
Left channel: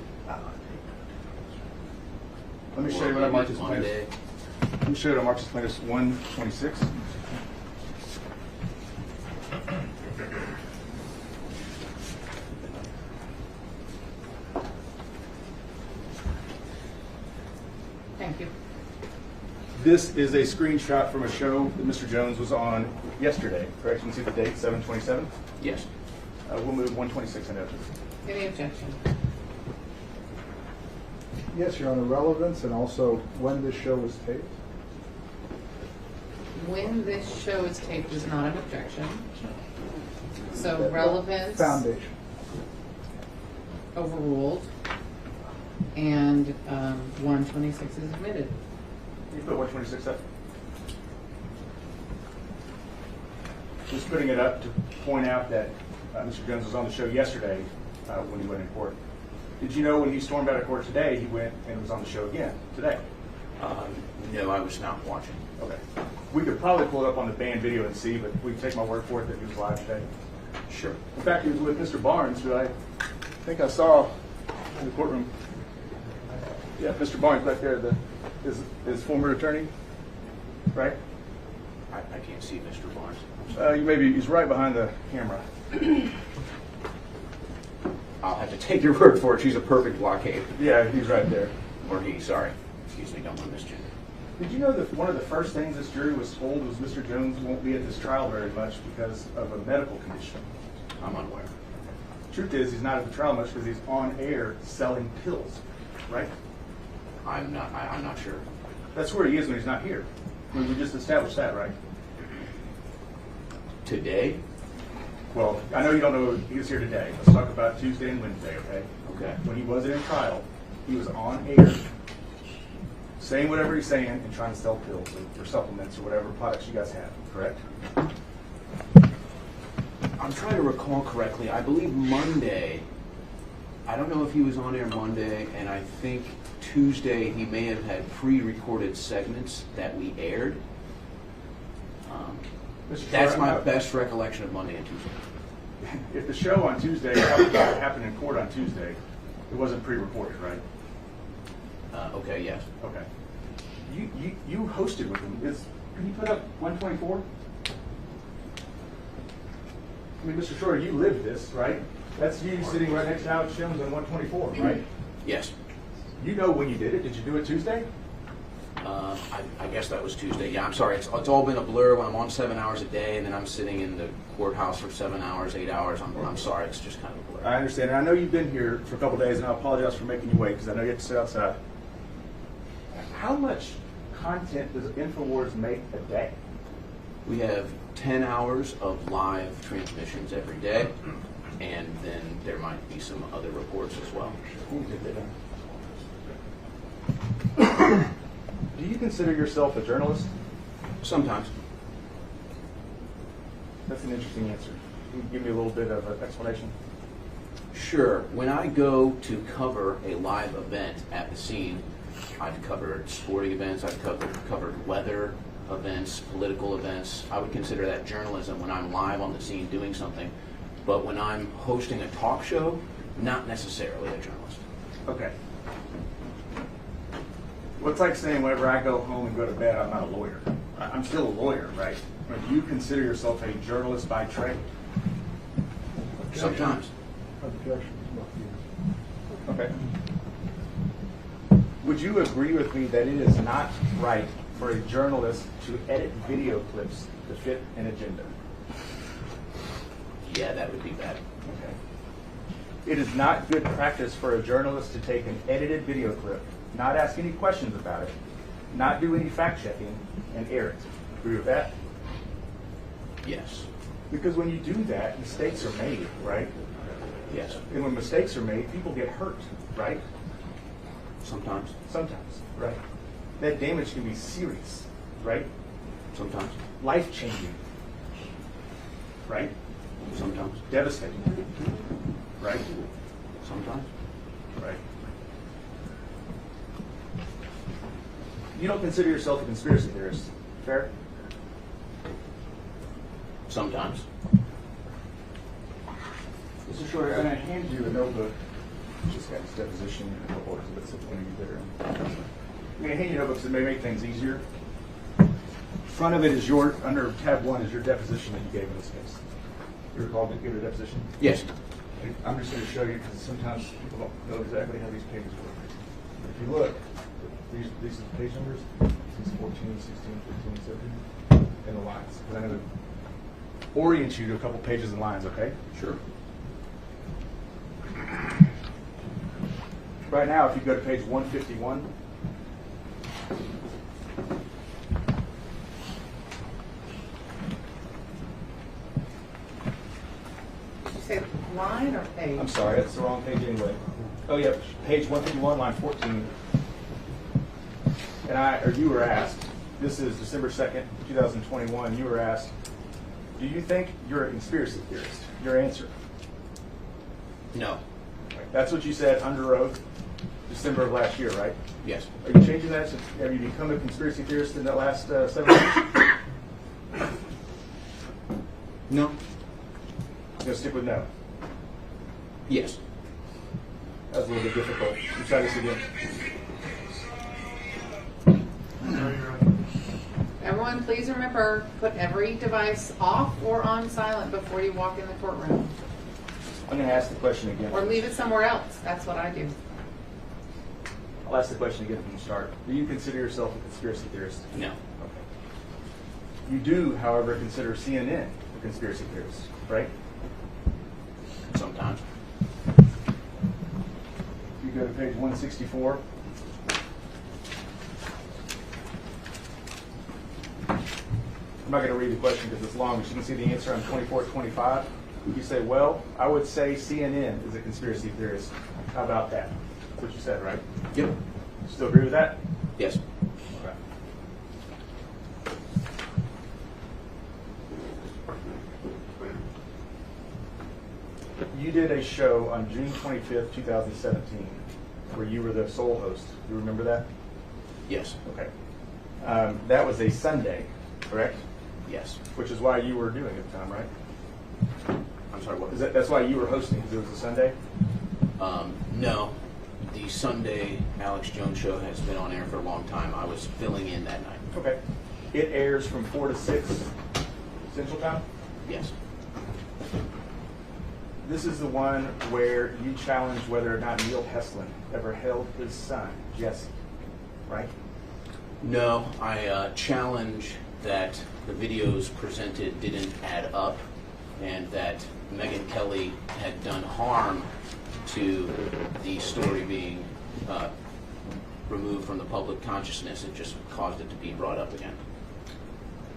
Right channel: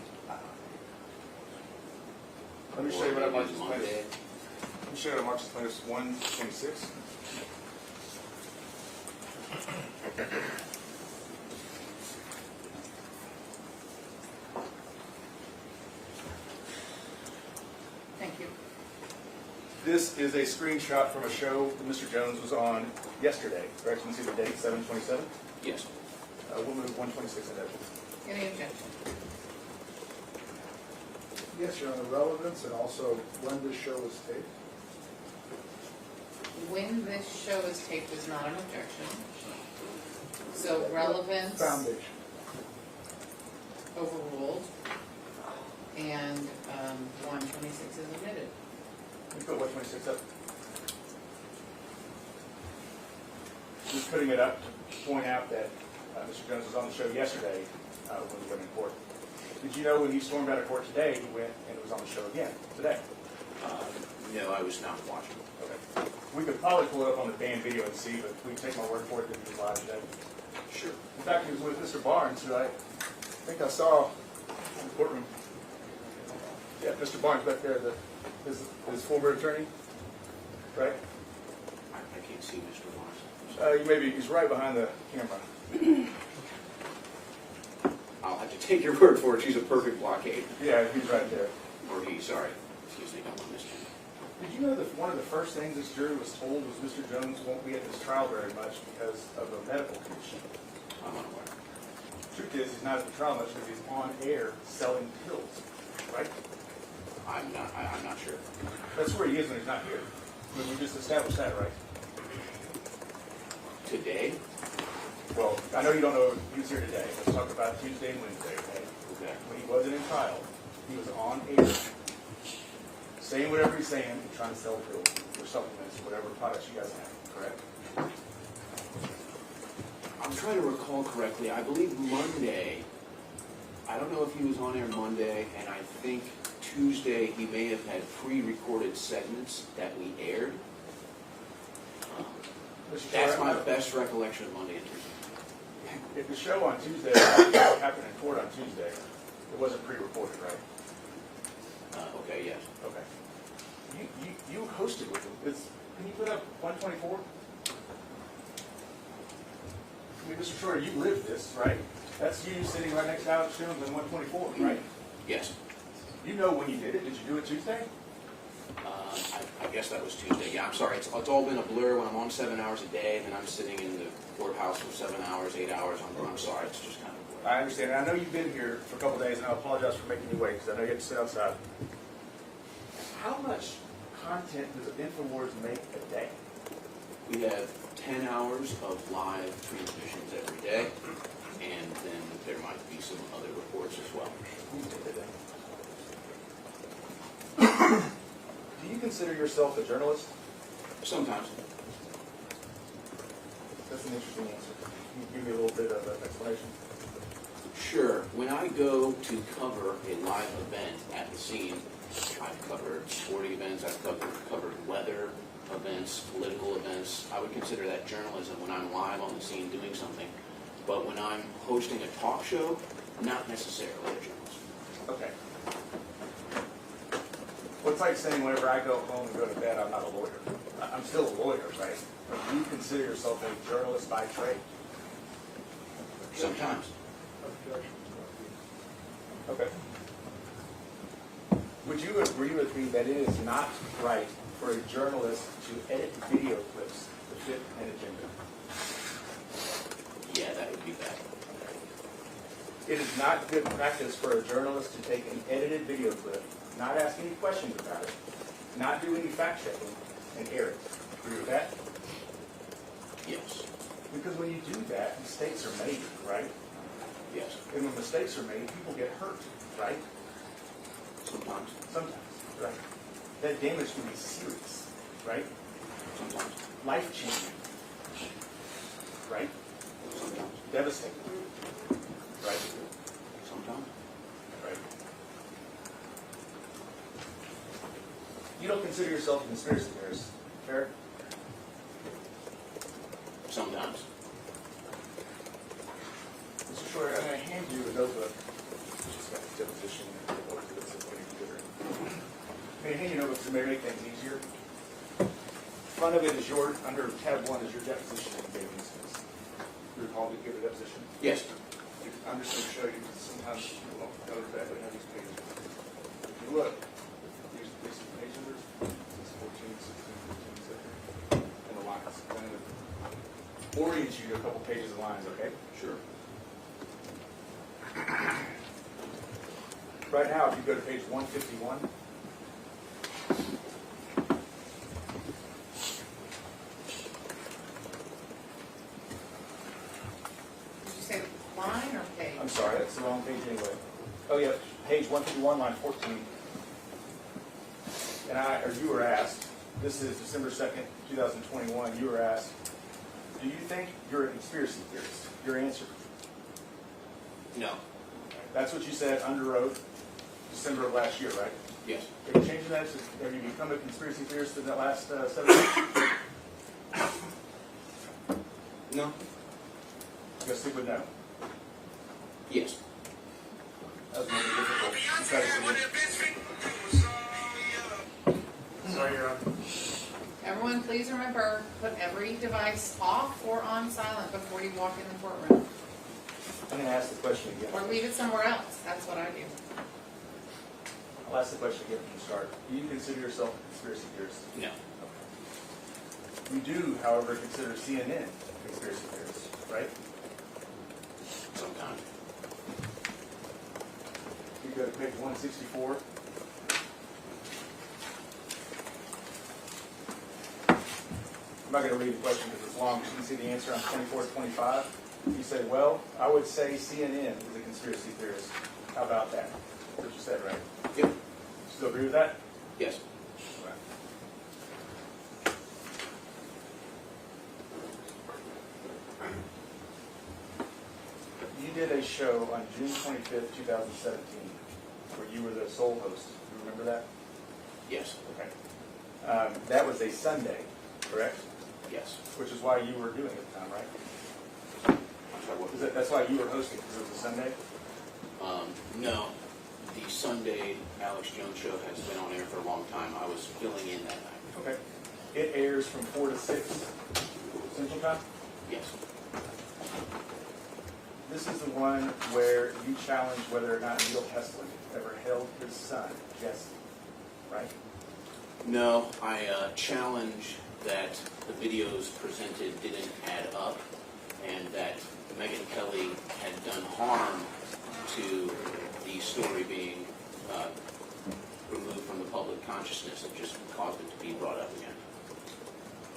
Let me or show you what I maybe marked as plaintiffs. Monday. Let me show you what I marked as plaintiffs 126. Thank you. This is a screenshot from a show that Mr. Jones was on yesterday, correct? You can see the date, 7/27. Yes. We'll move 126 and edges. Any objection? Yes, Your Honor, relevance and also when this show was taped. When this show is taped is not an objection. So That- relevance Foundation. overruled, and 126 is admitted. Can you put 126 up? Just putting it up to point out that Mr. Jones was on the show yesterday when he went in court. Did you know when he stormed out of court today, he went and was on the show again today? No, I was not watching. Okay. We could probably pull it up on the banned video and see, but we can take my word for it that he was live today. Sure. In fact, he was with Mr. Barnes, who I think I saw in the courtroom. Yeah, Mr. Barnes back there, his former attorney, right? I can't see Mr. Barnes. He's right behind the camera. I'll have to take your word for it. She's a perfect blockade. Yeah, he's right there. Or he, sorry. Excuse me, don't want this gender. Did you know that one of the first things this jury was told was Mr. Jones won't be at this trial very much because of a medical condition? I'm unaware. Truth is, he's not at the trial much because he's on air selling pills, right? I'm not sure. That's where he is when he's not here. I mean, we just established that, right? Today? Well, I know you don't know he was here today. Let's talk about Tuesday and Wednesday, okay? Okay. When he wasn't in trial, he was on air saying whatever he's saying and trying to sell pills or supplements or whatever products you guys have, correct? I'm trying to recall correctly. I believe Monday, I don't know if he was on air Monday, and I think Tuesday he may have had pre-recorded segments that we aired. That's my best recollection of Monday and Tuesday. If the show on Tuesday happened in court on Tuesday, it wasn't pre-recorded, right? Okay, yes. Okay. You hosted with him. Can you put up 124? I mean, Mr. Shorter, you lived this, right? That's you sitting right next to Alex Jones on 124, right? Yes. You know when you did it. Did you do it Tuesday? I guess that was Tuesday. Yeah, I'm sorry. It's all been a blur when I'm on 7 hours a day, and then I'm sitting in the courthouse for 7 hours, 8 hours. I'm sorry. It's just kind of a blur. I understand. And I know you've been here for a couple days, and I apologize for making you wait because I know you have to sit outside. How much content does InfoWars make a day? We have 10 hours of live transmissions every day, and then there might be some other reports as well. Do you consider yourself a journalist? Sometimes. That's an interesting answer. Can you give me a little bit of an explanation? Sure. When I go to cover a live event at the scene, I've covered sporting events, I've covered weather events, political events. I would consider that journalism when I'm live on the scene doing something. But when I'm hosting a talk show, not necessarily a journalist. Okay. Well, it's like saying whenever I go home and go to bed, I'm not a lawyer. I'm still a lawyer, right? But do you consider yourself a journalist by trade? Sometimes. Objection. Okay. Would you agree with me that it is not right for a journalist to edit video clips to fit an agenda? Yeah, that would be bad. Okay. It is not good practice for a journalist to take an edited video clip, not ask any questions about it, not do any fact checking, and air it. Agree with that? Yes. Because when you do that, mistakes are made, right? Yes. And when mistakes are made, people get hurt, right? Sometimes. Sometimes, right? That damage can be serious, right? Sometimes. Life-changing, right? Sometimes. Devastating, right? Sometimes. Right. You don't consider yourself a conspiracy theorist, fair? Sometimes. Mr. Shorter, I'm going to hand you a notebook. Just got this deposition report to this when you get her. I'm going to hand you notebooks that may make things easier. Front of it is your, under tab 1 is your deposition that you gave in this case. You recall to give it a deposition? Yes. I'm just going to show you because sometimes people don't know exactly how these pages work. If you look, these are the page numbers. This is 14, 16, 15, 17, and the lines. And I'm going to orient you to a couple pages and lines, okay? Sure. Right now, if you go to page 151, Did you say line or page? I'm sorry, that's the wrong page anyway. Oh yeah, page 151, line 14. And you were asked, this is December 2nd, 2021, you were asked, do you think you're a conspiracy theorist? Your answer. No. Okay. That's what you said under oath, December of last year, right? Yes. Are you changing that to, have you become a conspiracy theorist in the last 7 months? No. You're gonna stick with no? Yes. That was a little bit difficult. You try this again. Everyone, please remember, put every device off or on silent before you walk in the courtroom. I'm gonna ask the question again. Or leave it somewhere else. That's what I do. I'll ask the question again from the start. Do you consider yourself a conspiracy theorist? No. Okay. You do, however, consider CNN a conspiracy theorist, right? Sometimes. You go to page 164. I'm not going to read the question because it's long. You can see the answer on 24, 25. You say, well, I would say CNN is a conspiracy theorist. How about that? That's what you said, right? Yep. Still agree with that? Yes. Okay. You did a show on June 25th, 2017, where you were the sole host. Do you remember that? Yes. Okay. That was a Sunday, correct? Yes. Which is why you were doing it at the time, right? I'm sorry, what? That's why you were hosting, because it was a Sunday? No. The Sunday Alex Jones show has been on air for a long time. I was filling in that night. Okay. It airs from 4 to 6 Central Time? Yes. This is the one where you challenged whether or not Neil Heslin ever held his son, Jesse, right? No, I challenge that the videos presented didn't add up and that Megyn Kelly had done harm to the story being removed from the public consciousness. It just caused it to be brought up again.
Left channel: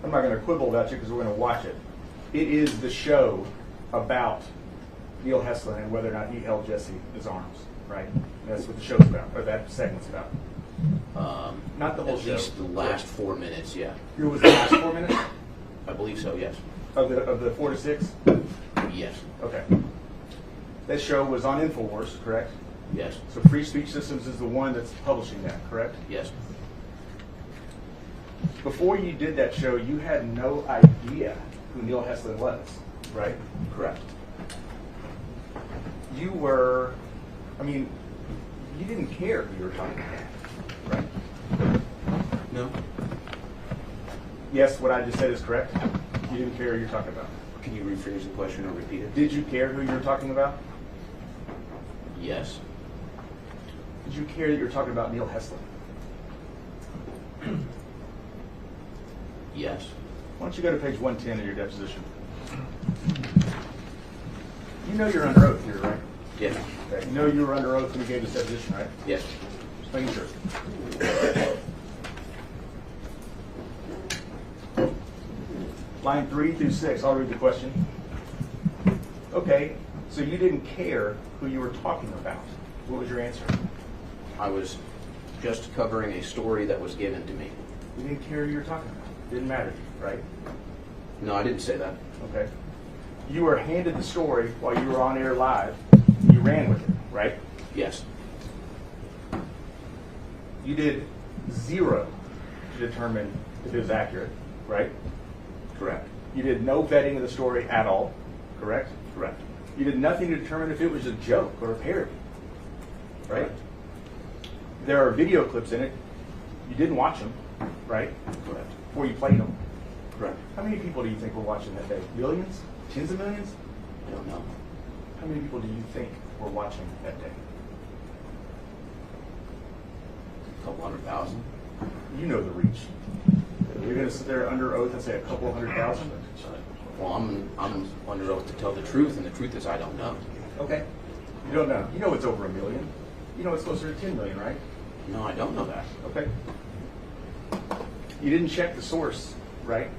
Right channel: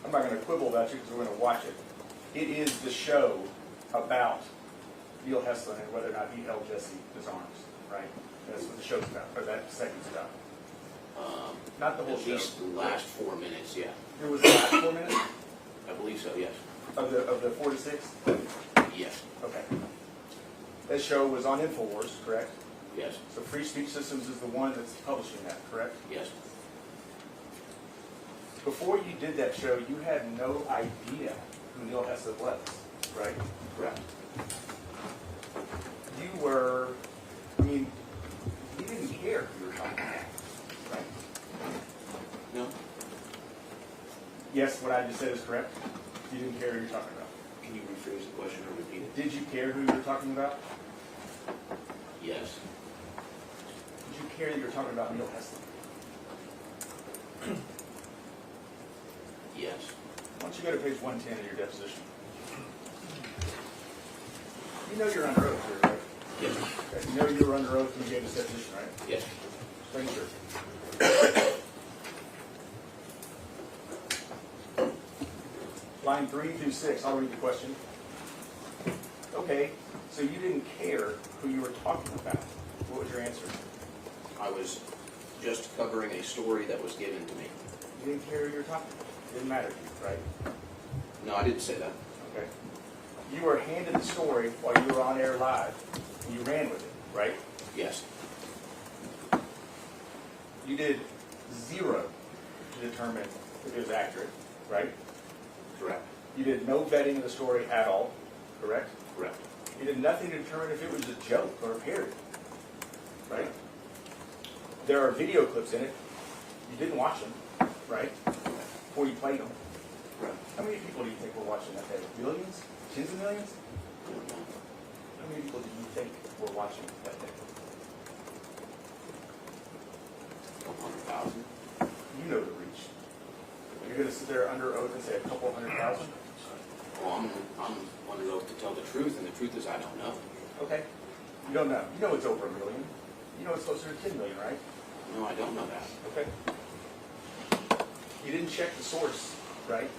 I'm not going to quibble about you because we're going to watch it. It is the show about Neil Heslin and whether or not he held Jesse in his arms, right? That's what the show's about, or that segment's about. Not the whole show. At least the last 4 minutes, yeah. It was the last 4 minutes I believe so, yes. of the 4 to 6? Yes. Okay. That show was on InfoWars, correct? Yes. So Free Speech Systems is the one that's publishing that, correct? Yes. Before you did that show, you had no idea who Neil Heslin was, right? Correct. You were, you didn't care who you were talking about, right? No. Yes, what I just said is correct? You didn't care who you're talking about. Can you rephrase the question or repeat it? Did you care who you were talking about? Yes. Did you care that you were talking about Neil Heslin? Yes. Why don't you go to page 110 of your deposition? You know you're under oath here, right? Yes. Okay. You know you were under oath when you gave this deposition, right? Yes. Just making sure. Line 3 through 6, I'll read the question. Okay, so you didn't care who you were talking about. What was your answer? I was just covering a story that was given to me. You didn't care who you were talking about. Didn't matter to you, right? No, I didn't say that. Okay. You were handed the story while you were on air live. You ran with it, right? Yes. You did 0 to determine if it was accurate, right? Correct. You did no vetting of the story at all, correct? Correct. You did nothing to determine if it was a joke or a parody, right? There are video clips in it. You didn't watch them, right? Correct. Or you played them. Correct. How many people do you think were watching that day? Millions? Tens of millions? I don't know. How many people do you think were watching that day? A couple 100,000. You know the reach. You're going to sit there under oath and say a couple 100,000? Well, I'm under oath to tell the truth, and the truth is I don't know. Okay. You don't know. You know it's over 1 million. You know it's closer to 10 million, right? No, I don't know that. Okay. You didn't check the source, right?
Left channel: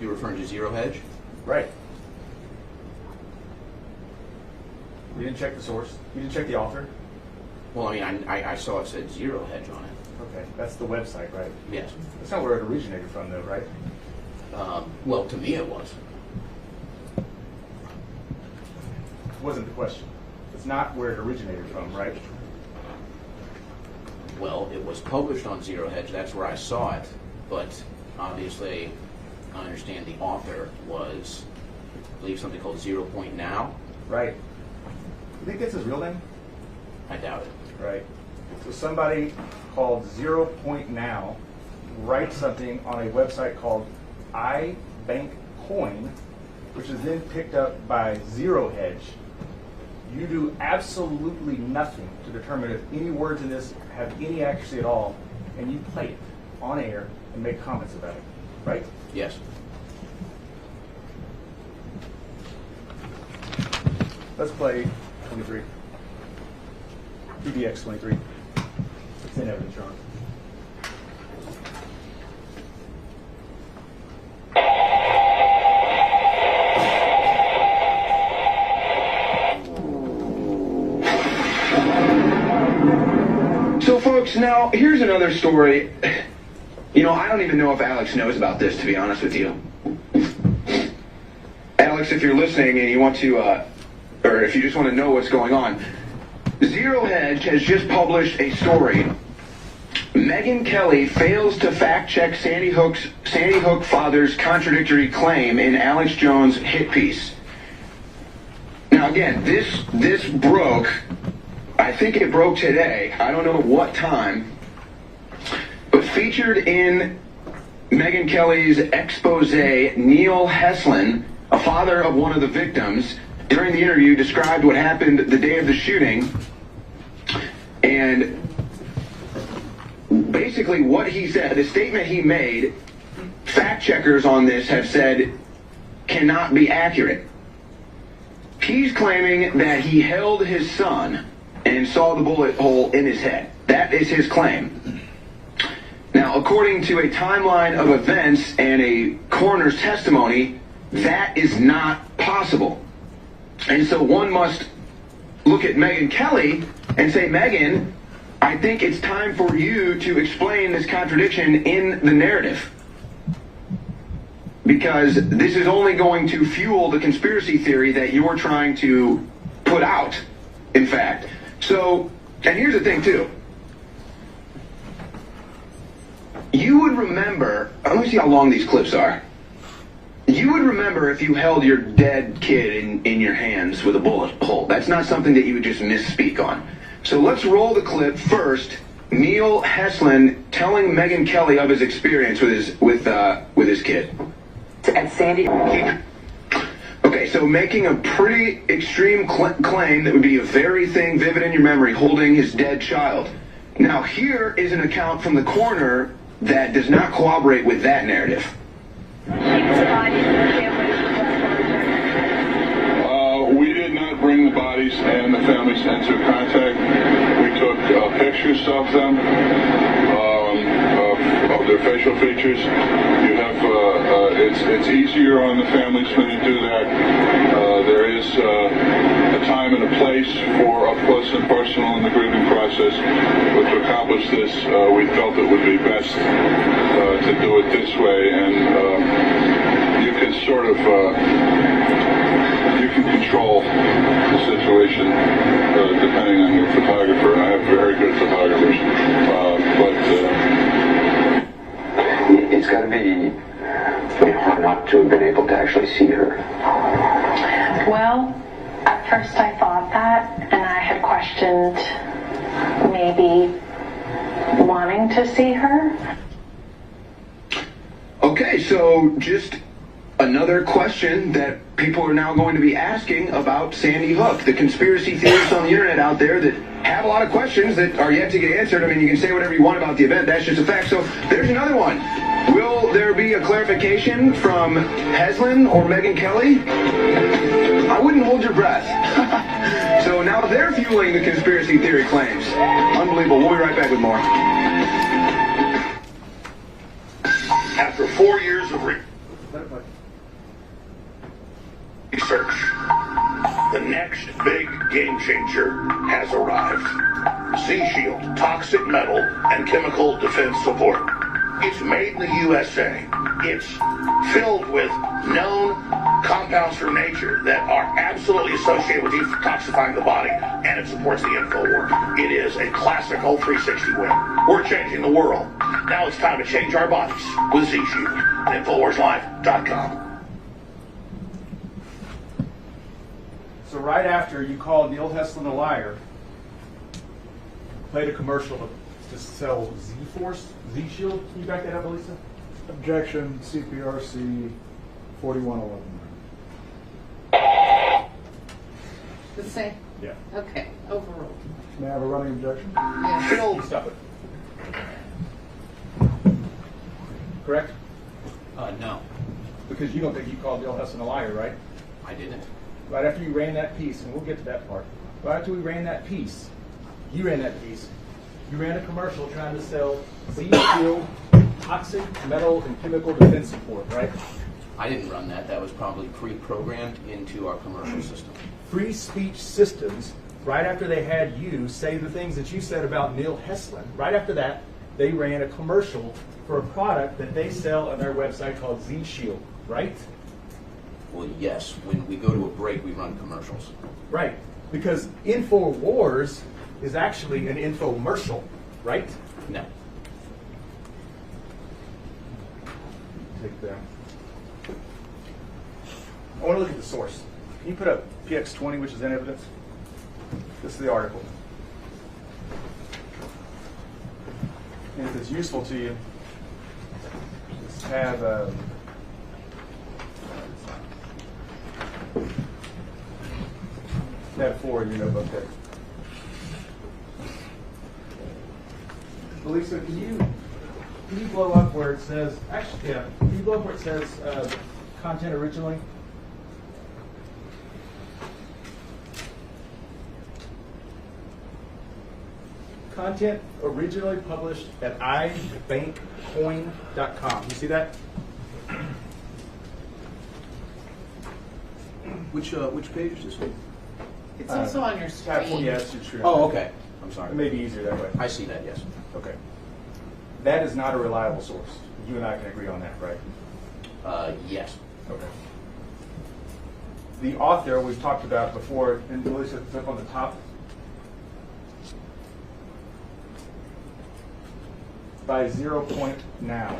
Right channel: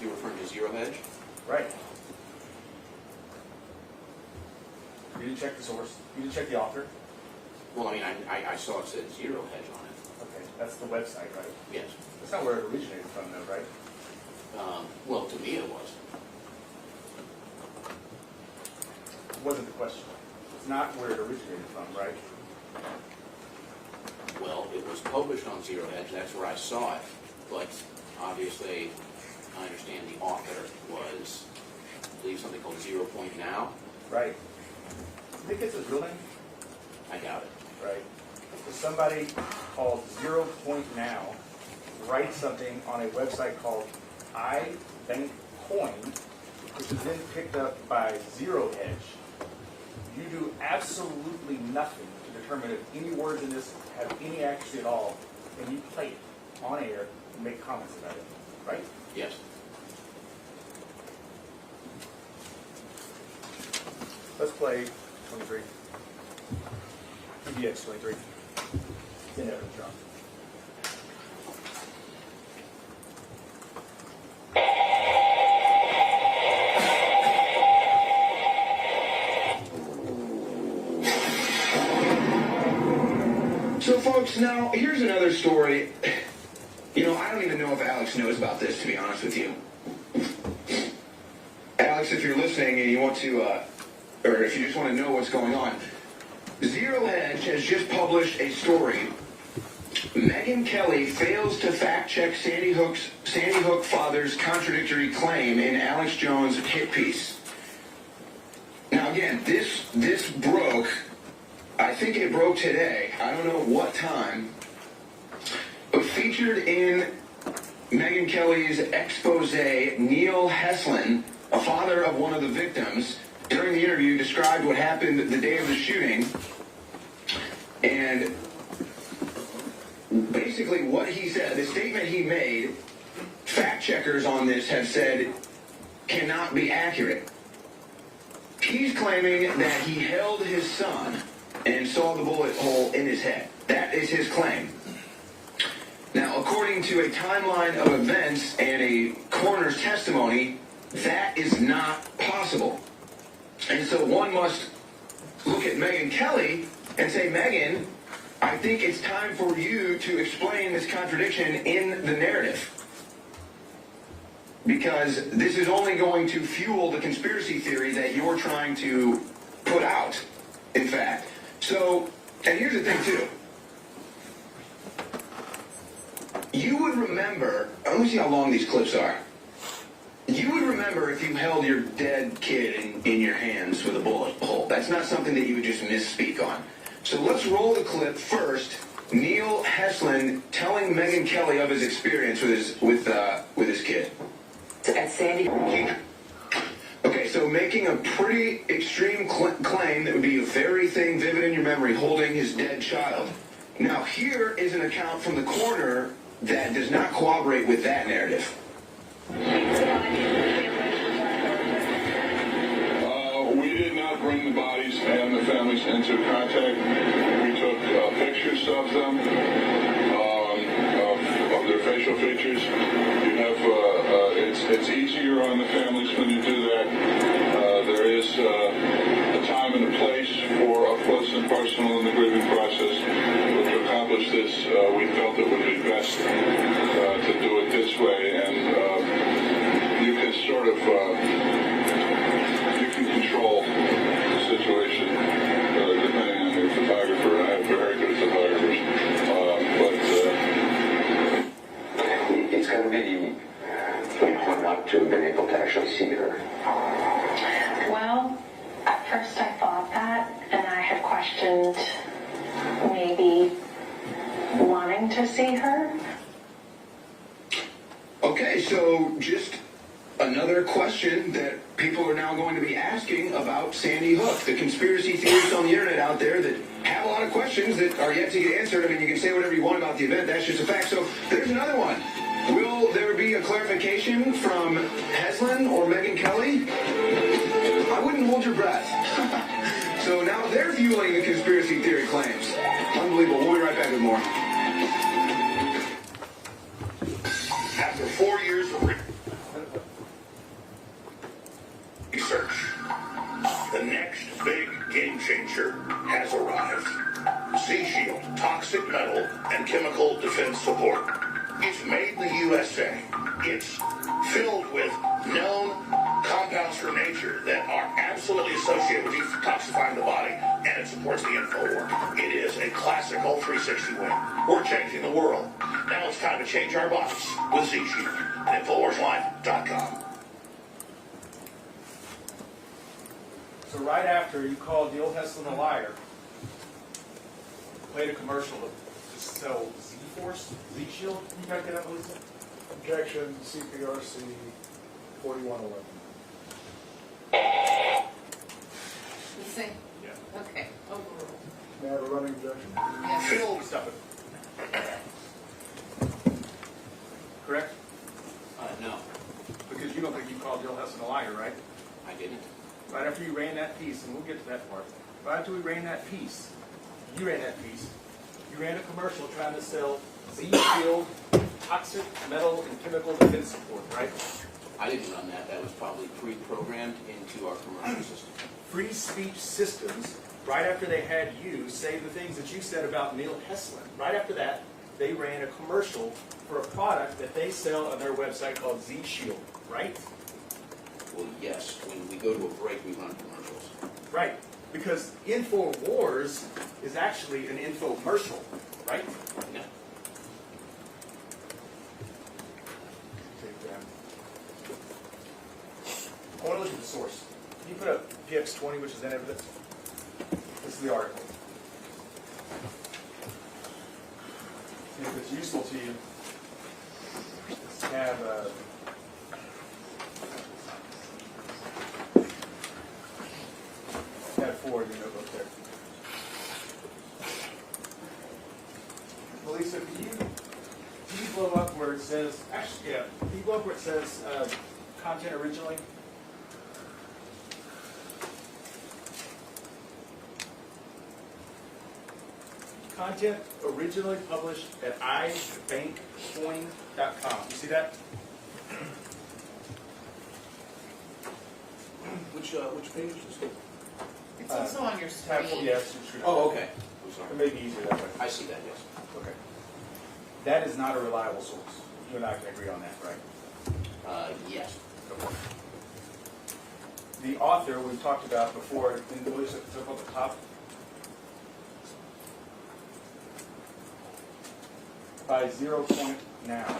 You referring to Zero Hedge? Right. You didn't check the source. You didn't check the author. Well, I mean, I saw it said Zero Hedge on it. Okay, that's the website, right? Yes. That's not where it originated from, though, right? Well, to me it was. Wasn't the question. It's not where it originated from, right? Well, it was published on Zero Hedge. That's where I saw it. But obviously, I understand the author was, I believe, something called 0 Point Now. Right. You think it's his real name? I doubt it. Right. So somebody called 0 Point Now writes something on a website called iBankCoin, which is then picked up by Zero Hedge. You do absolutely nothing to determine if any words in this have any accuracy at all, and you play it on air and make comments about it, right? Yes. Let's play 23. PDX 23. It's in evidence, John. So folks, now here's another story. You know, I don't even know if Alex knows about this, to be honest with you. Alex, if you're listening and you want to, or if you just want to know what's going on, Zero Hedge has just published a story. Megyn Kelly fails to fact-check Sandy Hook father's contradictory claim in Alex Jones' hit piece. Now again, this broke, I think it broke today, I don't know what time, but featured in Megyn Kelly's expose, Neil Heslin, a father of one of the victims, during the interview described what happened the day of the shooting, and basically what he said, the statement he made, fact checkers on this have said cannot be accurate. He's claiming that he held his son and saw the bullet hole in his head. That is his claim. Now, according to a timeline of events and a coroner's testimony, that is not possible. And so one must look at Megyn Kelly and say, Megyn, I think it's time for you to explain this contradiction in the narrative. because this is only going to fuel the conspiracy theory that you're trying to put out, in fact. So, and here's the thing too. You would remember, let me see how long these clips are. You would remember if you held your dead kid in your hands with a bullet hole. That's not something that you would just misspeak on. So let's roll the clip first. Neil Heslin telling Megyn Kelly of his experience with his kid. At Sandy. Okay, so making a pretty extreme claim that would be a very thing vivid in your memory, holding his dead child. Now here is an account from the coroner that does not corroborate with that narrative. We did not bring the bodies and the families into contact. We took pictures of them, of their facial features. You have, it's easier on the families when you do that. There is a time and a place for up close and personal in the grieving process. But to accomplish this, we felt it would be best to do it this way, and you can sort of you can control the situation depending on your photographer. And I have very good photographers, It's got to be hard not to have been able to actually see her. Well, at first I thought that, and I had questioned maybe wanting to see her. Okay, so just another question that people are now going to be asking about Sandy Hook. The conspiracy theorists on the internet out there that have a lot of questions that are yet to get answered. I mean, you can say whatever you want about the event. That's just a fact. So there's another one. Will there be a clarification from Heslin or Megyn Kelly? I wouldn't hold your breath. So now they're fueling the conspiracy theory claims. Unbelievable. We'll be right back with more. After 4 years of research, the next big game changer has arrived. Z-Shield, toxic metal and chemical defense support. It's made in the USA. It's filled with known compounds from nature that are absolutely associated with detoxifying the body, and it supports the InfoWars. It is a classic whole 360 win. We're changing the world. Now it's time to change our bodies with Z-Shield. InfoWarsLive.com. So right after you called Neil Heslin a liar, played a commercial to sell Z-Force, Z-Shield. Can you back that up, Elisa? Objection, CPRC 4111. The same? Yeah. Okay, overruled. May I have a running objection? Yes. Filled. Stop it. Correct? No, Because you don't think you called Neil Heslin a liar, right? I didn't. Right after you ran that piece, and we'll get to that part. Right after we ran that piece, you ran that piece. You ran a commercial trying to sell Z-Shield, toxic metal and chemical defense support, right? I didn't run that. That was probably pre-programmed into our commercial system. Free speech systems, right after they had you say the things that you said about Neil Heslin, right after that, they ran a commercial for a product that they sell on their website called Z-Shield, right? Well, yes. When we go to a break, we run commercials. Right. Because InfoWars is actually an infomercial, right? No. I want to look at the source. Can you put up PX20, which is in evidence? This is the article. And if it's useful to you, just have tab 4 in your notebook there. Elisa, can you blow up where it says, actually, yeah, can you blow up where it says content originally? Content originally published at ibankcoin.com. You see that? Which page is this one? It's also on your Tab 4, screen. yeah, it's your screen. Oh, okay. I'm sorry. It may be easier that way. I see that, yes. Okay. That is not a reliable source. You and I can agree on that, right? Yes. Okay. The author we've talked about before, and Willie said it's up on the top. By 0 point now.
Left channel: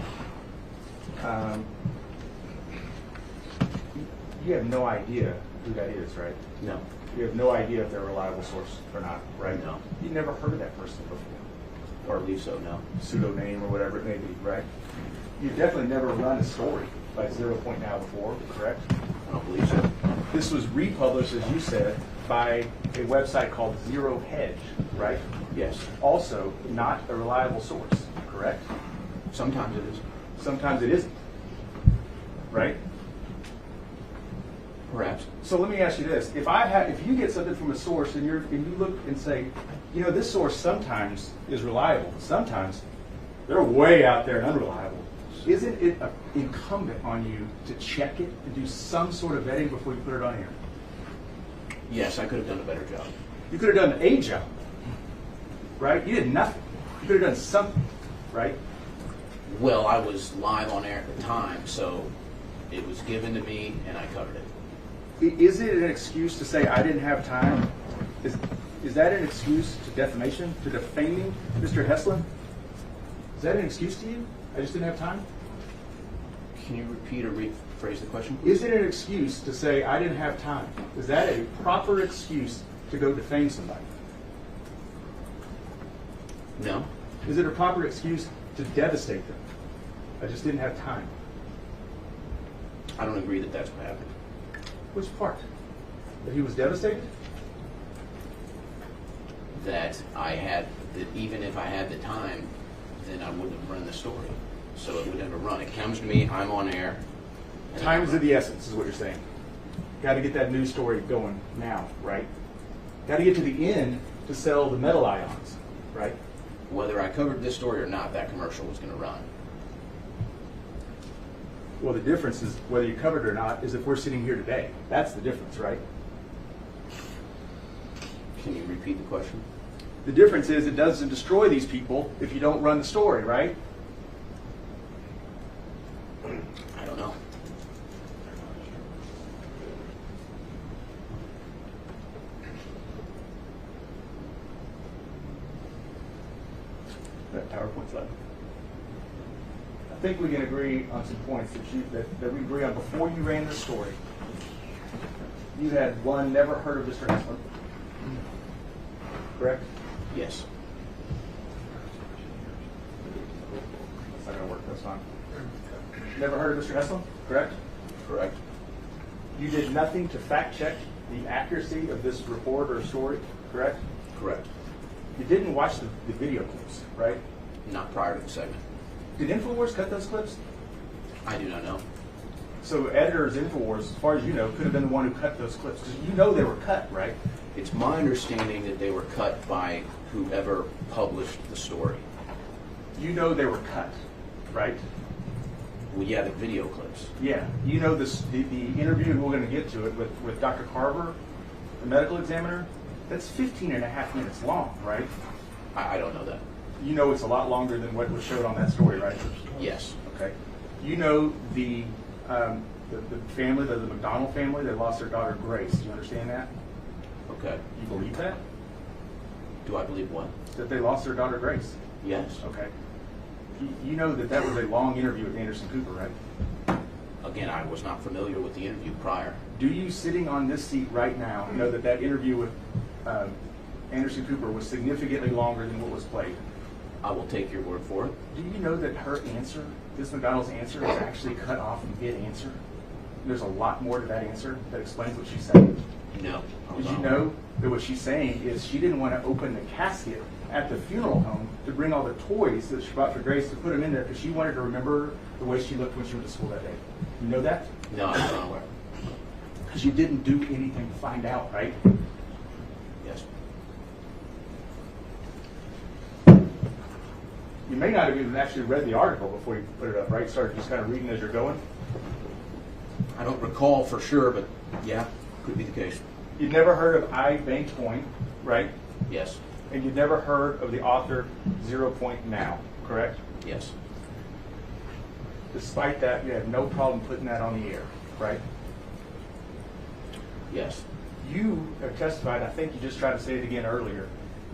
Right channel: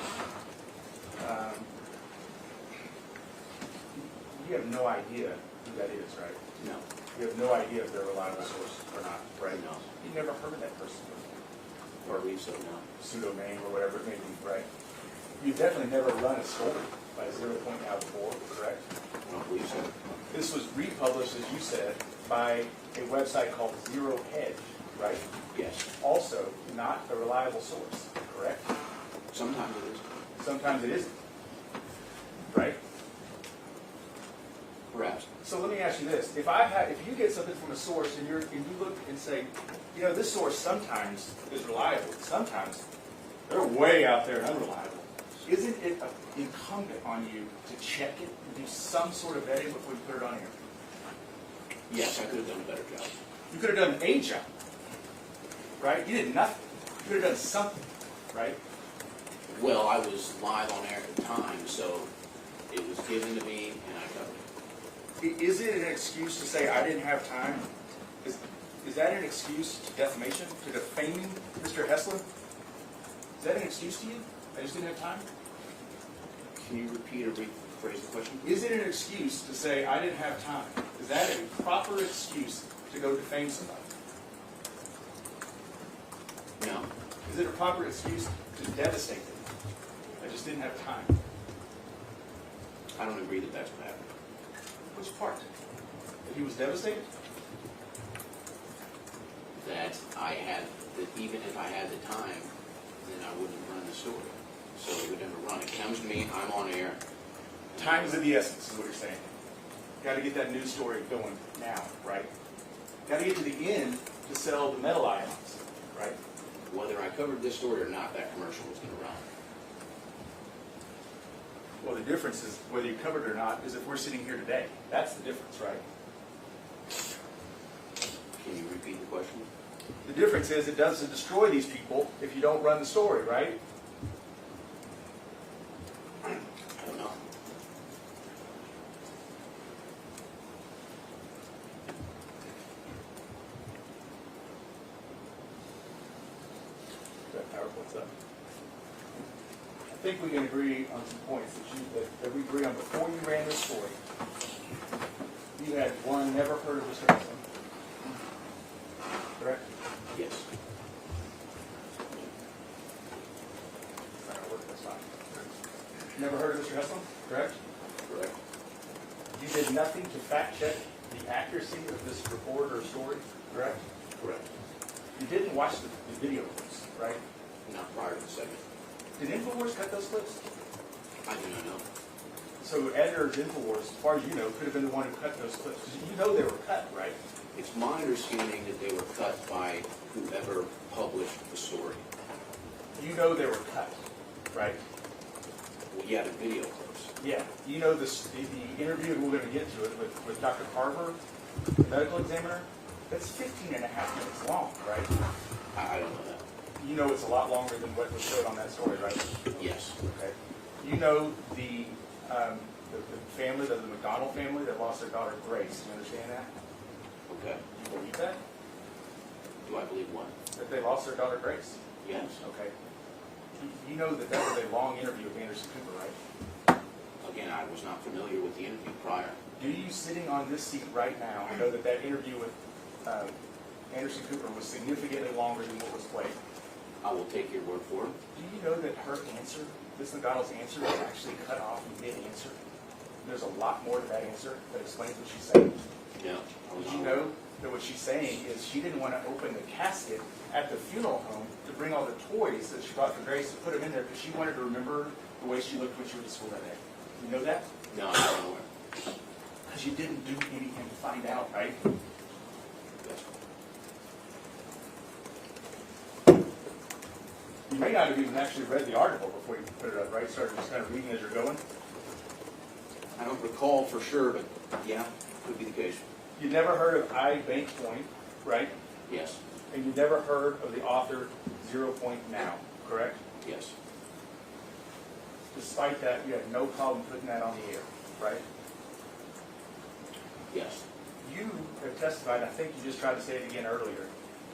You have no idea who that is, right? No. You have no idea if they're a reliable source or not, right? No. You never heard of that person before. Or at least so, no. Pseudonym or whatever it may be, right? You definitely never run a story by 0 point now before, correct? I don't believe so. This was republished, as you said, by a website called Zero Hedge, right? Yes. Also, not a reliable source, correct? Sometimes it is. Sometimes it isn't, right? Perhaps. So let me ask you this: if you get something from a source and you look and say, you know, this source sometimes is reliable, sometimes they're way out there and unreliable. Isn't it incumbent on you to check it and do some sort of vetting before you put it on air? Yes, I could have done a better job. You could have done a job, right? You did nothing. You could have done something, right? Well, I was live on air at the time, so it was given to me and I covered it. Is it an excuse to say I didn't have time? Is that an excuse to defamation, to defaming Mr. Heslin? Is that an excuse to you? I just didn't have time? Can you repeat or rephrase the question, please? Is it an excuse to say I didn't have time? Is that a proper excuse to go defame somebody? No. Is it a proper excuse to devastate them? I just didn't have time. I don't agree that that's what happened. Which part? That he was devastated? That even if I had the time, then I wouldn't have run the story. So it would never run. It comes to me, I'm on air. Time is of the essence, is what you're saying. Got to get that news story going now, right? Got to get to the end to sell the metal ions, right? Whether I covered this story or not, that commercial was going to run. Well, the difference is whether you covered it or not is if we're sitting here today. That's the difference, right? Can you repeat the question? The difference is it doesn't destroy these people if you don't run the story, right? I don't know. That PowerPoint's left. I think we can agree on some points that we agree on. Before you ran the story, you had one, never heard of Mr. Heslin, correct? Yes. It's not going to work, that's fine. Never heard of Mr. Heslin, correct? Correct. You did nothing to fact check the accuracy of this report or story, correct? Correct. You didn't watch the video clips, right? Not prior to the segment. Did InfoWars cut those clips? I do not know. So editors InfoWars, as far as you know, could have been the one who cut those clips. Because you know they were cut, right? It's my understanding that they were cut by whoever published the story. You know they were cut, right? Well, yeah, the video clips. Yeah. You know the interview, and we're going to get to it, with Dr. Carver, the medical examiner, that's 15 and a half minutes long, right? I don't know that. You know it's a lot longer than what was showed on that story, right? Yes. Okay. You know the family, the McDonald family, that lost their daughter Grace. Do you understand that? Okay. You believe that? Do I believe what? That they lost their daughter Grace? Yes. Okay. You know that was a long interview with Anderson Cooper, right? Again, I was not familiar with the interview prior. Do you, sitting on this seat right now, know that interview with Anderson Cooper was significantly longer than what was played? I will take your word for it. Do you know that her answer, Ms. McDonald's answer, is actually cut off mid-answer? There's a lot more to that answer that explains what she's saying. No. Did you know that what she's saying is she didn't want to open the casket at the funeral home to bring all the toys that she brought for Grace to put them in there because she wanted to remember the way she looked when she went to school that day? You know that? No, I'm not aware. Because you didn't do anything to find out, right? Yes. You may not have even actually read the article before you put it up, right? Started just kind of reading as you're going. I don't recall for sure, but yeah, could be the case. You'd never heard of I Bank Point, right? Yes. And you'd never heard of the author 0 Point Now, correct? Yes. despite that, you have no problem putting that on the air, right? Yes. You have testified, I think you just tried to say it again earlier,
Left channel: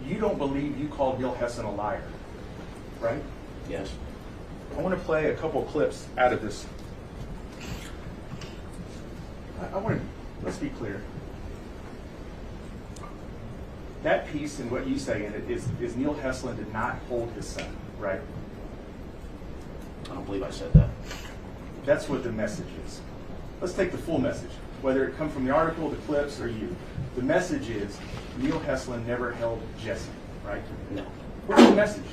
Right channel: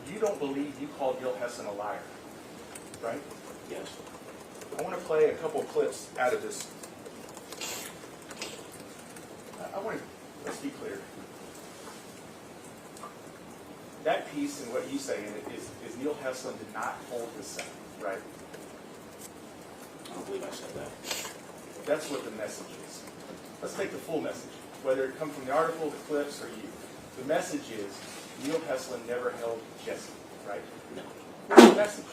you don't believe you called Neil Heslin a liar, right? Yes. I want to play a couple clips out of this. Let's be clear. That piece and what you say in it is Neil Heslin did not hold his son, right? I don't believe I said that. That's what the message is. Let's take the full message, whether it come from the article, the clips, or you. The message is Neil Heslin never held Jesse, right? No. What's the message?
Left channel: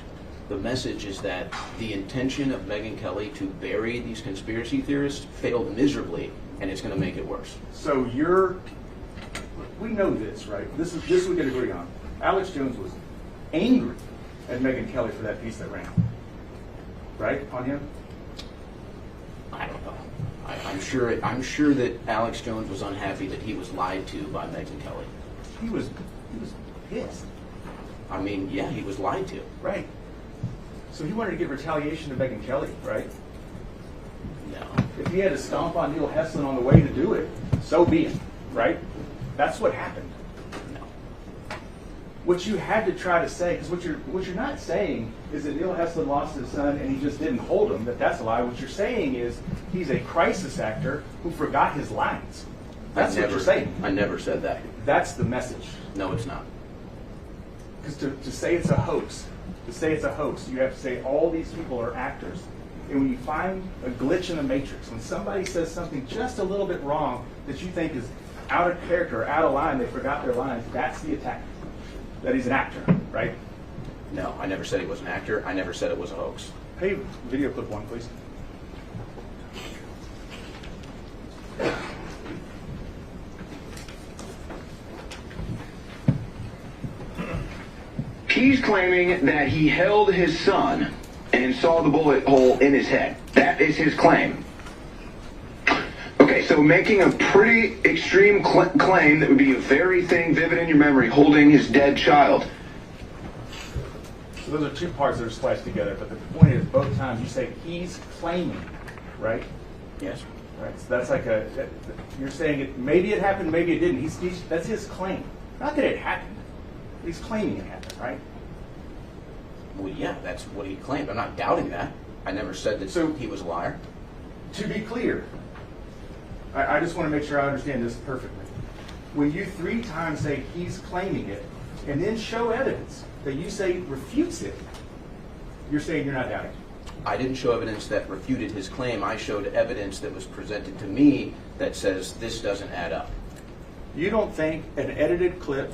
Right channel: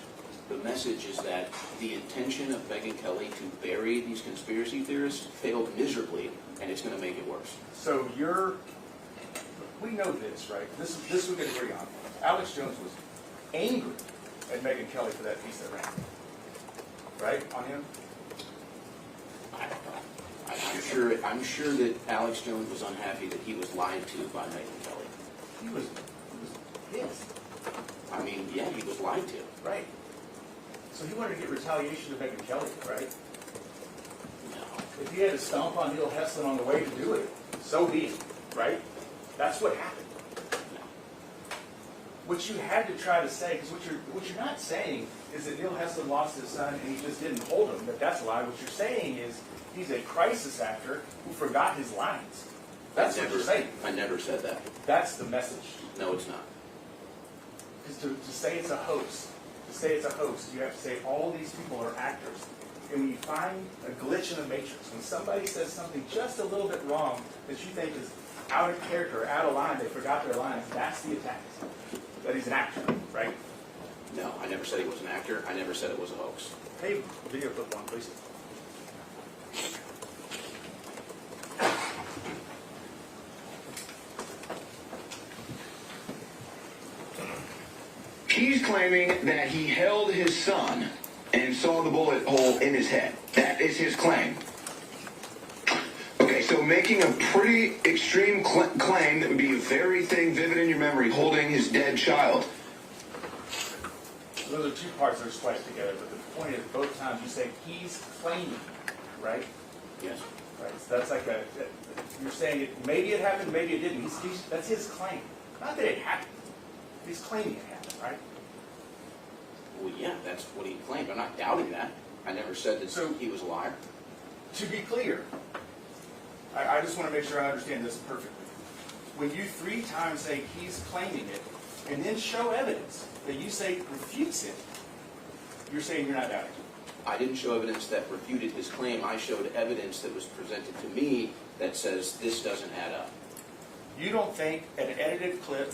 The message is that the intention of Megyn Kelly to bury these conspiracy theorists failed miserably, and it's going to make it worse. So we know this, right? This we can agree on. Alex Jones was angry at Megyn Kelly for that piece that ran, right, on him? I don't know. I'm sure that Alex Jones was unhappy that he was lied to by Megyn Kelly. He was pissed. I mean, yeah, he was lied to. Right. So he wanted to give retaliation to Megyn Kelly, right? No. If he had to stomp on Neil Heslin on the way to do it, so be it, right? That's what happened. No. What you had to try to say, because what you're not saying is that Neil Heslin lost his son and he just didn't hold him, that's a lie. What you're saying is he's a crisis actor who forgot his lines. That's what you're saying. I never said that. That's the message. No, it's not. Because to say it's a hoax, you have to say all these people are actors. And when you find a glitch in the matrix, when somebody says something just a little bit wrong that you think is out of character or out of line, they forgot their lines, that's the attack. That he's an actor, right? No, I never said he was an actor. I never said it was a hoax. Hey, video clip one, please. He's claiming that he held his son and saw the bullet hole in his head. That is his claim. Okay, so making a pretty extreme claim that would be a very thing vivid in your memory, holding his dead child. Those are two parts that are spliced together, but the point is both times you say he's claiming, right? Yes. Right. So that's like you're saying it, maybe it happened, maybe it didn't. That's his claim. Not that it happened. He's claiming it happened, right? Well, yeah, that's what he claimed. I'm not doubting that. I never said that he was a liar. To be clear, I just want to make sure I understand this perfectly. When you 3 times say he's claiming it, and then show evidence that you say refutes it, you're saying you're not doubting. I didn't show evidence that refuted his claim. I showed evidence that was presented to me that says this doesn't add up. You don't think an edited clip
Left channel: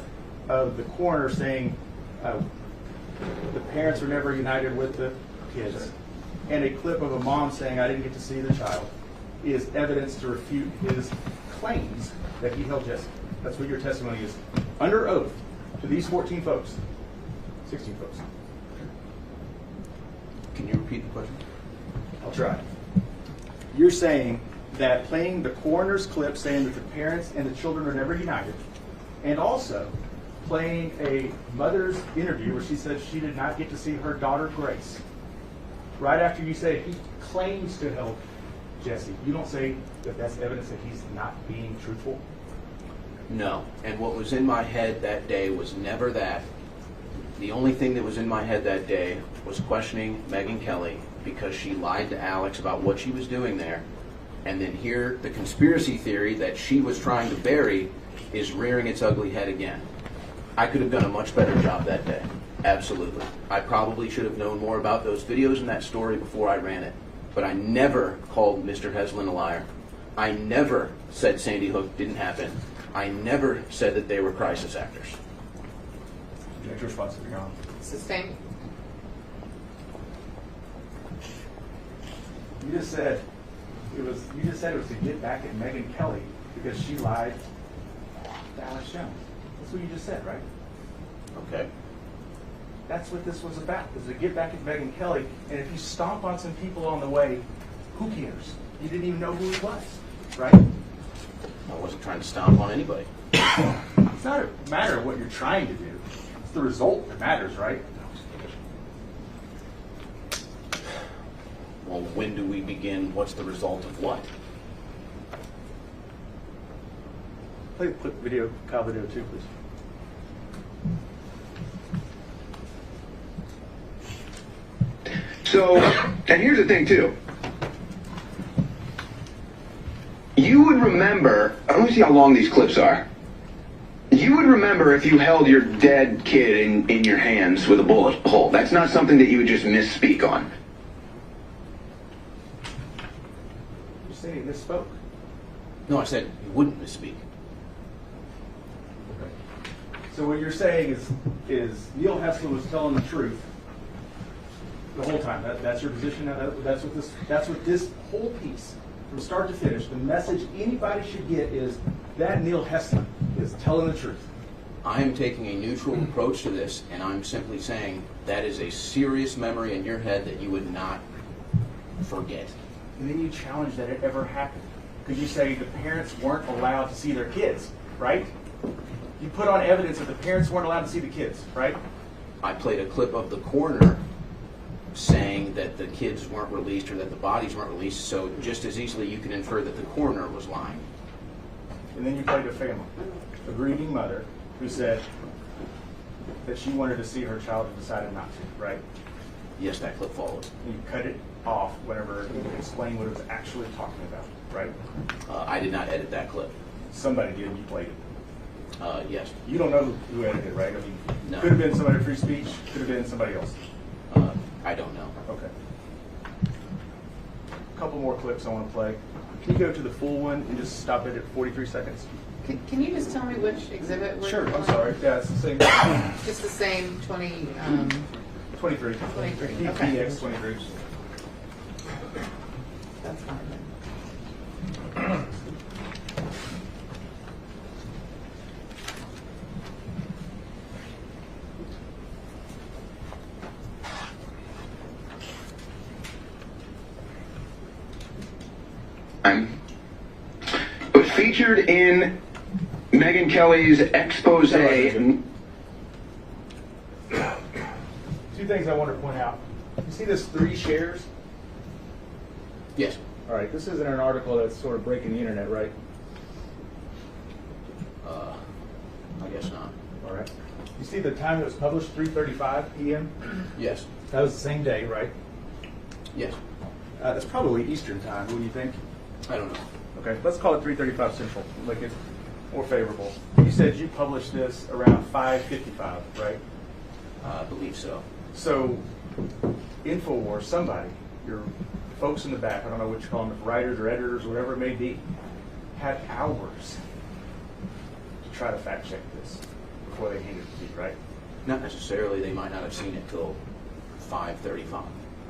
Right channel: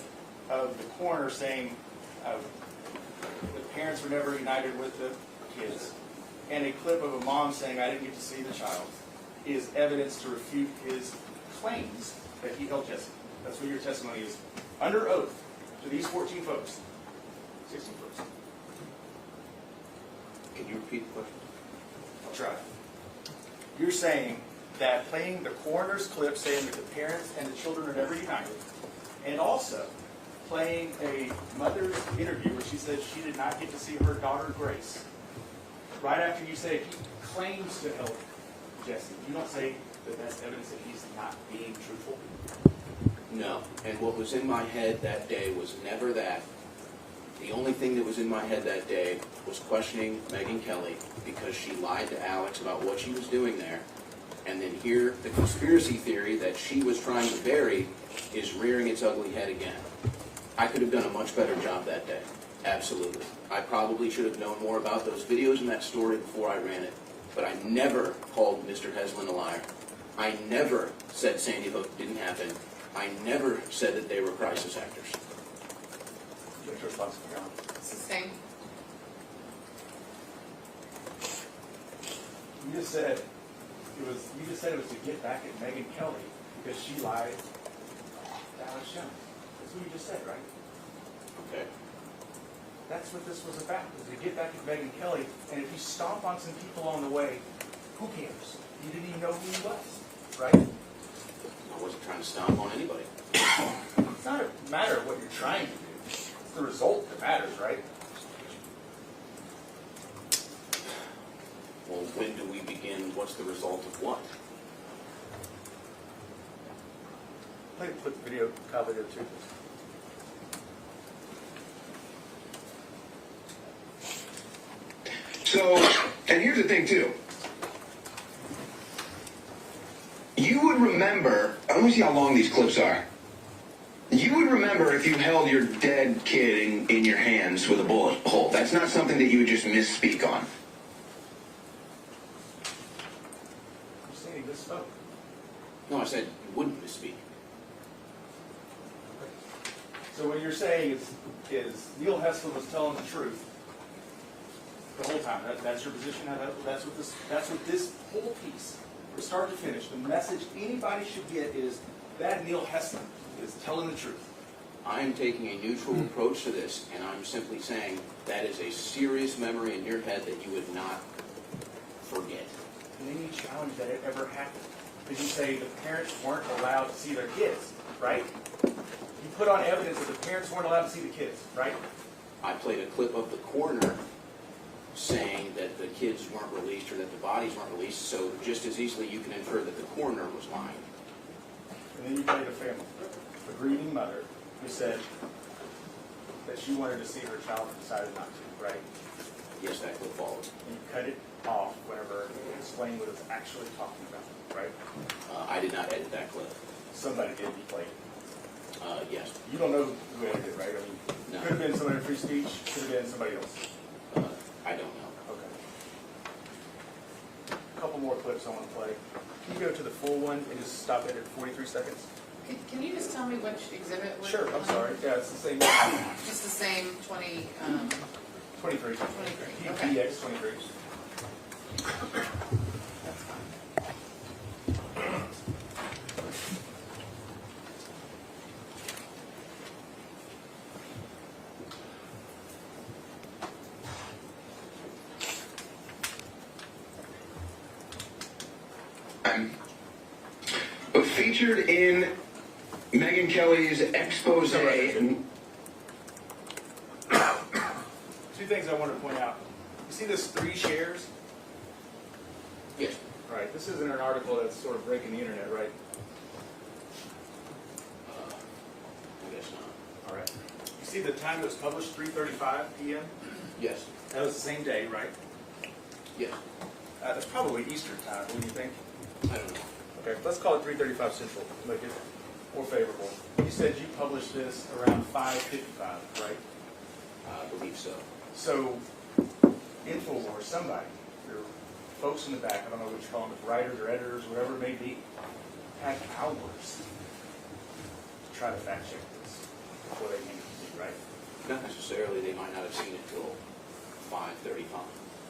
of the coroner saying the parents were never united with the kids, and a clip of a mom saying I didn't get to see the child, is evidence to refute his claims that he held Jesse? That's what your testimony is under oath to these 14 folks, 16 folks. Can you repeat the question? I'll try. You're saying that playing the coroner's clip saying that the parents and the children are never united, and also playing a mother's interview where she said she did not get to see her daughter Grace, right after you say he claims to help Jesse, you don't say that that's evidence that he's not being truthful? No. And what was in my head that day was never that. The only thing that was in my head that day was questioning Megyn Kelly because she lied to Alex about what she was doing there. And then here, the conspiracy theory that she was trying to bury is rearing its ugly head again. I could have done a much better job that day. Absolutely. I probably should have known more about those videos and that story before I ran it. But I never called Mr. Heslin a liar. I never said Sandy Hook didn't happen. I never said that they were crisis actors. Next response, Your Honor. Sustained. You just said it was to get back at Megyn Kelly because she lied to Alex Jones. That's what you just said, right? Okay. That's what this was about, is to get back at Megyn Kelly, and if you stomp on some people on the way, who cares? You didn't even know who he was, right? I wasn't trying to stomp on anybody. It's not a matter of what you're trying to do. It's the result that matters, right? well, when do we begin? What's the result of what? Play the clip video, Kyle video too, please. So, and here's the thing too. You would remember, I don't see how long these clips are. You would remember if you held your dead kid in your hands with a bullet hole. That's not something that you would just misspeak on. You say he misspoke. No, I said you wouldn't misspeak. Okay. So what you're saying is Neil Hessler was telling the truth the whole time. That's your position. That's what this whole piece, from start to finish, the message anybody should get is that Neil Hessler is telling the truth. I am taking a neutral approach to this, and I'm simply saying that is a serious memory in your head that you would not forget. And then you challenge that it ever happened. Because you say the parents weren't allowed to see their kids, right? You put on evidence that the parents weren't allowed to see the kids, right? I played a clip of the coroner saying that the kids weren't released or that the bodies weren't released, so just as easily you can infer that the coroner was lying. And then you played a family, a grieving mother who said that she wanted to see her child and decided not to, right? Yes, that clip followed. And you cut it off whenever you explained what it was actually talking about, right? I did not edit that clip. Somebody did, you played it. Yes. You don't know who edited it, right? I mean, No. Could have been somebody at Free Speech, could have been somebody else. I don't know. Okay. A couple more clips I want to play. Can you go to the full one and just stop it at 43 seconds? Can you just tell me which exhibit we're Sure, I'm playing? sorry. Yeah, it's the same. Just the same 23. 23, okay. DX 23. That's fine. But featured in Megyn Kelly's expose. Two things I want to point out. You see this 3 shares? Yes. All right, this isn't an article that's sort of breaking the internet, right? I guess not. All right. You see the time it was published, 3:35 p.m.? Yes. That was the same day, right? Yes. That's probably Eastern time, wouldn't you think? I don't know. Okay, let's call it 3:35 Central, make it more favorable. You said you published this around 5:55, right? I believe so. So, InfoWars, somebody, your folks in the back, I don't know what you call them, writers or editors, whatever it may be, had hours to try to fact check this before they handed it to you, right? Not necessarily. They might not have seen it till 5:35.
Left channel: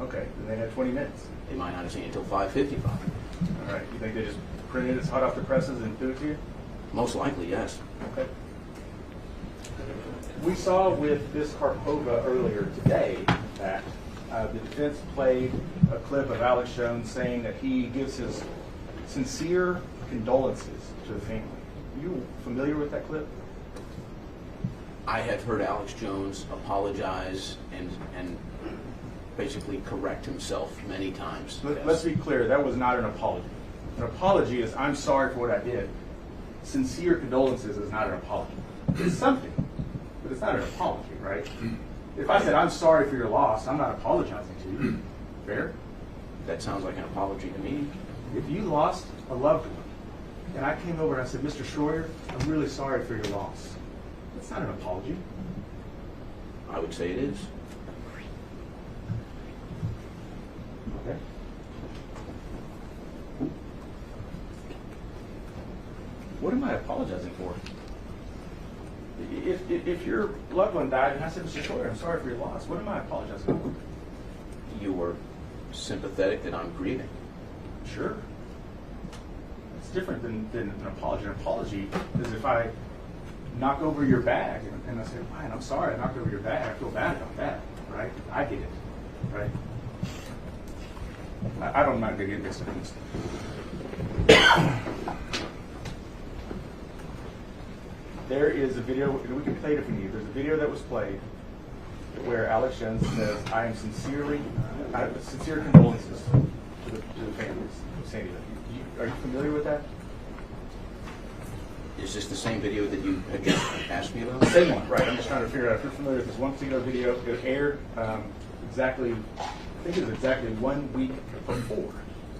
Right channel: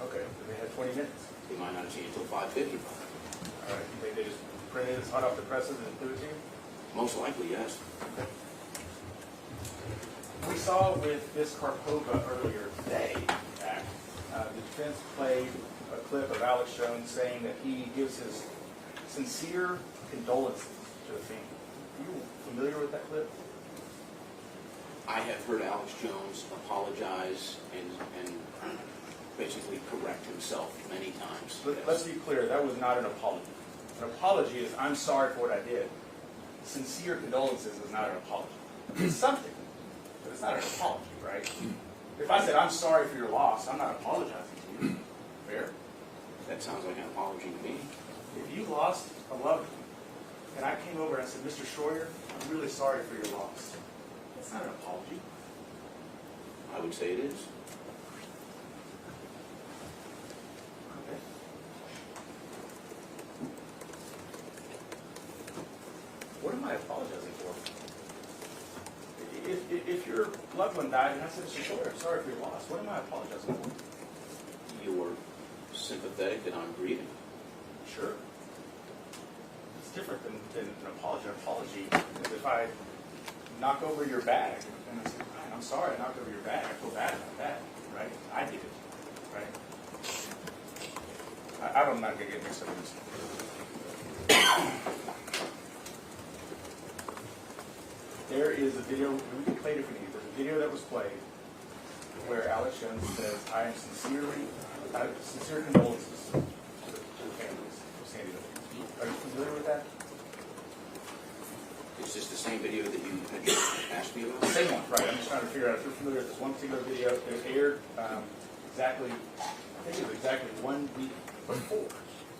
Okay, then they had 20 minutes. They might not have seen it till 5:55. All right, you think they just printed it hot off the presses and threw it to you? Most likely, yes. Okay. We saw with this Karpova earlier today, in fact, the defense played a clip of Alex Jones saying that he gives his sincere condolences to the family. Are you familiar with that clip? I have heard Alex Jones apologize and basically correct himself many times. Let's be clear, that was not an apology. An apology is, I'm sorry for what I did. Sincere condolences is not an apology. It's something, but it's not an apology, right? If I said, I'm sorry for your loss, I'm not apologizing to you. Fair? That sounds like an apology to me. If you lost a loved one, and I came over and I said, Mr. Schroyer, I'm really sorry for your loss. That's not an apology. I would say it is. Okay. What am I apologizing for? If your loved one died and I said, Mr. Schroyer, I'm sorry for your loss, what am I apologizing for? You were sympathetic that I'm grieving. Sure. It's different than an apology. An apology is if I knock over your bag and I say, Ryan, I'm sorry I knocked over your bag. I feel bad about that, right? I did it, right? I'm not going to get mixed up in this. There is a video, and we can play it for you. There's a video that was played where Alex Jones says, I have sincere condolences to the families of Sandy Hook. Are you familiar with that? Is this the same video that you had just asked me about? Same one, right. I'm just trying to figure out if you're familiar with this one particular video. It aired exactly, I think it was exactly 1 week before,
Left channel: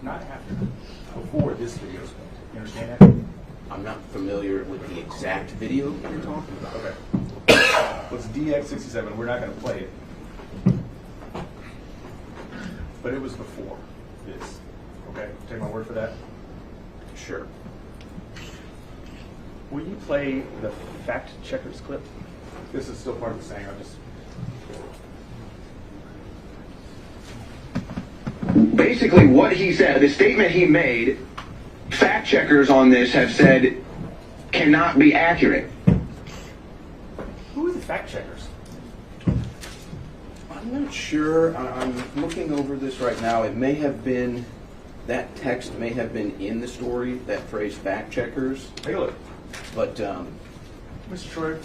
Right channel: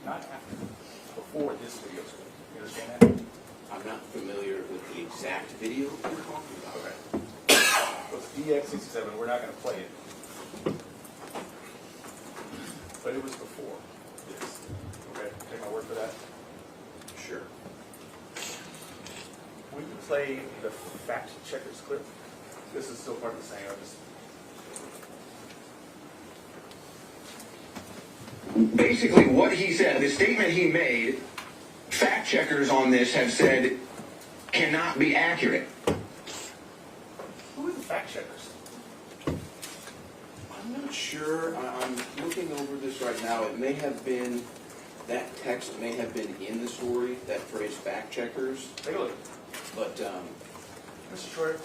not after, before this video. You understand that? I'm not familiar with the exact video you're talking about. Okay. Well, it's DX67. We're not going to play it. But it was before this. Okay? Take my word for that. Sure. Will you play the fact checkers clip? This is still part of the saying. I'll just. Basically, what he said, the statement he made, fact checkers on this have said cannot be accurate. Who are the fact checkers? I'm not sure. I'm looking over this right now. It may have been, that text may have been in the story, that phrase fact checkers. Take a look. But, Mr. Troy,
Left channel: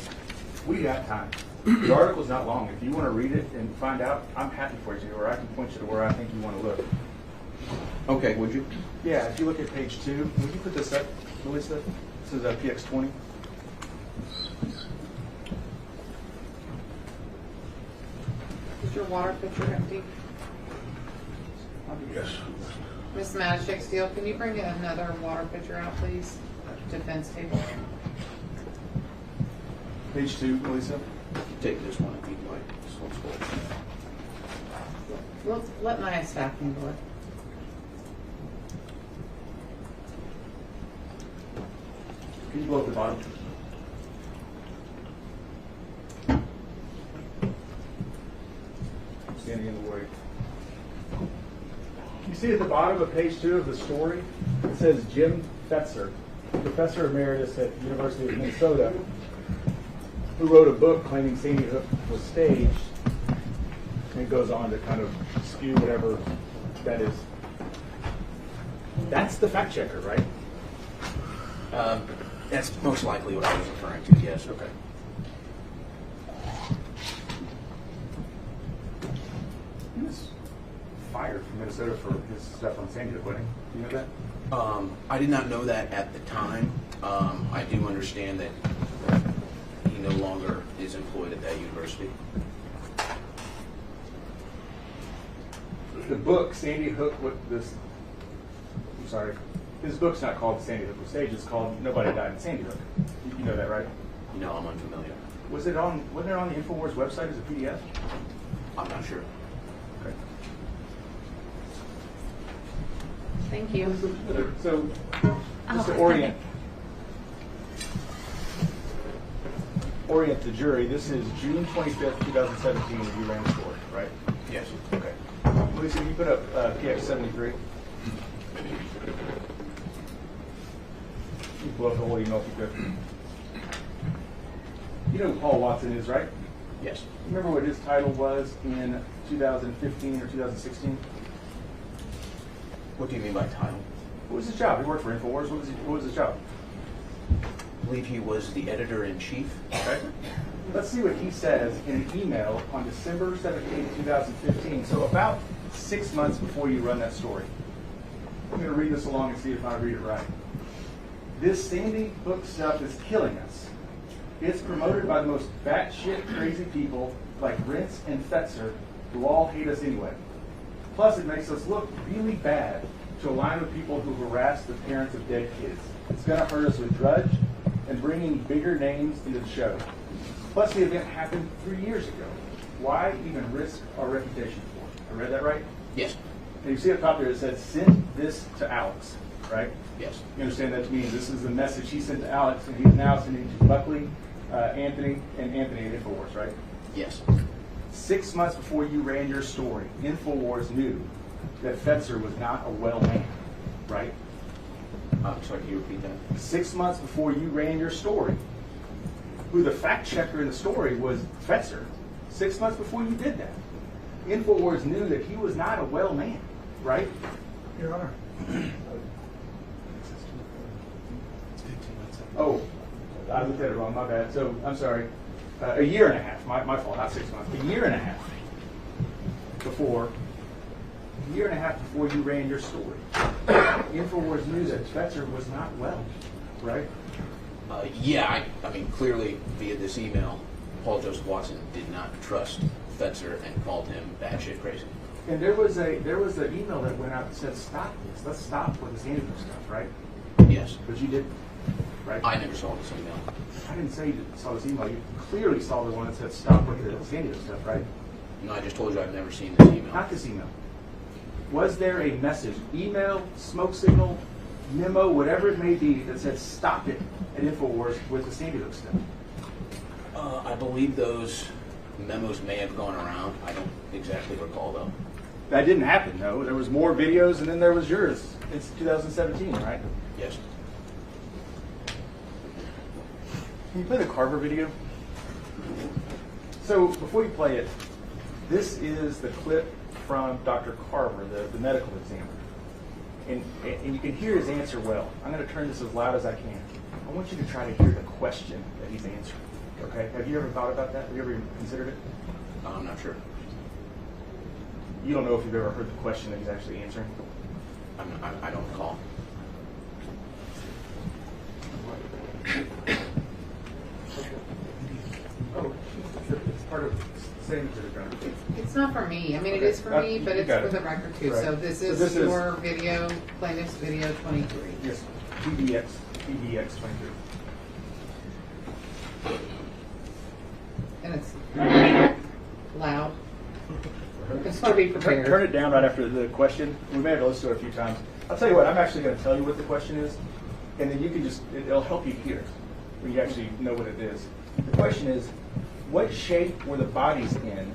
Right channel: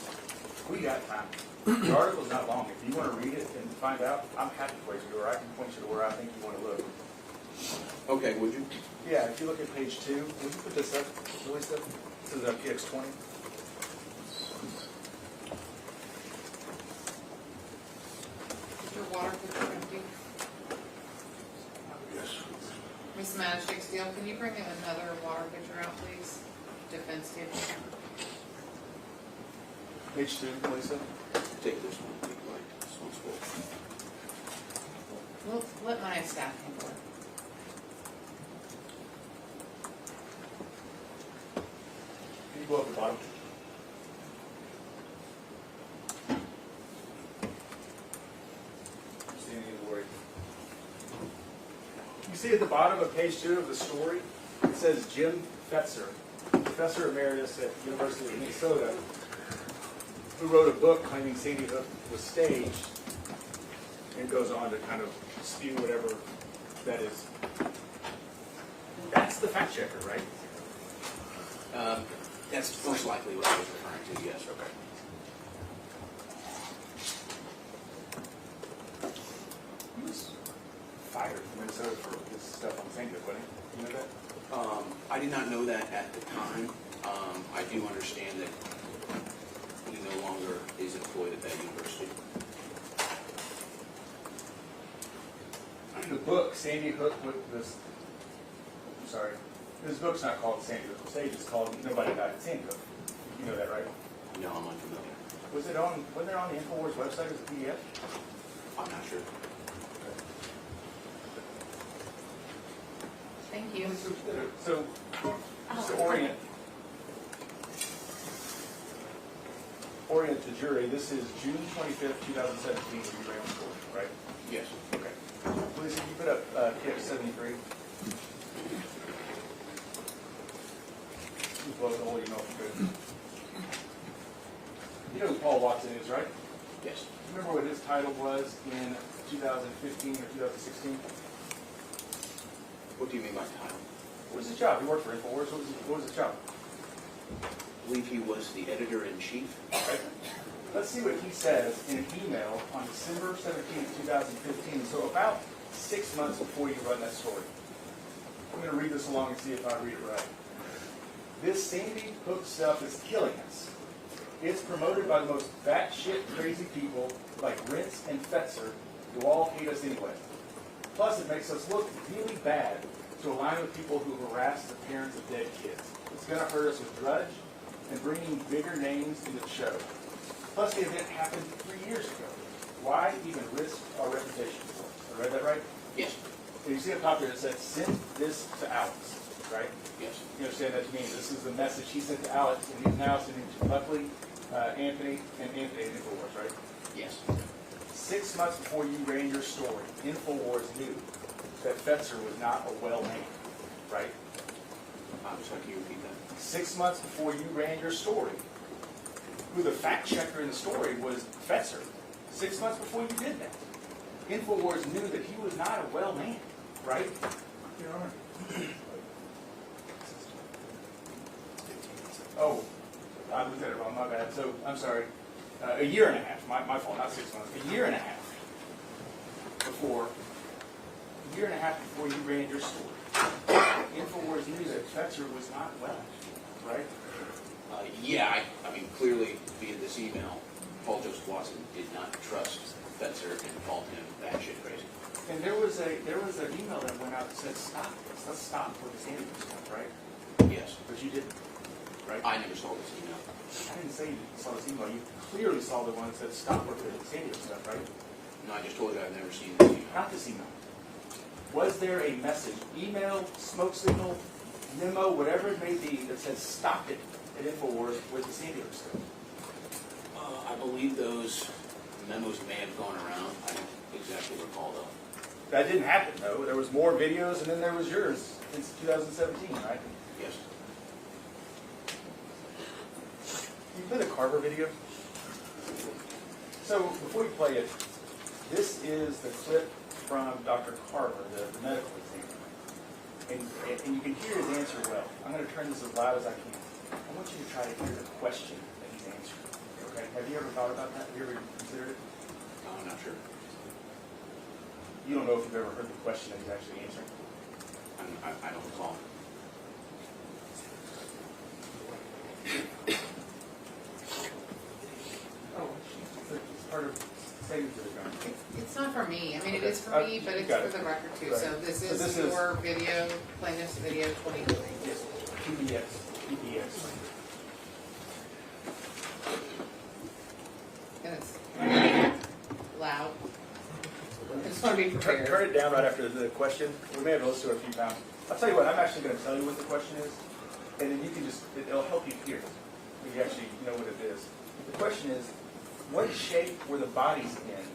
we got time. The article's not long. If you want to read it and find out, I'm happy for you, or I can point you to where I think you want to look. okay, would you? Yeah, if you look at page 2, would you put this up, Melissa? This is PX20. Is your water pitcher empty? Yes. Miss Magic Steel, can you bring another water pitcher out, please? Defense table. Page 2, Melissa. Take this one if you'd like. This one's full. Let my staff handle it. Can you go up the bottom? Standing in the way. You see at the bottom of page 2 of the story, it says Jim Fetzer, professor emeritus at the University of Minnesota, who wrote a book claiming Sandy Hook was staged, and goes on to kind of spew whatever that is. That's the fact checker, right? That's most likely what I was referring to, yes. Okay. He was fired from Minnesota for his stuff on Sandy Hook, wasn't he? You know that? I did not know that at the time. I do understand that he no longer is employed at that university. The book, Sandy Hook, his book's not called Sandy Hook was staged, it's called Nobody Died in Sandy Hook. You know that, right? No, I'm unfamiliar. Wasn't it on the InfoWars website as a PDF? I'm not sure. Okay. Thank you. So, just to orient the jury, this is June 25th, 2017, you ran the story, right? Yes. Okay. Lisa, you put up PX73. You blow up the whole email if you could. You know who Paul Watson is, right? Yes. Remember what his title was in 2015 or 2016? What do you mean by title? What was his job? He worked for InfoWars. What was his job? I believe he was the editor-in-chief. Okay. Let's see what he says in an email on December 17, 2015. So about 6 months before you run that story. I'm going to read this along and see if I read it right. This Sandy Hook stuff is killing us. It's promoted by the most batshit crazy people like Rentz and Fetzer, who all hate us anyway. Plus, it makes us look really bad to align with people who harass the parents of dead kids. It's going to hurt us with Drudge and bringing bigger names into the show. Plus, the event happened 3 years ago. Why even risk our reputation for it? I read that right? Yes. And you see up top there it said, send this to Alex, right? Yes. You understand that to mean this is the message he sent to Alex, and he's now sending it to Buckley, Anthony at InfoWars, right? Yes. 6 months before you ran your story, InfoWars knew that Fetzer was not a well man, right? Sorry, can you repeat that? 6 months before you ran your story, who the fact checker in the story was Fetzer. 6 months before you did that, InfoWars knew that he was not a well man, right? Your Honor. Oh, I looked at it wrong, my bad. So, I'm sorry. a year and a half, my fault, not 6 months, a year and a half before you ran your story. InfoWars knew that Fetzer was not well, right? Yeah, I mean, clearly via this email, Paul Joseph Watson did not trust Fetzer and called him batshit crazy. And there was an email that went out that said, stop this, let's stop with this Andrew stuff, right? Yes. But you didn't, right? I never saw this email. I didn't say you saw this email. You clearly saw the one that said stop with the San Diego stuff, right? No, I just told you I've never seen this email. Not this email. Was there a message, email, smoke signal, memo, whatever it may be, that said stop it at InfoWars with the San Diego stuff? I believe those memos may have gone around. I don't exactly recall, though. That didn't happen, no. There was more videos, and then there was yours in 2017, right? Yes. Can you play the Carver video? So before you play it, this is the clip from Dr. Carver, the medical examiner. And you can hear his answer well. I'm going to turn this as loud as I can. I want you to try to hear the question that he's answering. Okay? Have you ever thought about that? Have you ever considered it? I'm not sure. You don't know if you've ever heard the question that he's actually answering? I don't recall. Oh, it's part of saying to the ground. It's not for me. I mean, Okay. it is for me, but You it's got for it. the record too. Right. So this So is this is- your video, plaintiff's video 23. Yes, PBX 23. And it's loud. Just want to be prepared. Turn it down right after the question. We may have to listen to it a few times. I'll tell you what, I'm actually going to tell you what the question is, and then you can just, it'll help you hear it, so you actually know what it is. The question is, what shape were the bodies in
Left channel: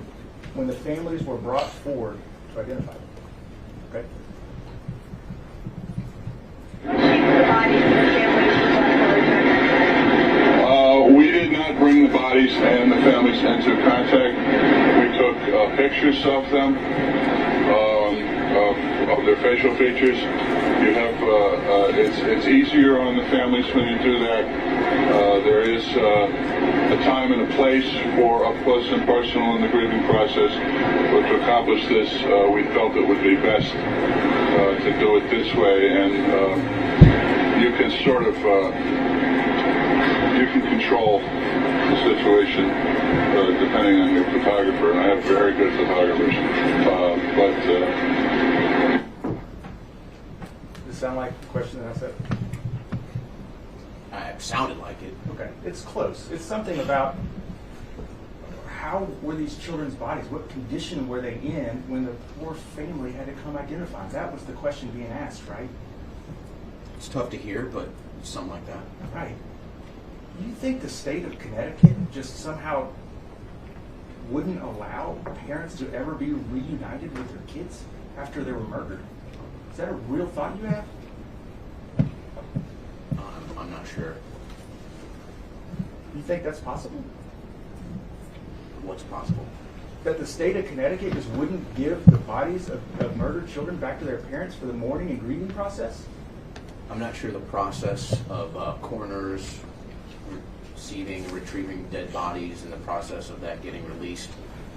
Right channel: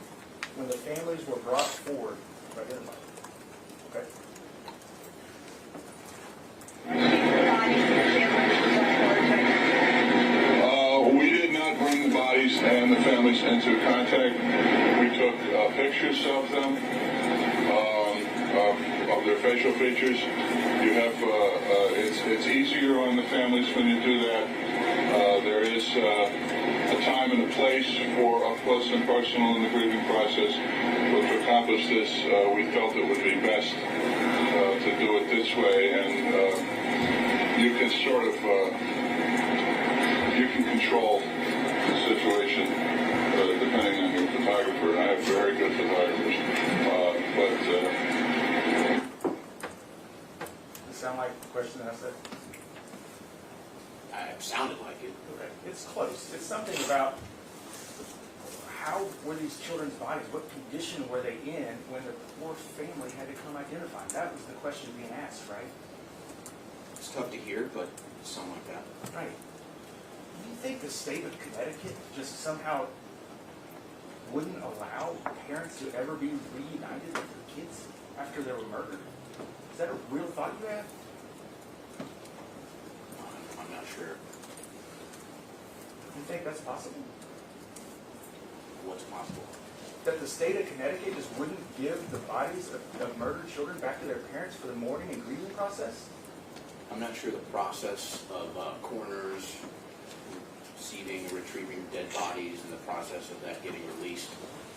when the families were brought forward to identify them? Okay? We did not bring the bodies and the families into contact. We took pictures of them, of their facial features. You have, it's easier on the families when you do that. There is a time and a place for up close and personal in the grieving process. But to accomplish this, we felt it would be best to do it this way, and you can sort of you can control the situation depending on your photographer. And I have very good photographers, Does it sound like the question that I said? It sounded like it. Okay, it's close. It's something about how were these children's bodies? What condition were they in when the poor family had to come identify? That was the question being asked, right? It's tough to hear, but it's something like that. Right. Do you think the state of Connecticut just somehow wouldn't allow parents to ever be reunited with their kids after they were murdered? Is that a real thought you have? I'm not sure. Do you think that's possible? What's possible? That the state of Connecticut just wouldn't give the bodies of murdered children back to their parents for the mourning and grieving process? I'm not sure the process of coroners receiving, retrieving dead bodies, and the process of that getting released.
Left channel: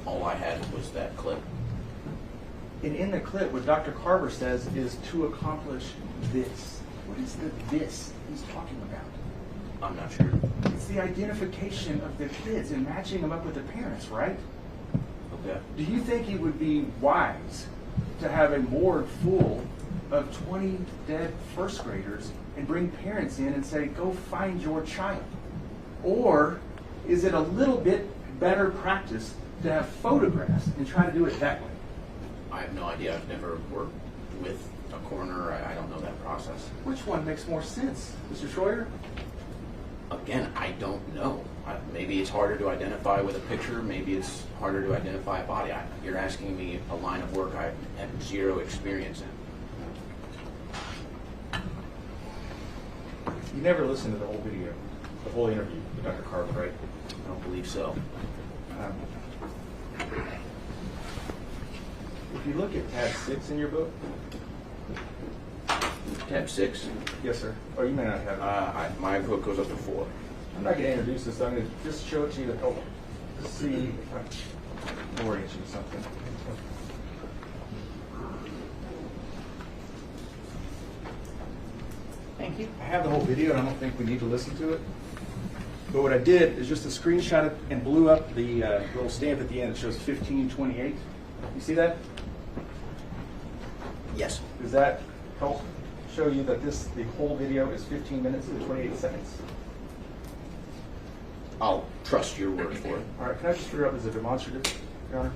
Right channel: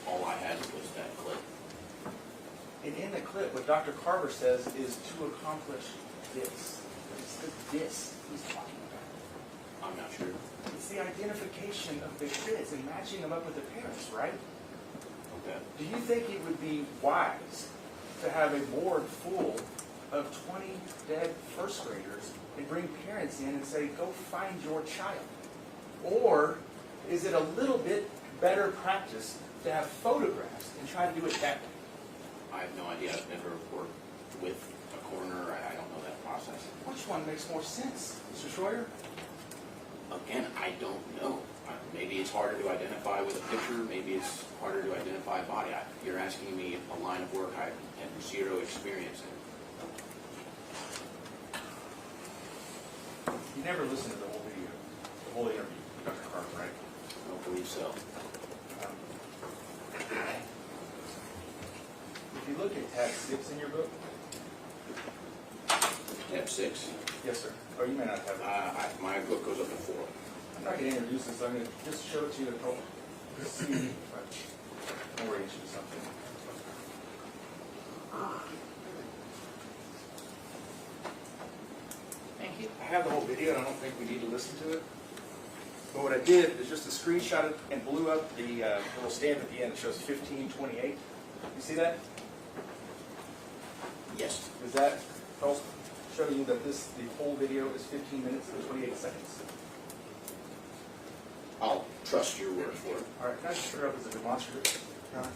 All I had was that clip. And in the clip, what Dr. Carver says is to accomplish this. What is the this he's talking about? I'm not sure. It's the identification of the kids and matching them up with the parents, right? Okay. Do you think it would be wise to have a morgue full of 20 dead first graders and bring parents in and say, go find your child? Or is it a little bit better practice to have photographs and try to do it that way? I have no idea. I've never worked with a coroner. I don't know that process. Which one makes more sense, Mr. Schroyer? Again, I don't know. Maybe it's harder to identify with a picture. Maybe it's harder to identify a body. You're asking me a line of work I have zero experience in. You never listened to the whole video, the whole interview, Dr. Carver, right? I don't believe so. If you look at tab 6 in your book. Tab 6? Yes, sir. Or you may not have it. My book goes up to 4. I'm not going to introduce this. I'm going to just show it to you Let's see if I can orient you to something. Thank you. I have the whole video, and I don't think we need to listen to it. But what I did is just a screenshot it and blew up the little stamp at the end. It shows 15:28. You see that? Yes. Does that help show you that the whole video is 15 minutes and 28 seconds? I'll trust your word for it. All right, can I just figure out as a demonstrative, Your Honor?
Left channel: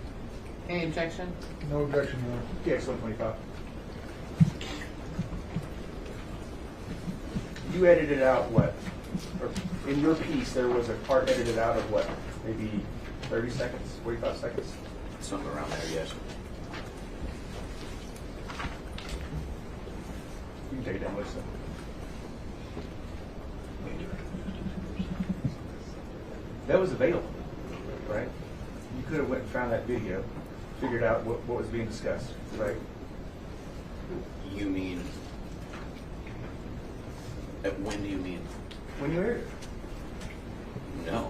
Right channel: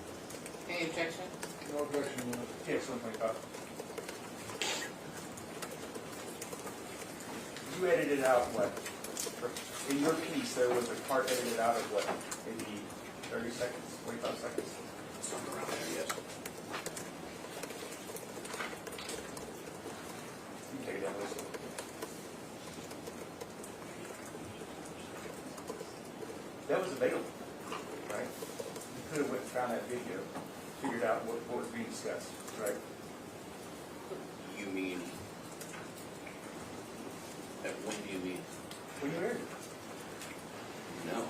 Any objection? No objection. TX 125. You edited out what? Or in your piece, there was a part edited out of what? Maybe 30 seconds, 45 seconds? Something around there, yes. You can take it down, listen. That was available, right? You could have went and found that video, figured out what was being discussed, right? You mean, when do you mean? When you aired it. No.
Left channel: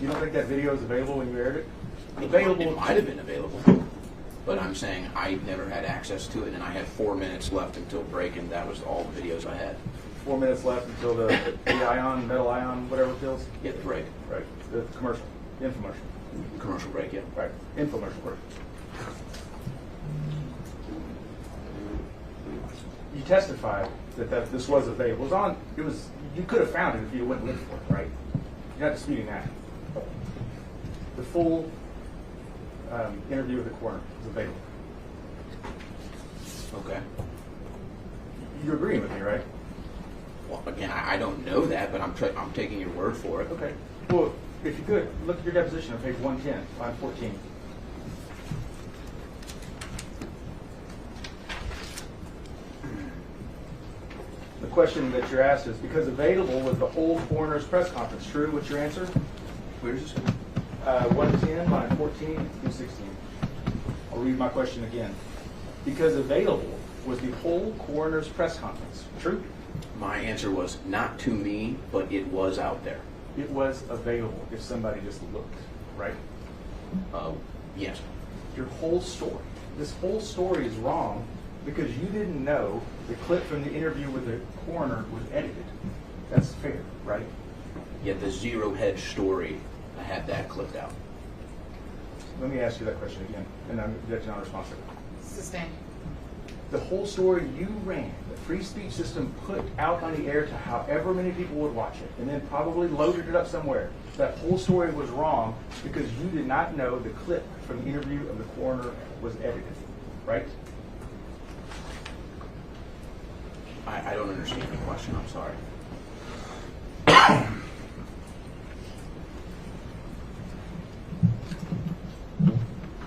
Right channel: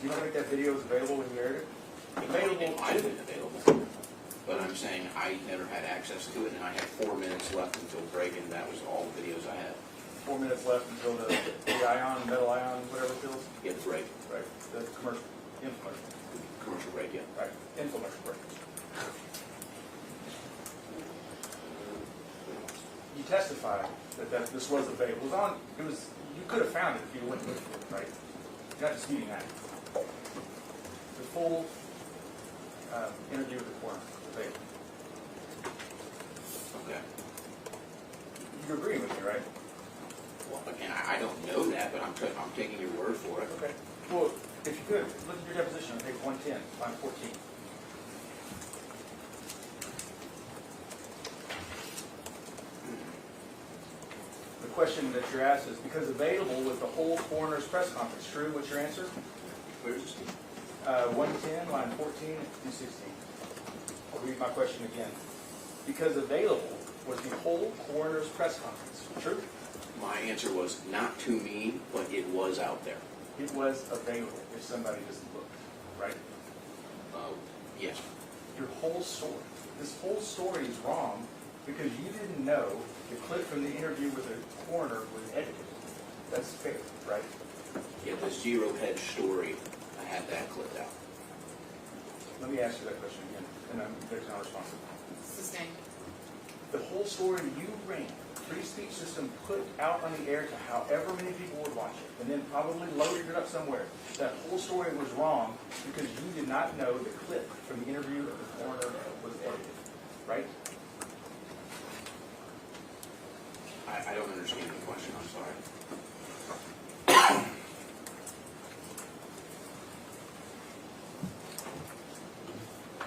You don't think that video is available when you aired it? It might have been available, but I'm saying I never had access to it, and I had 4 minutes left until break, and that was all the videos I had. 4 minutes left until the ion, metal ion, whatever it feels? Yeah, the break. Right, the commercial, infomercial. Commercial break, yeah. Right, infomercial break. You testified that this was available. You could have found it if you went and looked for it, right? You're not disputing that. The full interview with the coroner was available. Okay. You're agreeing with me, right? Well, again, I don't know that, but I'm taking your word for it. Okay. Well, if you could, look at your deposition on page 110, line 14. The question that you're asked is, because available was the whole coroner's press conference, true? What's your answer? Where's this? 110, line 14 through 16. I'll read my question again. Because available was the whole coroner's press conference, true? My answer was not to me, but it was out there. It was available if somebody just looked, right? Yes. Your whole story. This whole story is wrong because you didn't know the clip from the interview with the coroner was edited. That's fair, right? Yeah, the zero hedge story, I had that clipped out. Let me ask you that question again, and I'm not responsive. Sustained. The whole story you ran, the free speech system put out on the air to however many people would watch it, and then probably loaded it up somewhere. That whole story was wrong because you did not know the clip from the interview of the coroner was edited, right? I don't understand the question, I'm sorry.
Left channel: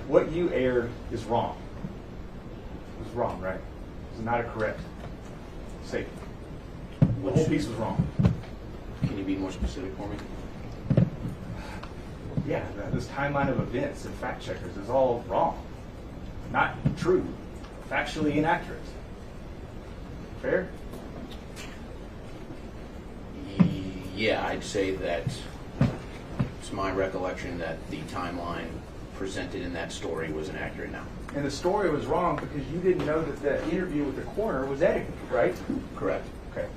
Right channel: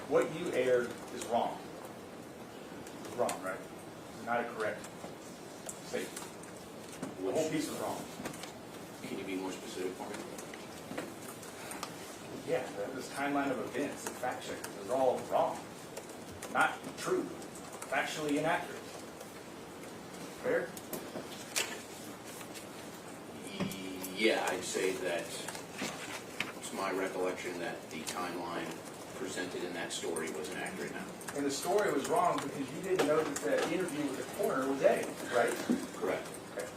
What you aired is wrong. It's wrong, right? It's not a correct statement. The whole piece was wrong. Can you be more specific for me? Yeah, this timeline of events and fact checkers is all wrong. Not true. Factually inaccurate. Fair? Yeah, I'd say that it's my recollection that the timeline presented in that story was inaccurate now. And the story was wrong because you didn't know that the interview with the coroner was edited, right? Correct. Okay.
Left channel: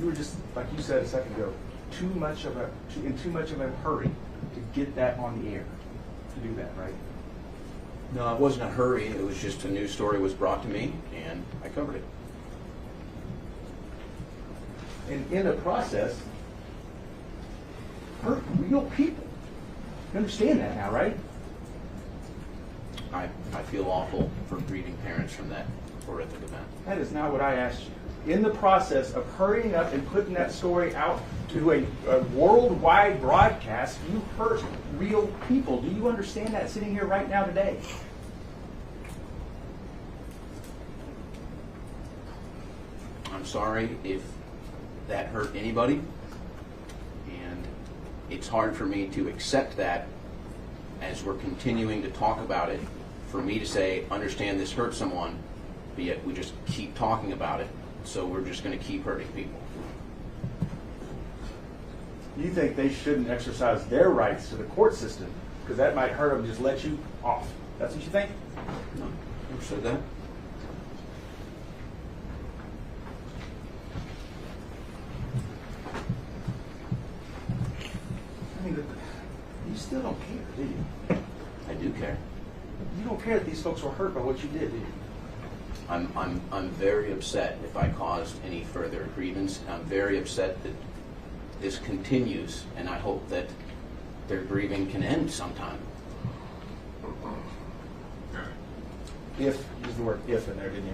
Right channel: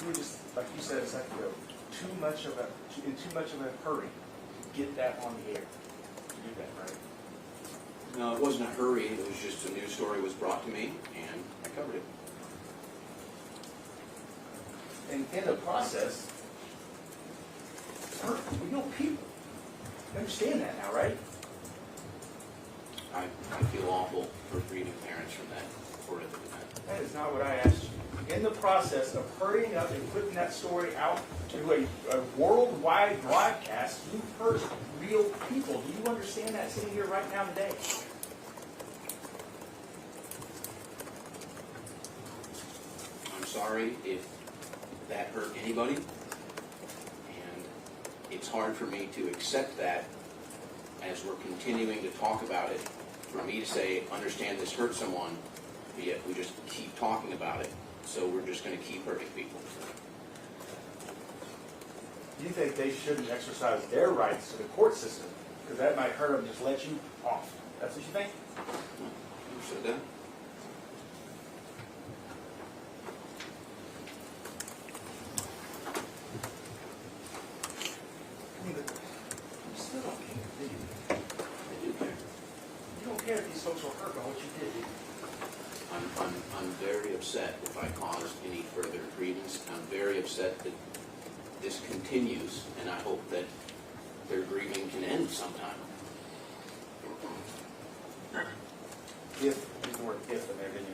You were just, like you said a second ago, in too much of a hurry to get that on the air, to do that, right? No, it wasn't a hurry. It was just a news story was brought to me, and I covered it. And in the process, hurt real people. You understand that now, right? I feel awful for grieving parents from that horrific event. That is not what I asked you. In the process of hurrying up and putting that story out to a worldwide broadcast, you hurt real people. Do you understand that sitting here right now today? I'm sorry if that hurt anybody, and it's hard for me to accept that as we're continuing to talk about it, for me to say, understand this hurt someone, but yet we just keep talking about it, so we're just going to keep hurting people. you think they shouldn't exercise their rights to the court system because that might hurt them, just let you off. That's what you think? No, never said that. I mean, you still don't care, do you? I do care. You don't care that these folks were hurt by what you did, do you? I'm very upset if I caused any further grievance. I'm very upset that this continues, and I hope that their grieving can end sometime. If, you were if in there, didn't you?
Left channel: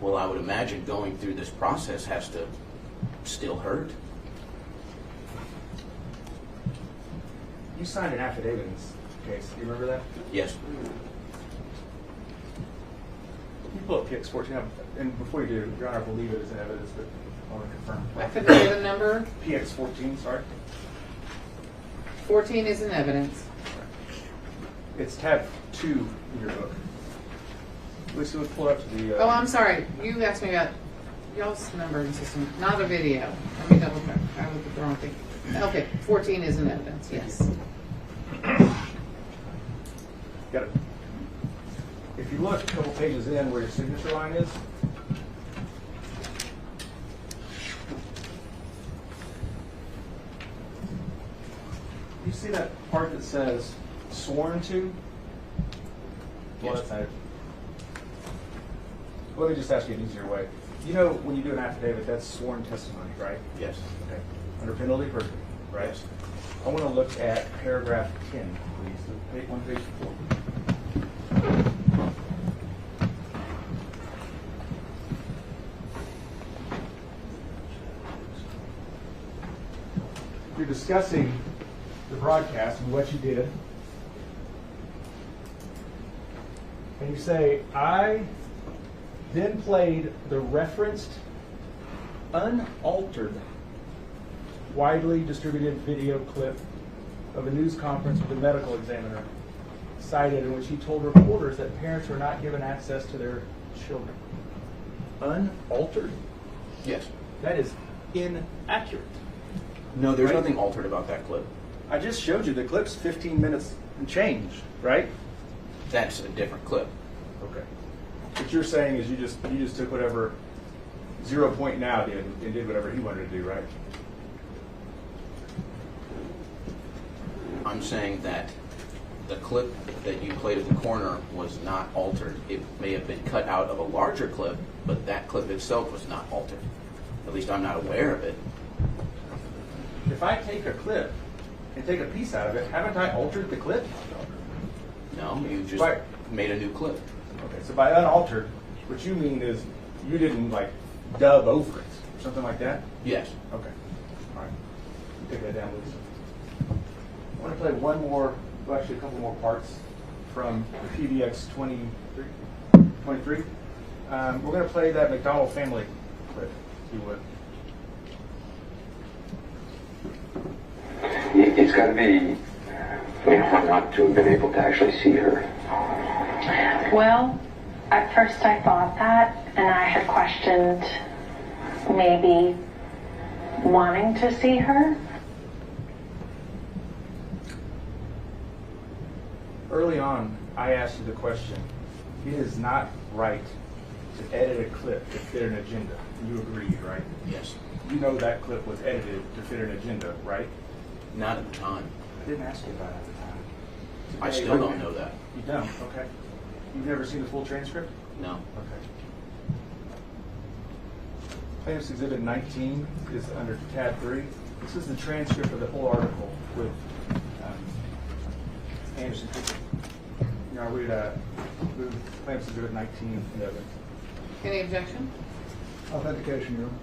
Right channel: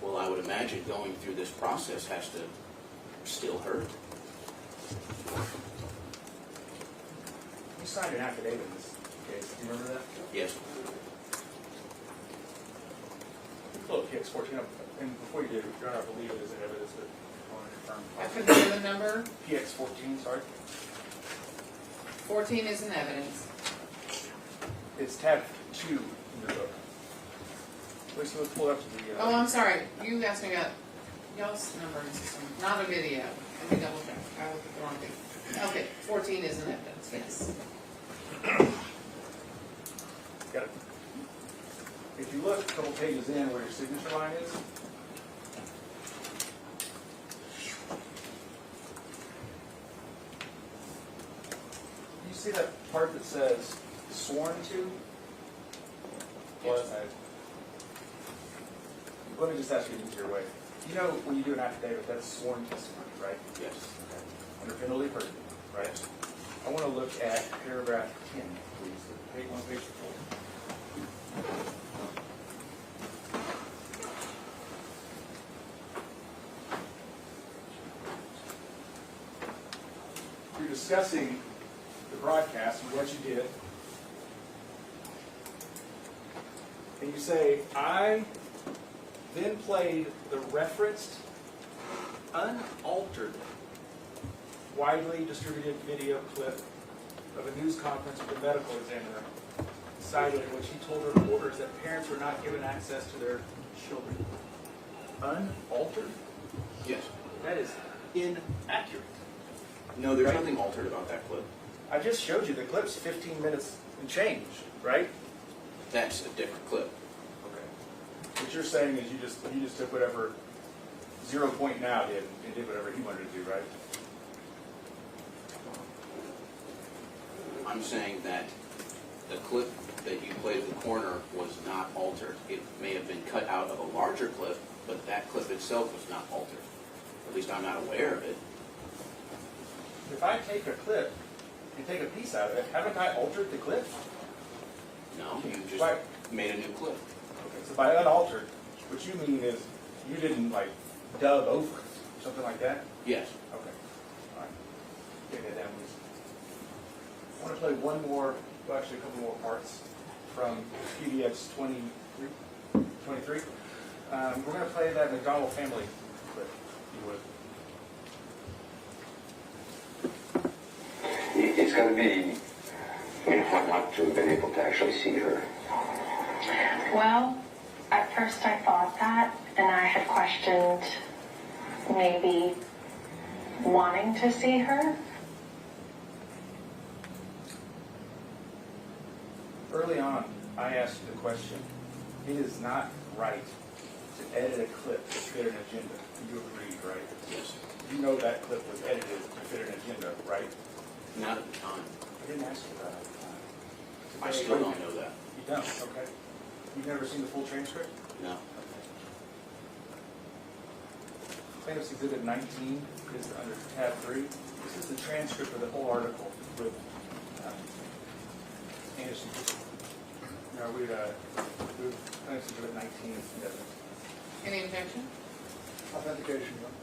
Well, I would imagine going through this process has to still hurt. You signed an affidavit in this case. Do you remember that? Yes. You pull up PX 14, and before you do, Your Honor, I believe it is in evidence that I want to confirm. I couldn't hear the number. PX 14, sorry. 14 is in evidence. It's tab 2 in your book. Lisa, we'll pull up to the... Oh, I'm sorry. You asked me about y'all's numbering system, not a video. Let me double check. I looked at the wrong thing. Okay, 14 is in evidence, yes. Got it. If you look a couple pages in where your signature line is, you see that part that says sworn to? Well, that's not it. Let me just ask you an easier way. You know when you do an affidavit, that's sworn testimony, right? Yes. Okay. Under penalty of perjury, right? I want to look at paragraph 10, please. Page 4. You're discussing the broadcast and what you did. And you say, I then played the referenced, unaltered, widely distributed video clip of a news conference with the medical examiner cited in which he told reporters that parents were not given access to their children. Unaltered? Yes. That is inaccurate. No, there's Right? nothing altered about that clip. I just showed you the clip's 15 minutes and change, right? That's a different clip. Okay. What you're saying is you just took whatever 0 Point Now did and did whatever he wanted to do, right? I'm saying that the clip that you played at the corner was not altered. It may have been cut out of a larger clip, but that clip itself was not altered. At least I'm not aware of it. If I take a clip and take a piece out of it, haven't I altered the clip? No, you just Right. made a new clip. Okay, so by unaltered, what you mean is you didn't like dub over it or something like that? Yes. Okay. All right. Take that down, please. I want to play one more, well, actually a couple more parts from PDX 23. We're going to play that McDonald family clip, if you would. It's got to be, hard not to have been able to actually see her. Well, at first I thought that, and I had questioned maybe wanting to see her. Early on, I asked you the question, it is not right to edit a clip to fit an agenda. You agreed, right? Yes. You know that clip was edited to fit an agenda, right? Not at the time. I didn't ask you about it at the time. I still don't know that. You don't? Okay. You've never seen the full transcript? No. Okay. Plaintiff's Exhibit 19 is under tab 3. This is the transcript of the whole article with Anderson. Now we'd move Plaintiff's Exhibit 19 in evidence. Any objection? Authentication, Your Honor.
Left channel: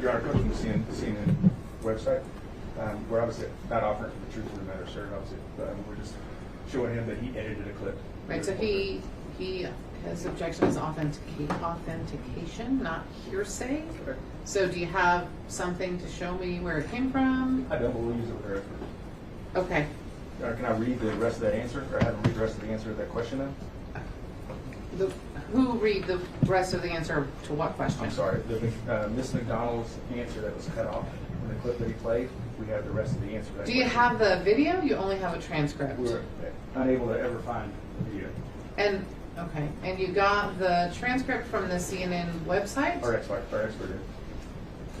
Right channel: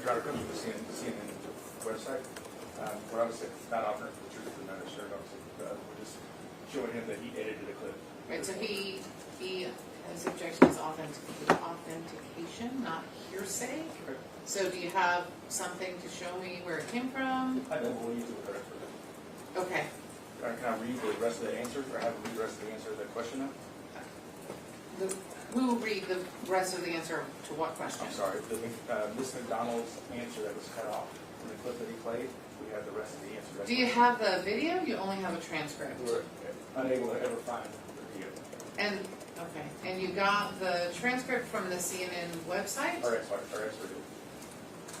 Your Honor, come from the CNN website. We're obviously not offering the truth of the matter, sir. Obviously, we're just showing him that he edited a clip. Right, so his objection is authentication, not hearsay. Okay. So do you have something to show me where it came from? I don't believe it with our expert. Okay. Or can I read the rest of that answer, or have him read the rest of the answer to that question then? Who read the rest of the answer to what question? I'm sorry, Miss McDonald's answer that was cut off in the clip that he played, we have the rest of the answer to that Do you question. have the video? You only have a transcript. We were unable to ever find the video. And, okay, and you got the transcript from the CNN website? Our expert did.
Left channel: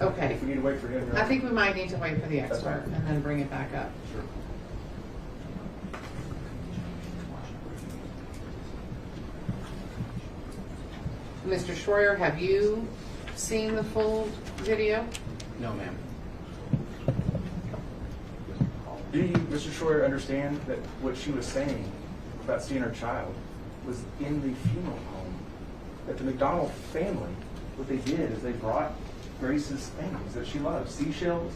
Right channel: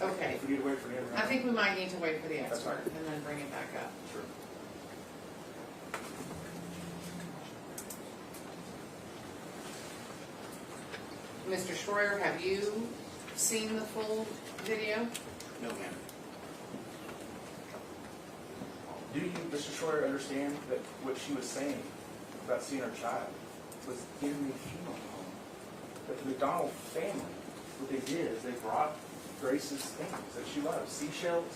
Okay. If we need to wait for him. I think we might need to wait for the That's expert fine. and then bring it back up. Sure. Mr. Schroyer, have you seen the full video? No, ma'am. Do you, Mr. Schroyer, understand that what she was saying about seeing her child was in the funeral home? That the McDonald family, what they did is they brought Grace's things that she loved, seashells.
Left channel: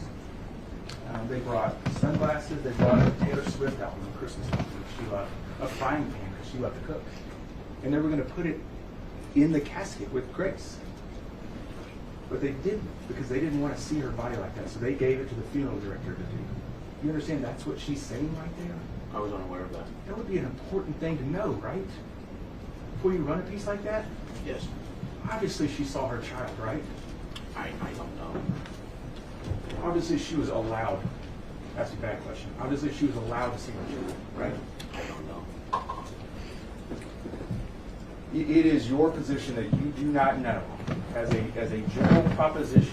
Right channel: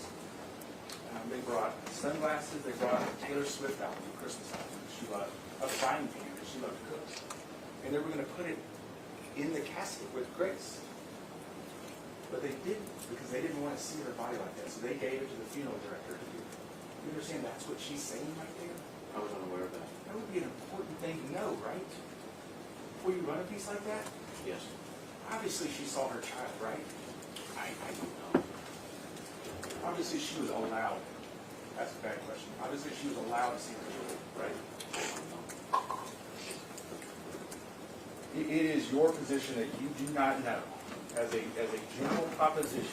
They brought sunglasses. They brought a Taylor Swift album, a Christmas album that she loved, a frying pan that she loved to cook. And they were going to put it in the casket with Grace. But they didn't, because they didn't want to see her body like that. So they gave it to the funeral director to do. You understand that's what she's saying right there? I was unaware of that. That would be an important thing to know, right? Before you run a piece like that? Yes. Obviously she saw her child, right? I don't know. Obviously she was allowed. That's a bad question. Obviously she was allowed to see her child, right? I don't know. It is your position that you do not know, as a general proposition,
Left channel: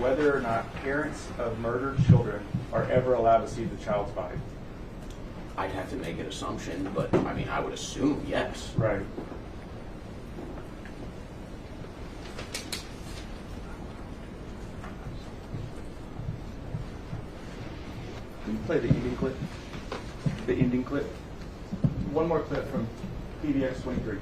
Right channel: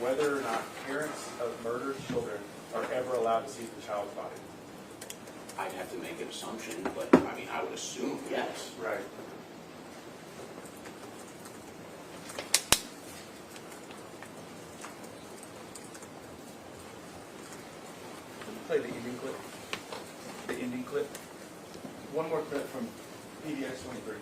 whether or not parents of murdered children are ever allowed to see the child's body. I'd have to make an assumption, but I mean, I would assume yes. Right. Can you play the ending clip? The ending clip? One more clip from PDX 23.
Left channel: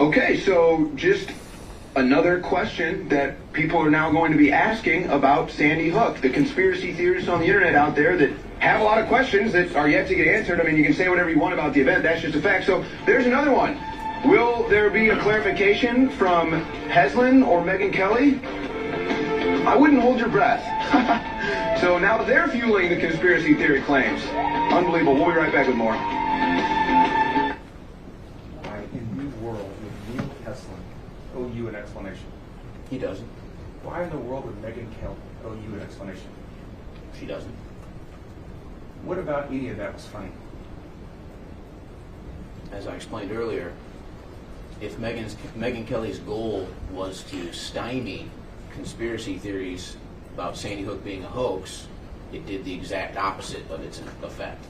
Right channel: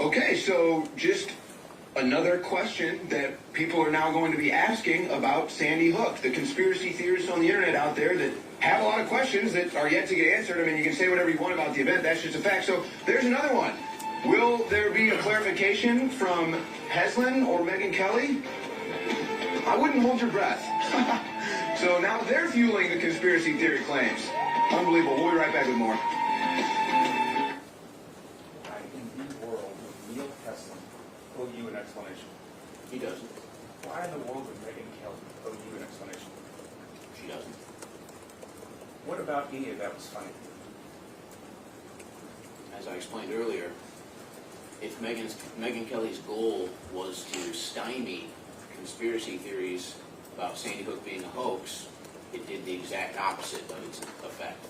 Okay, so just another question that people are now going to be asking about Sandy Hook. The conspiracy theorists on the internet out there that have a lot of questions that are yet to get answered. I mean, you can say whatever you want about the event. That's just a fact. So there's another one. Will there be a clarification from Heslin or Megyn Kelly? I wouldn't hold your breath. So now they're fueling the conspiracy theory claims. Unbelievable. We'll be right back with more. Why in the world would Neil Heslin owe you an explanation? He doesn't. Why in the world would Megyn Kelly owe you an explanation? She doesn't. What about any of that was funny? As I explained earlier, if Megyn Kelly's goal was to stymie conspiracy theories about Sandy Hook being a hoax, it did the exact opposite of its effect.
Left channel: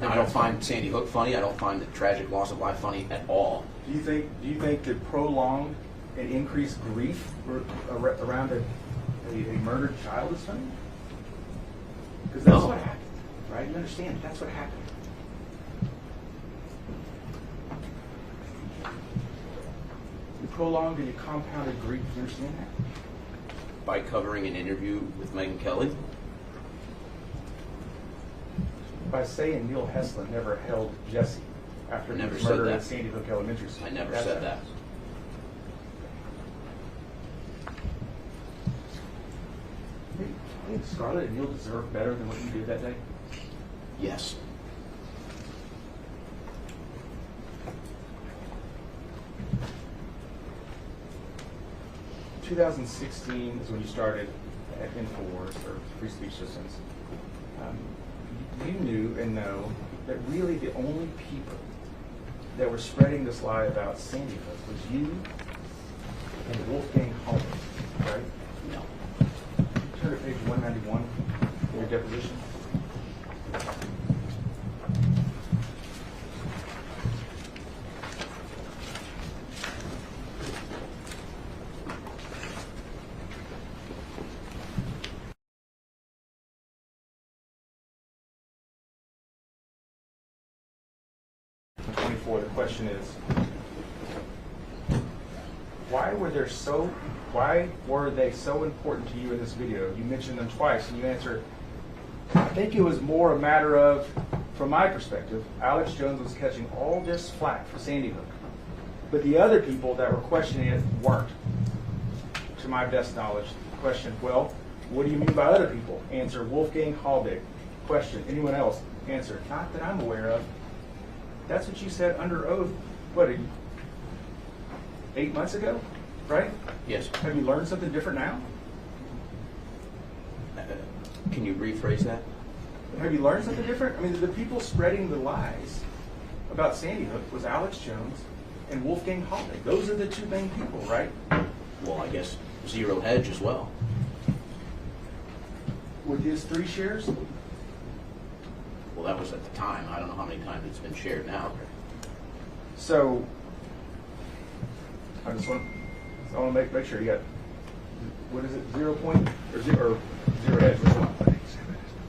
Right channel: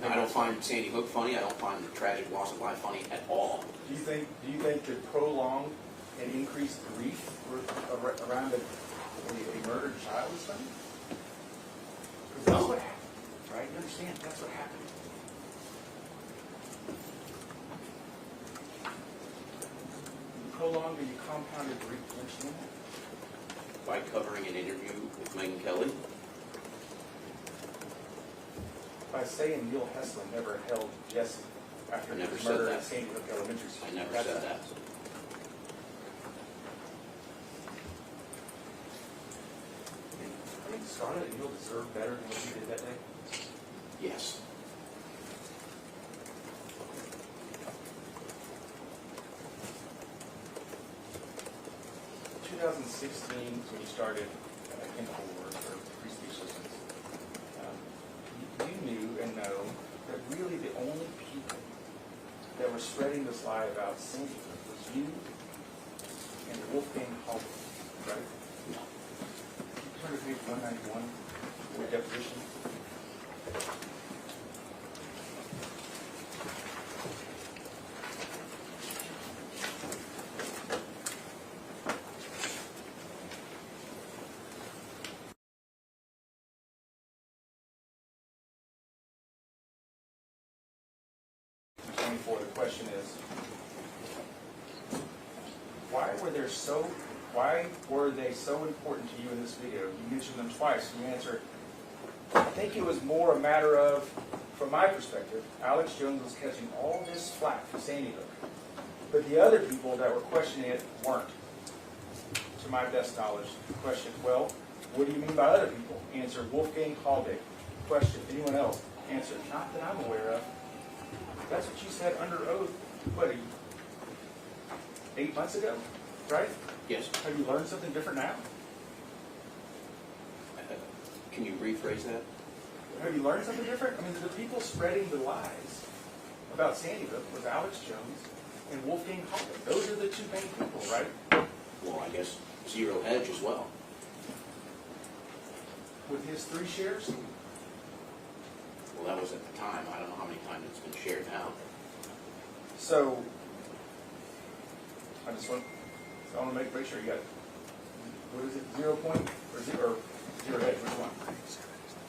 Now, I don't find Sandy Hook funny. I don't find the tragic loss of life funny at all. Do you think that prolonged and increased grief around a murdered child is funny? Because that's what happened, right? You understand? That's what happened. You prolonged and you compounded grief. You understand that? By covering an interview with Megyn Kelly, By saying Neil Heslin never held Jesse after I he never was said murdered that. at Sandy Hook Elementary School. I never That's said that. I think Scarlett and Neil deserve better than what you did that day. yes. 2016 was when you started at InfoWars, or Free Speech Systems. You knew and know that really the only people that were spreading this lie about Sandy Hook was you and Wolfgang Halbig, right? No. Turn to page 191, your deposition. The question is, why were they so important to you in this video? You mentioned them twice, and you answered, I think it was more a matter of, from my perspective, Alex Jones was catching all this flack for Sandy Hook, but the other people that were questioning it weren't. to my best knowledge. Question, well, what do you mean by other people? Answer, Wolfgang Halbig. Question, anyone else? Answer, not that I'm aware of. That's what you said under oath, what, 8 months ago, right? Yes. Have you learned something different now? Can you rephrase that? Have you learned something different? I mean, the people spreading the lies about Sandy Hook was Alex Jones and Wolfgang Halbig. Those are the two main people, right? Well, I guess Zero Hedge as well. With his 3 shares? Well, that was at the time. I don't know how many times it's been shared now. So, I want to make sure you got, what is it, 0 point, or zero hedge, which one?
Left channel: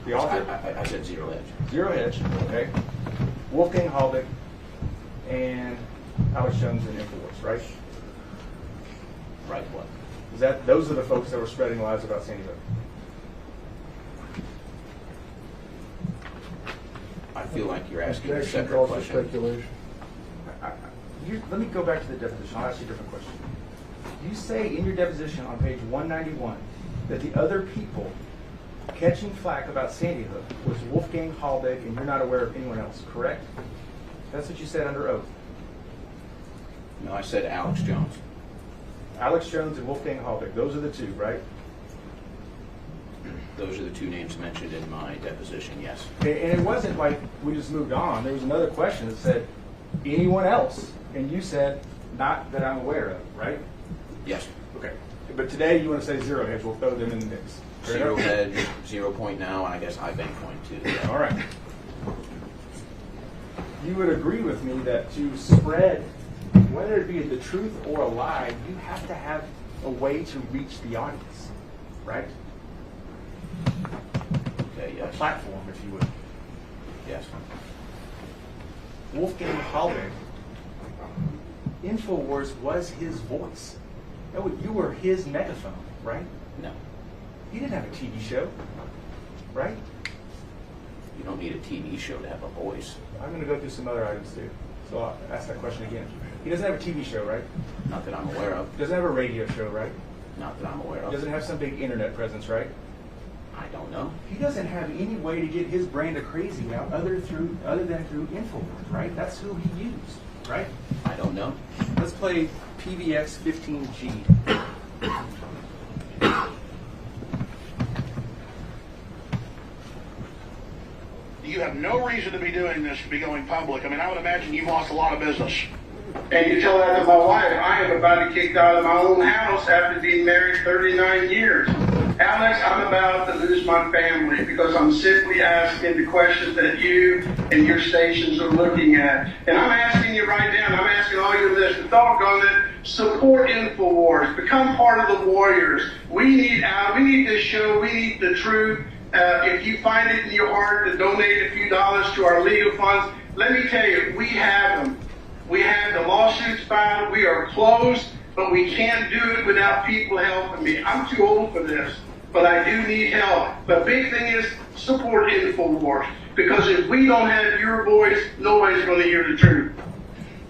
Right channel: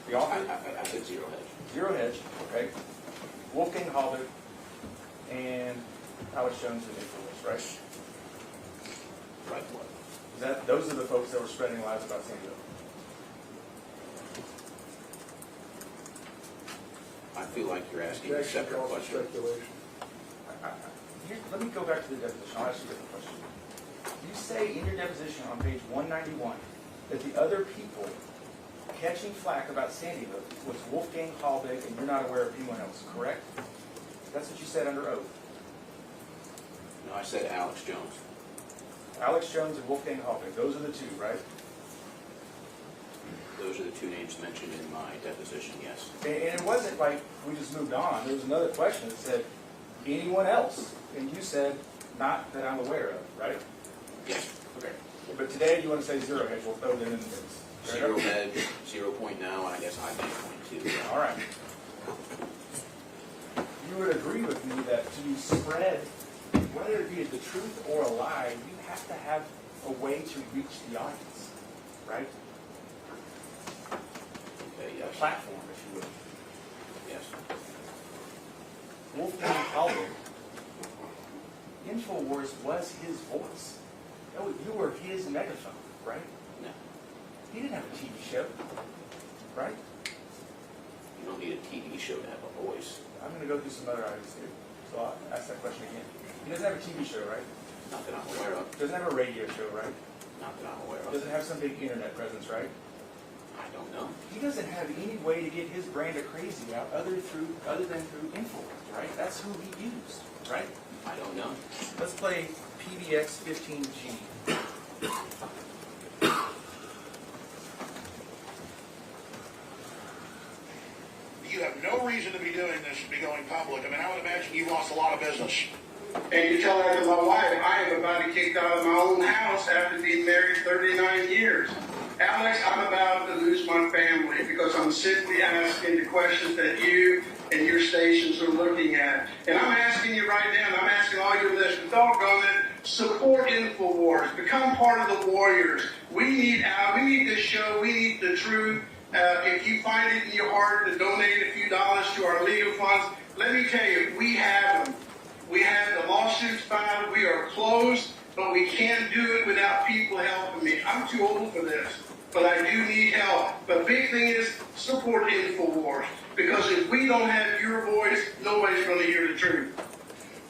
The author? I said Zero Hedge. Zero Hedge, okay. Wolfgang Halbig and Alex Jones and InfoWars, right? Right, what? Those are the folks that were spreading lies about Sandy Hook. I feel like you're asking a Objection separate calls for question. speculation. Let me go back to the deposition. I'll ask you a different question. You say in your deposition on page 191 that the other people catching flack about Sandy Hook was Wolfgang Halbig, and you're not aware of anyone else, correct? That's what you said under oath. No, I said Alex Jones. Alex Jones and Wolfgang Halbig, those are the two, right? Those are the 2 names mentioned in my deposition, yes. And it wasn't like we just moved on. There was another question that said, anyone else? And you said, not that I'm aware of, right? Yes. Okay. But today you want to say Zero Hedge. We'll throw them in the mix. Fair Zero enough? Hedge, 0 point now, and I guess I think point 2. All right. You would agree with me that to spread, whether it be the truth or a lie, you have to have a way to reach the audience, right? Okay, A yes. platform, if you would. Yes. Wolfgang Halbig, InfoWars was his voice. Oh, you were his megaphone, right? No. He didn't have a TV show, right? You don't need a TV show to have a voice. I'm going to go through some other items too. So I'll ask that question again. He doesn't have a TV show, right? Not that I'm aware of. He doesn't have a radio show, right? Not that I'm aware He of. doesn't have some big internet presence, right? I don't know. He doesn't have any way to get his brand of crazy out other than through InfoWars, right? That's who he used, right? I don't know. Let's play PBX 15G. You have no reason to be doing this, to be going public. I mean, I would imagine you've lost a lot of business. And you tell that to my wife. I am about to be kicked out of my own house after being married 39 years. Alex, I'm about to lose my family because I'm simply asking the questions that you and your stations are looking at. And I'm asking you right now, and I'm asking all your listeners, doggone it, support InfoWars. Become part of the warriors. We need this show. We need the truth. If you find it in your heart to donate a few dollars to our legal funds, let me tell you, we have them. We have the lawsuits filed. We are closed, but we can't do it without people helping me. I'm too old for this, but I do need help. The big thing is support InfoWars, because if we don't have your voice, nobody's going to hear the truth.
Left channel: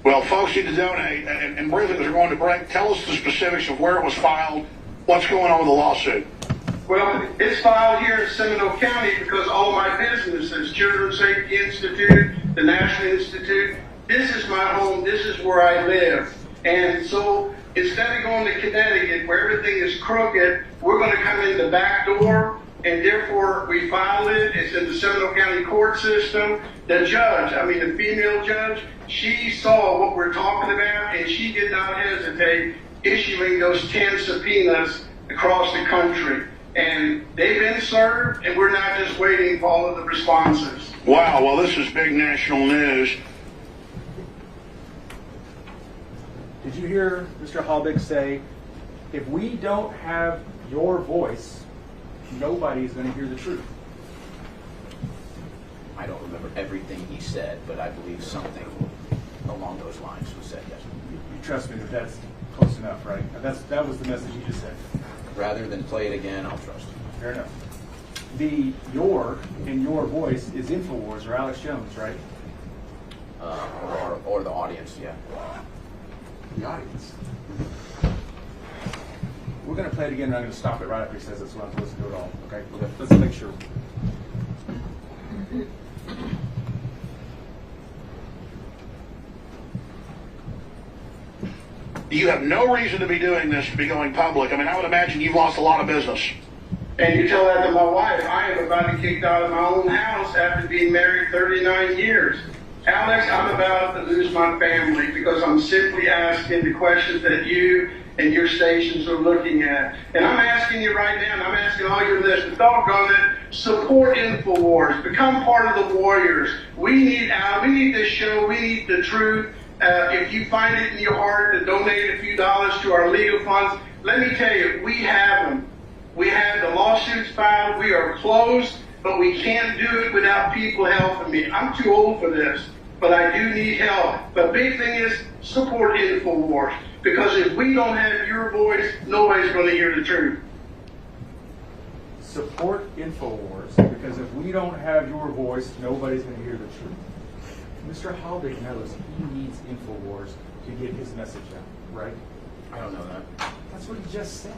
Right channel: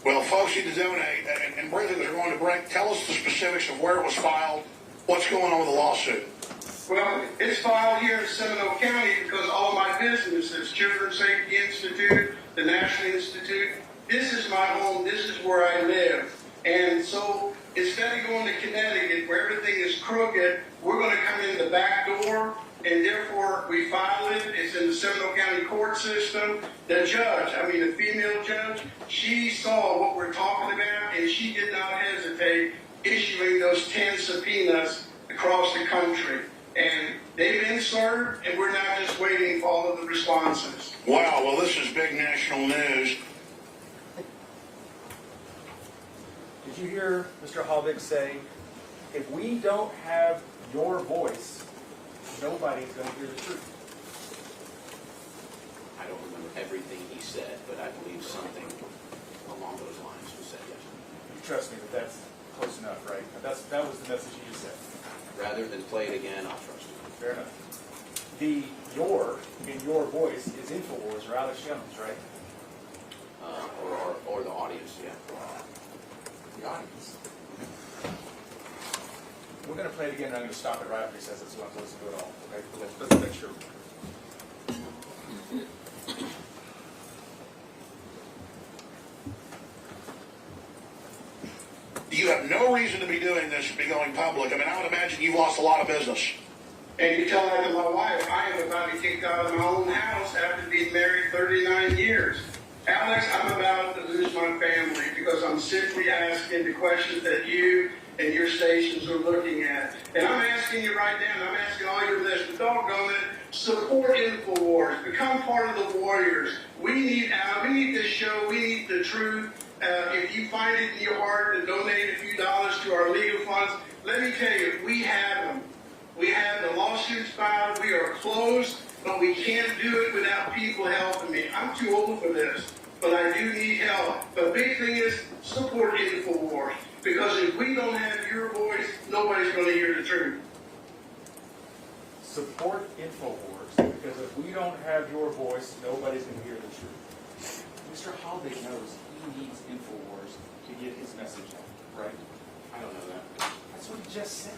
Well, folks need to donate. And briefly, as we're going to break, tell us the specifics of where it was filed, what's going on with the lawsuit. Well, it's filed here in Seminole County because all of my businesses, Children's Safety Institute, the National Institute, this is my home, this is where I live. And so instead of going to Connecticut where everything is crooked, we're going to come in the back door, and therefore we filed it. It's in the Seminole County court system. The judge, the female judge, she saw what we're talking about, and she did not hesitate issuing those 10 subpoenas across the country. And they've been served, and we're not just waiting for all of the responses. Wow, well, this is big national news. Did you hear Mr. Halbig say, if we don't have your voice, nobody's going to hear the truth? I don't remember everything he said, but I believe something along those lines was said, yes. You trust me that that's close enough, right? That was the message you just said. Rather than play it again, I'll trust him. Fair enough. The your in your voice is InfoWars or Alex Jones, right? Or the audience, yeah. The audience. We're gonna play it again, and I'm gonna stop it right after he says it, so I'm supposed to do it all, okay? Let's make sure. You have no reason to be doing this, to be going public. I mean, I would imagine you've lost a lot of business. And you tell that to my wife. I am about to be kicked out of my own house after being married 39 years. Alex, I'm about to lose my family because I'm simply asking the questions that you and your stations are looking at. And I'm asking you right now, and I'm asking all your listeners, doggone it, support InfoWars. Become part of the warriors. We need this show. We need the truth. If you find it in your heart to donate a few dollars to our legal funds, let me tell you, we have them. We have the lawsuits filed. We are closed, but we can't do it without people helping me. I'm too old for this, but I do need help. But big thing is support InfoWars, because if we don't have your voice, nobody's going to hear the truth. Support InfoWars, because if we don't have your voice, nobody's going to hear the truth. Mr. Halbig knows he needs InfoWars to get his message out, right? I don't know that. That's what he just said.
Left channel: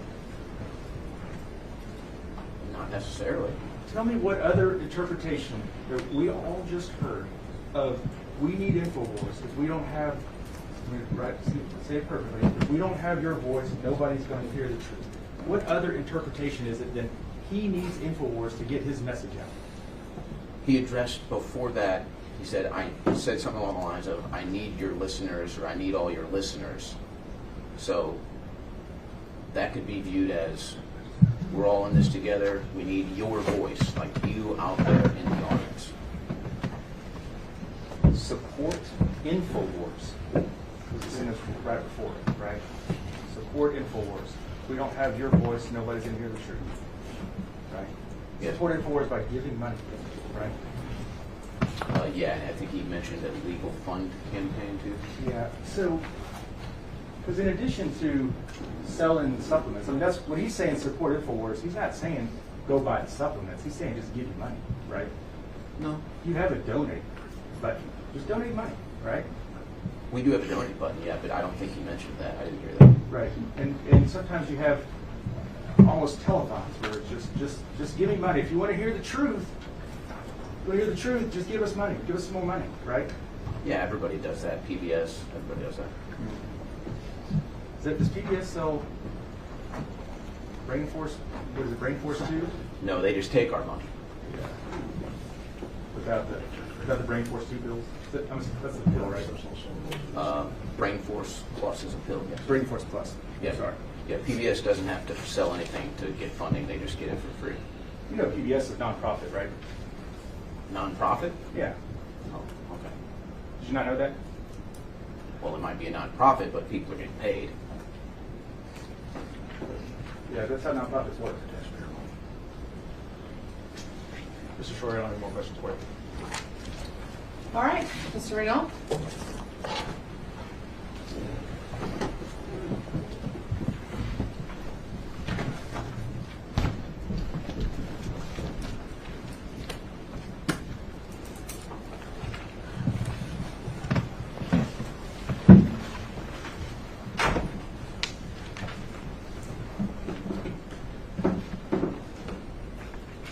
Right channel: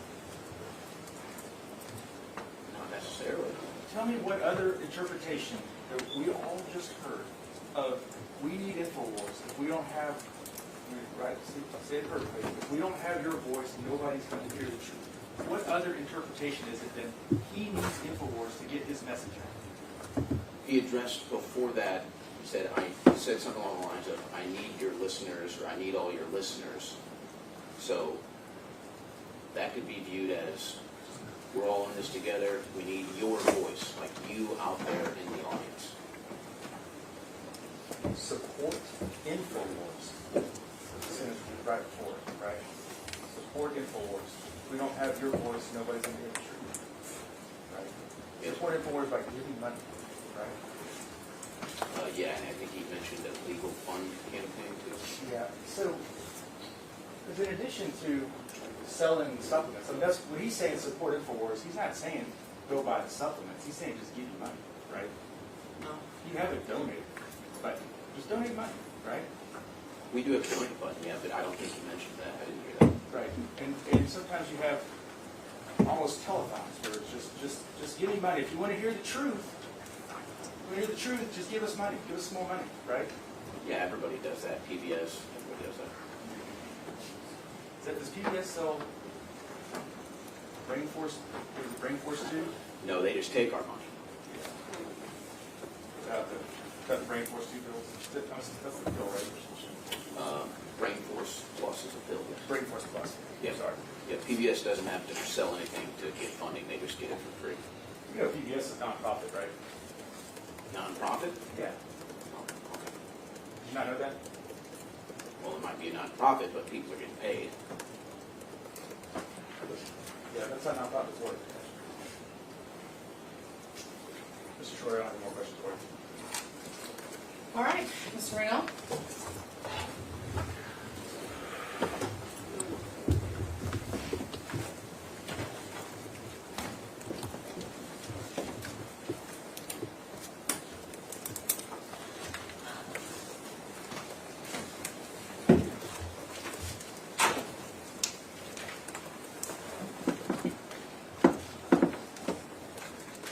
Not necessarily. Tell me what other interpretation that we all just heard of we need InfoWars. If we don't have, right, say it perfectly, if we don't have your voice, nobody's going to hear the truth. What other interpretation is it than he needs InfoWars to get his message out? He addressed before that, he said something along the lines of, I need your listeners, or I need all your listeners. So that could be viewed as, we're all in this together, we need your voice, like you out there in the audience. Support InfoWars. This is right before it, right? Support InfoWars. If we don't have your voice, nobody's going to hear the truth, right? Yes. Support InfoWars by giving money, right? Yeah, and I think he mentioned a legal fund campaign too. Yeah, so, because in addition to selling supplements, I mean, that's when he's saying support InfoWars, he's not saying go buy the supplements, he's saying just give you money, right? No. You have a donate button, just donate money, right? We do have a donate button, yeah, but I don't think he mentioned that. I didn't hear that. Right, and sometimes you have almost telethons where it's just give me money. If you want to hear the truth, just give us money, give us some more money, right? Yeah, everybody does that. PBS, everybody does that. Does PBS sell brain force? What is it, brain force 2? No, they just take our money. Yeah. Without the brain force 2 pills? That's the pill, right? Brain Force Plus is a pill, yes. Brain Force Plus. Yeah. Sorry. Yeah, PBS doesn't have to sell anything to get funding. They just get it for free. You know PBS is non-profit, right? Non-profit? Yeah. Oh, okay. Did you not know that? Well, it might be a non-profit, but people are getting paid. Yeah, that's how non-profits work. Mr. Short, I don't have more questions for you. All right, Mr. Reno.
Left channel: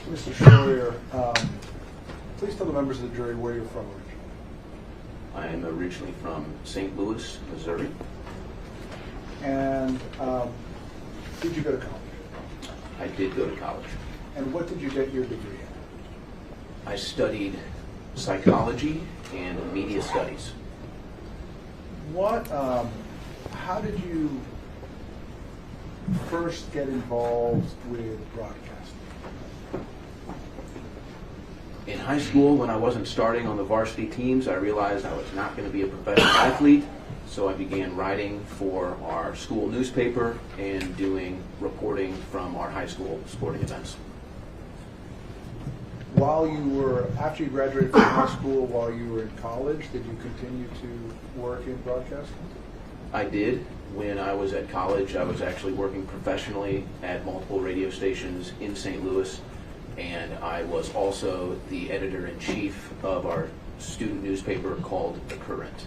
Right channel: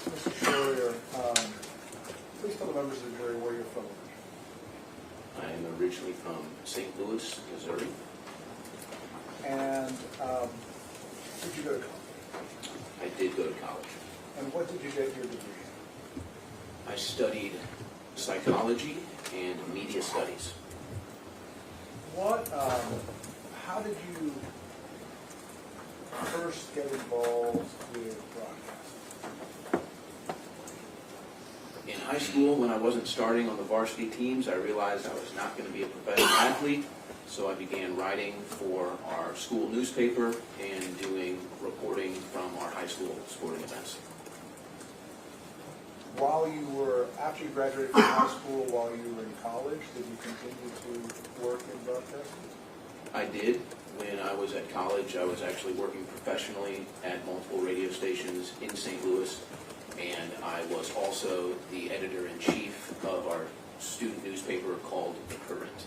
Mr. Schroyer, please tell the members of the jury where you're from originally. I am originally from St. Louis, Missouri. And did you go to college? I did go to college. And what did you get your degree in? I studied psychology and media studies. How did you first get involved with broadcasting? In high school, when I wasn't starting on the varsity teams, I realized I was not going to be a professional athlete, so I began writing for our school newspaper and doing reporting from our high school sporting events. After you graduated from high school, while you were in college, did you continue to work in broadcasting? I did. When I was at college, I was actually working professionally at multiple radio stations in St. Louis, and I was also the editor-in-chief of our student newspaper called The Current.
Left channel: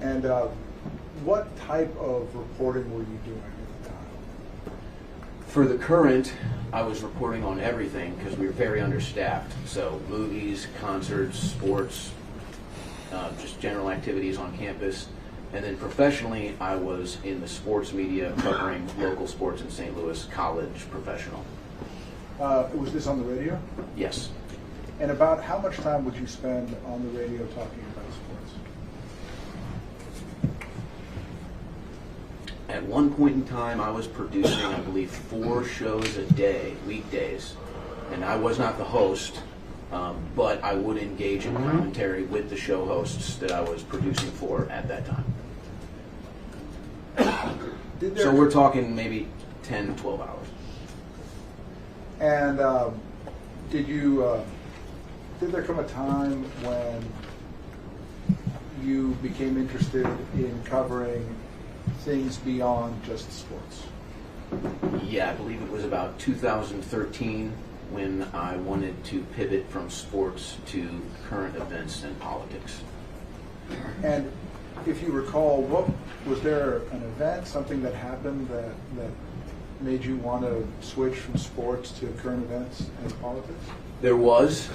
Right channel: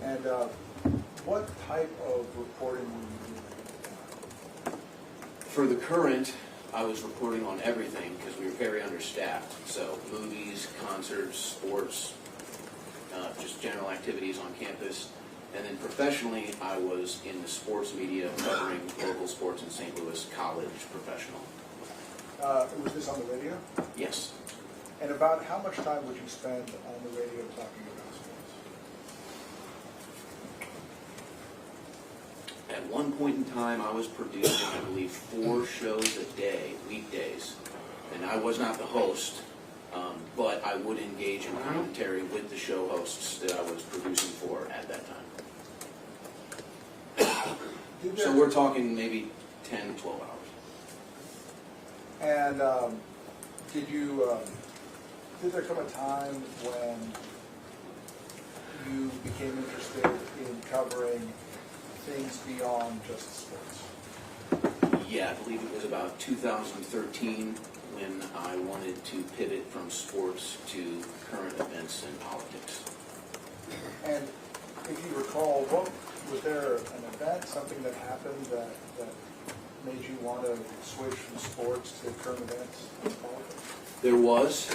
And what type of reporting were you doing at the time? For the current, I was reporting on everything because we were very understaffed. So movies, concerts, sports, just general activities on campus. And then professionally, I was in the sports media covering local sports in St. Louis, college, professional. Was this on the radio? Yes. And about how much time would you spend on the radio talking about sports? At one point in time, I was producing, I believe, 4 shows a day, weekdays. And I was not the host, but I would engage in commentary with the show hosts that I was producing for at that time. So we're talking maybe 10, 12 hours. And did there come a time when you became interested in covering things beyond just sports? Yeah, I believe it was about 2013 when I wanted to pivot from sports to current events and politics. And if you recall, was there an event, something that happened that made you want to switch from sports to current events and politics? There was.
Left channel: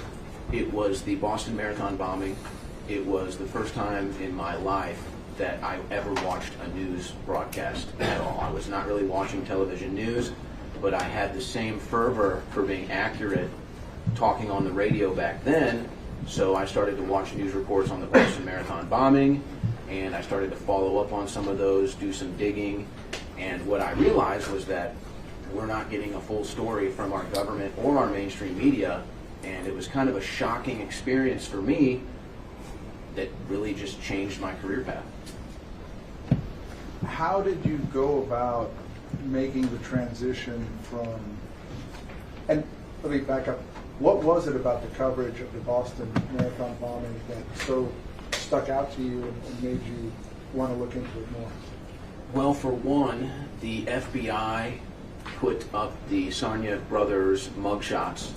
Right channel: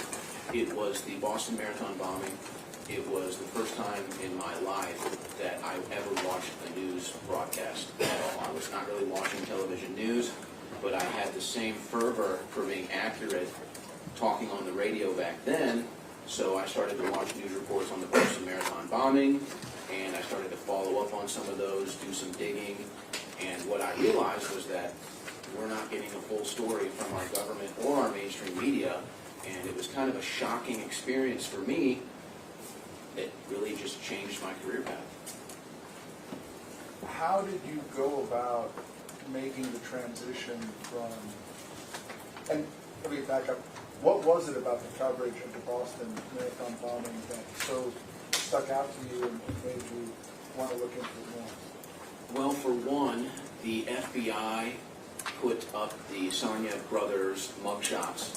It was the Boston Marathon bombing. It was the first time in my life that I ever watched a news broadcast at all. I was not really watching television news, but I had the same fervor for being accurate talking on the radio back then, so I started to watch news reports on the Boston Marathon bombing, and I started to follow up on some of those, do some digging, and what I realized was that we're not getting a full story from our government or our mainstream media, and it was kind of a shocking experience for me that really just changed my career path. How did you go about making the transition from, and let me back up, what was it about the coverage of the Boston Marathon bombing that so stuck out to you and made you want to look into it more? Well, for one, the FBI put up the Sonia brothers mugshots,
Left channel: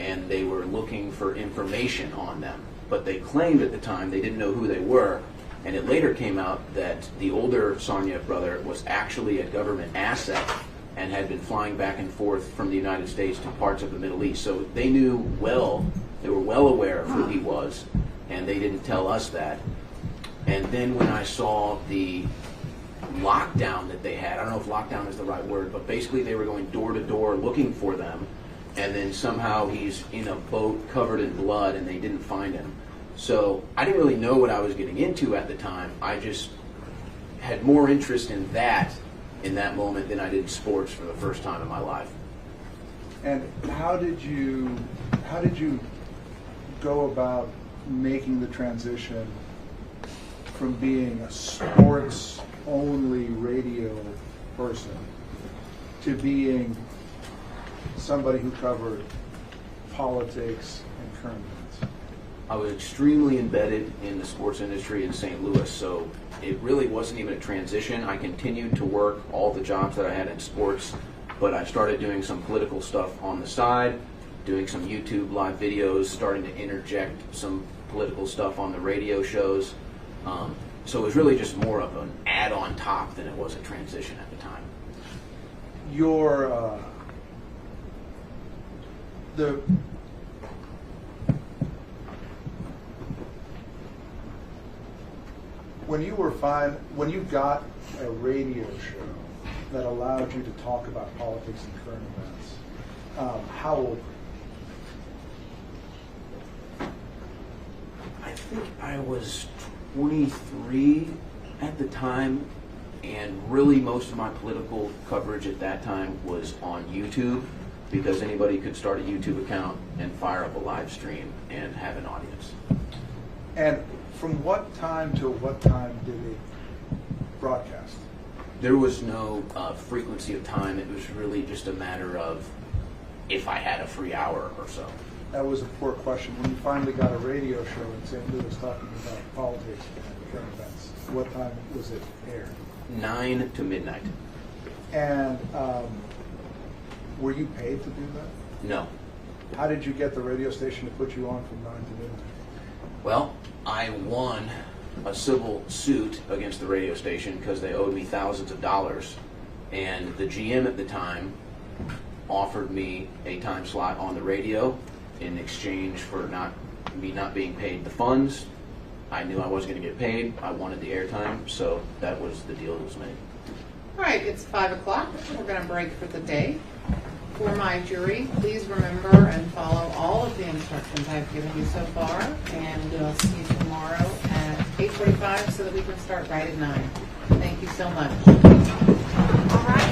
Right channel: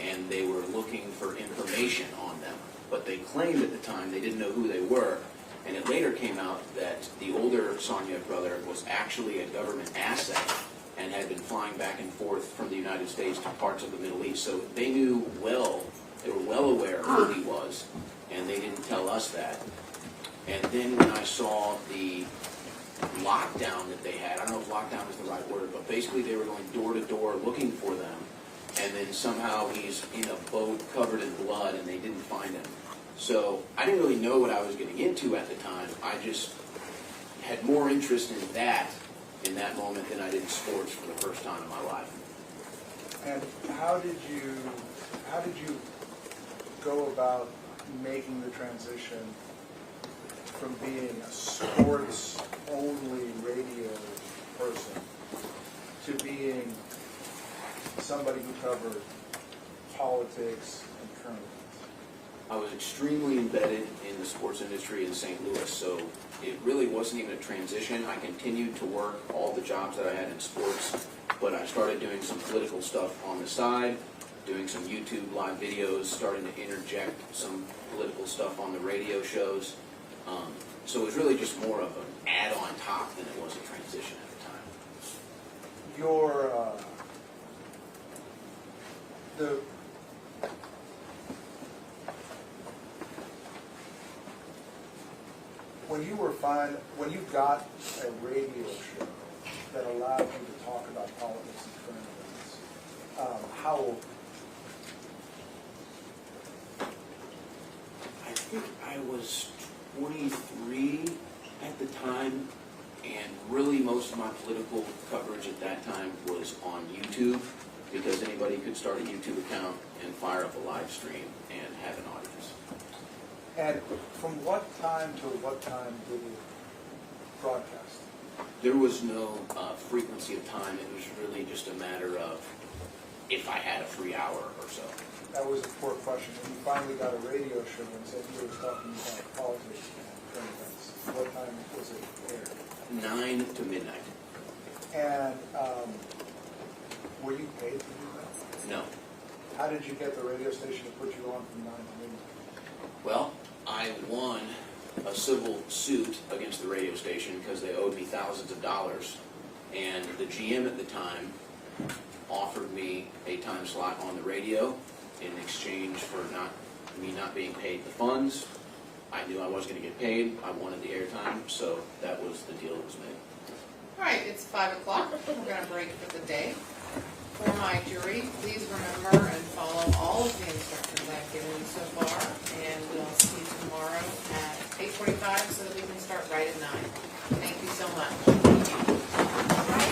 and they were looking for information on them. But they claimed at the time they didn't know who they were, and it later came out that the older Sonia brother was actually a government asset and had been flying back and forth from the United States to parts of the Middle East. So they knew well, they were well aware of who he was, and they didn't tell us that. And then when I saw the lockdown that they had, I don't know if lockdown is the right word, but basically they were going door to door looking for them, and then somehow he's in a boat covered in blood and they didn't find him. So I didn't really know what I was getting into at the time. I just had more interest in that moment than I did sports for the first time in my life. And how did you go about making the transition from being a sports-only radio person to being somebody who covered politics and current events? I was extremely embedded in the sports industry in St. Louis, so it really wasn't even a transition. I continued to work all the jobs that I had in sports, but I started doing some political stuff on the side, doing some YouTube live videos, starting to interject some political stuff on the radio shows. So it was really just more of an add on top than it was a transition at the time. When you got a radio show that allowed you to talk about politics and current events, how old? I think I was 23 at the time, and really most of my political coverage at that time was on YouTube, because anybody could start a YouTube account and fire up a live stream and have an audience. And from what time to what time did it broadcast? There was no frequency of time. It was really just a matter of if I had a free hour or so. That was a poor question. When you finally got a radio show in St. Louis talking about politics and current events, what time was it aired? 9 to midnight. And were you paid to do that? No. How did you get the radio station to put you on from 9 to midnight? Well, I won a civil suit against the radio station because they owed me thousands of dollars. And the GM at the time offered me a time slot on the radio in exchange for me not being paid the funds. I knew I wasn't going to get paid. I wanted the airtime, so that was the deal that was made. All right, it's 5 o'clock. We're going to break for the day. For my jury, please remember and follow all of the instructions I've given you so far, and we'll see you tomorrow at 8:45 so that we can start right at 9. Thank you so much. All right.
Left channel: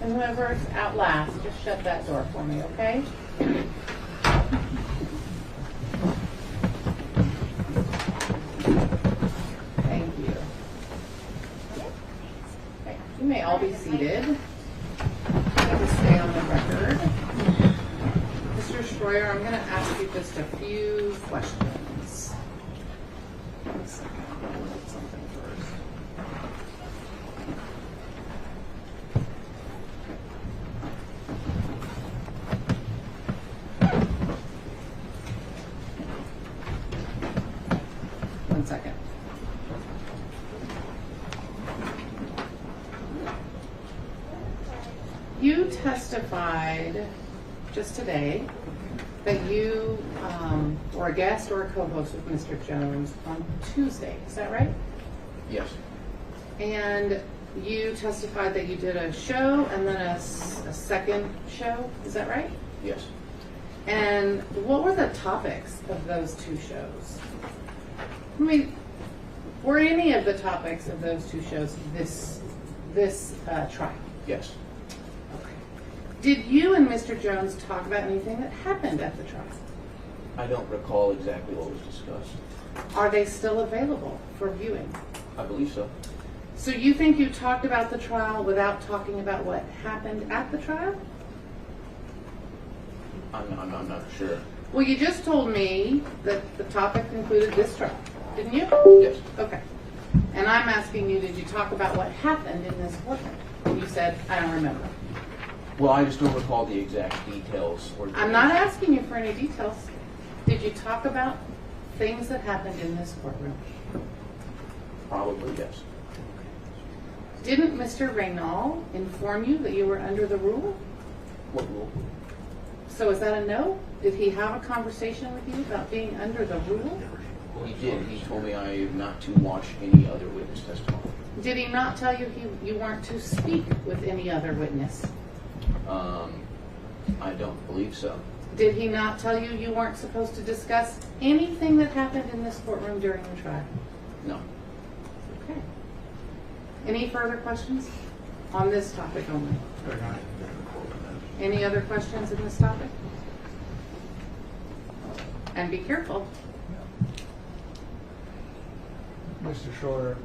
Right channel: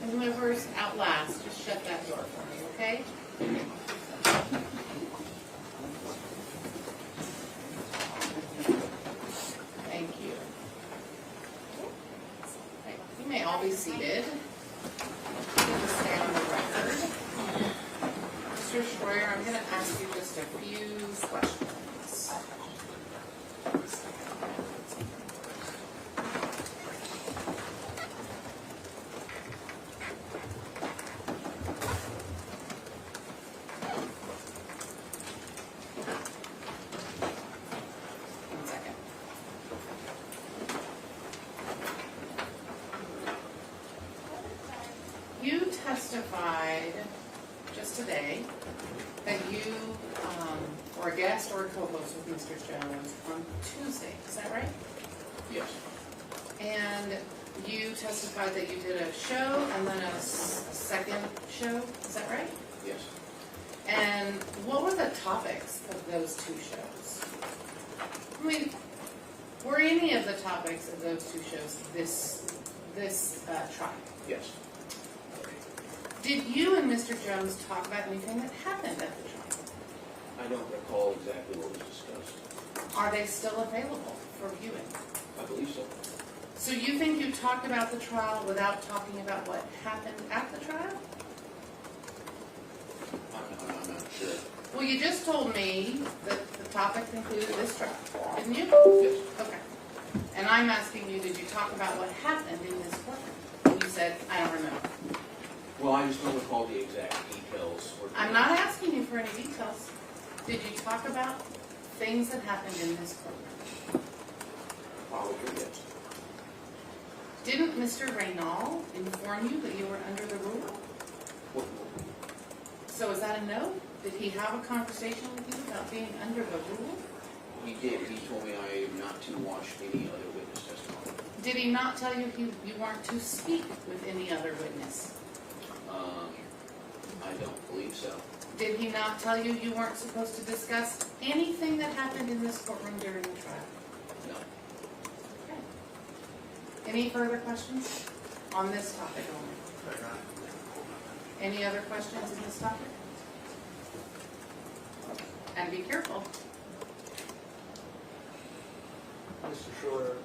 And whoever's out last, just shut that door for me, okay? Thank you. Okay, you may all be seated. I'm going to stay on the record. Mr. Schroyer, I'm going to ask you just a few questions. One second. I'll write something first. One second. You testified just today that you were a guest or a co-host with Mr. Jones on Tuesday. Is that right? Yes. And you testified that you did a show and then a second show. Is that right? Yes. And what were the topics of those two shows? I mean, were any of the topics of those two shows this trial? Yes. Did you and Mr. Jones talk about anything that happened at the trial? I don't recall exactly what was discussed. Are they still available for viewing? I believe so. So you think you talked about the trial without talking about what happened at the trial? I'm not sure. Well, you just told me that the topic included this trial, didn't you? Yes. Okay. And I'm asking you, did you talk about what happened in this courtroom? And you said, I don't remember. Well, I just don't recall the exact details. I'm not asking you for any details. Did you talk about things that happened in this courtroom? Probably, yes. Didn't Mr. Reynal inform you that you were under the rule? What rule? So is that a no? Did he have a conversation with you about being under the rule? Well, he did. He told me I am not to watch any other witness testimony. Did he not tell you you weren't to speak with any other witness? I don't believe so. Did he not tell you you weren't supposed to discuss anything that happened in this courtroom during the trial? No. Okay. Any further questions on this topic only? Any other questions in this topic? And be careful. Mr. Shorter,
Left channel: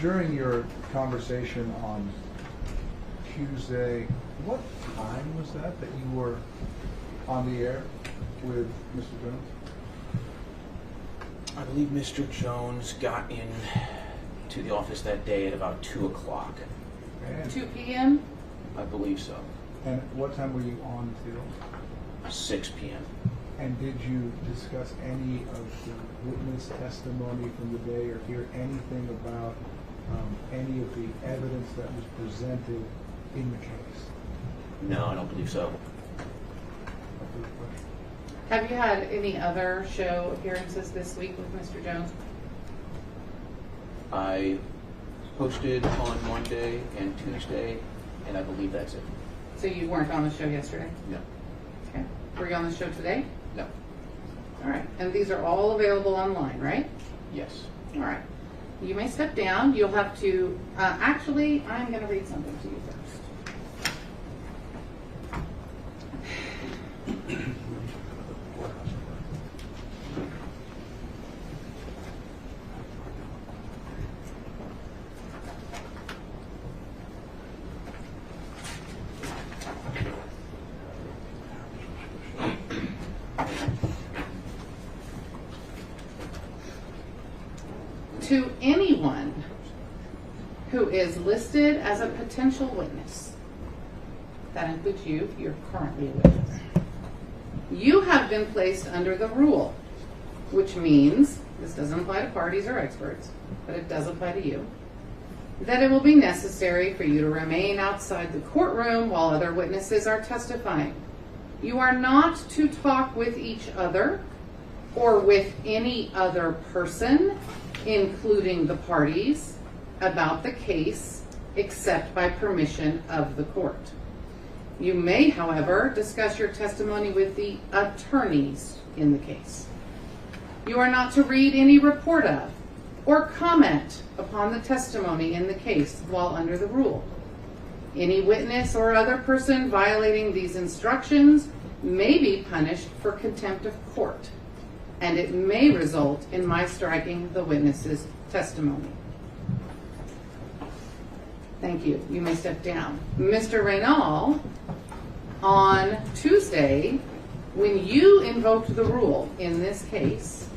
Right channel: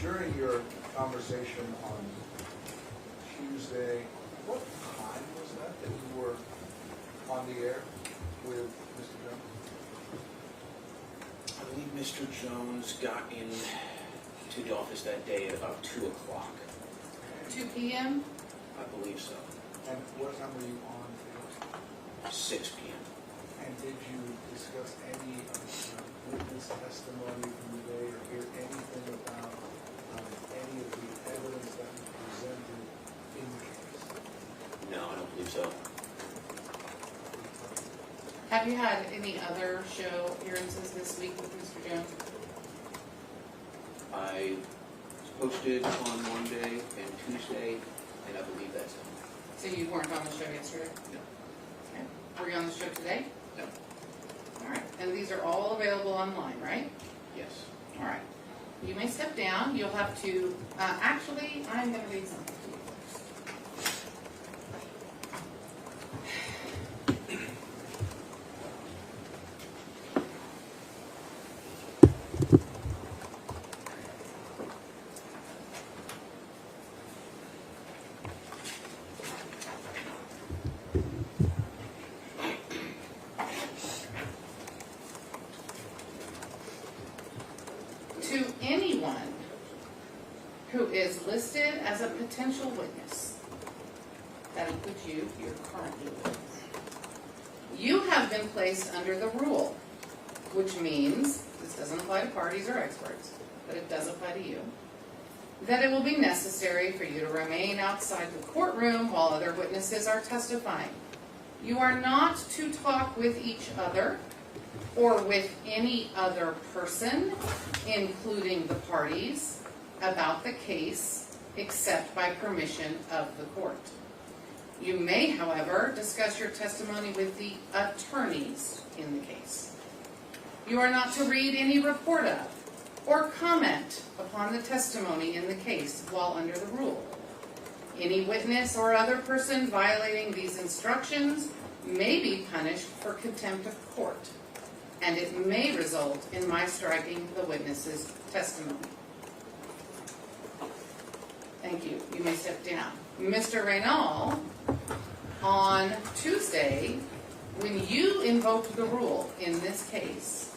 during your conversation on Tuesday, what time was that you were on the air with Mr. Jones? I believe Mr. Jones got in to the office that day at about 2 o'clock. 2 p.m.? I believe so. And what time were you on till? 6 p.m. And did you discuss any of the witness testimony from the day or hear anything about any of the evidence that was presented in the case? No, I don't believe so. Have you had any other show appearances this week with Mr. Jones? I posted on Monday and Tuesday, and I believe that's it. So you weren't on the show yesterday? No. Okay. Were you on the show today? No. All right. And these are all available online, right? Yes. All right. You may step down. You'll have to, actually, I'm going to read something to you first. To anyone who is listed as a potential witness. That includes you. You're currently a witness. You have been placed under the rule, which means, this doesn't apply to parties or experts, but it does apply to you, that it will be necessary for you to remain outside the courtroom while other witnesses are testifying. You are not to talk with each other or with any other person, including the parties, about the case, except by permission of the court. You may, however, discuss your testimony with the attorneys in the case. You are not to read any report of or comment upon the testimony in the case while under the rule. Any witness or other person violating these instructions may be punished for contempt of court, and it may result in my striking the witness's testimony. Thank you. You may step down. Mr. Reynal, on Tuesday, when you invoked the rule in this case,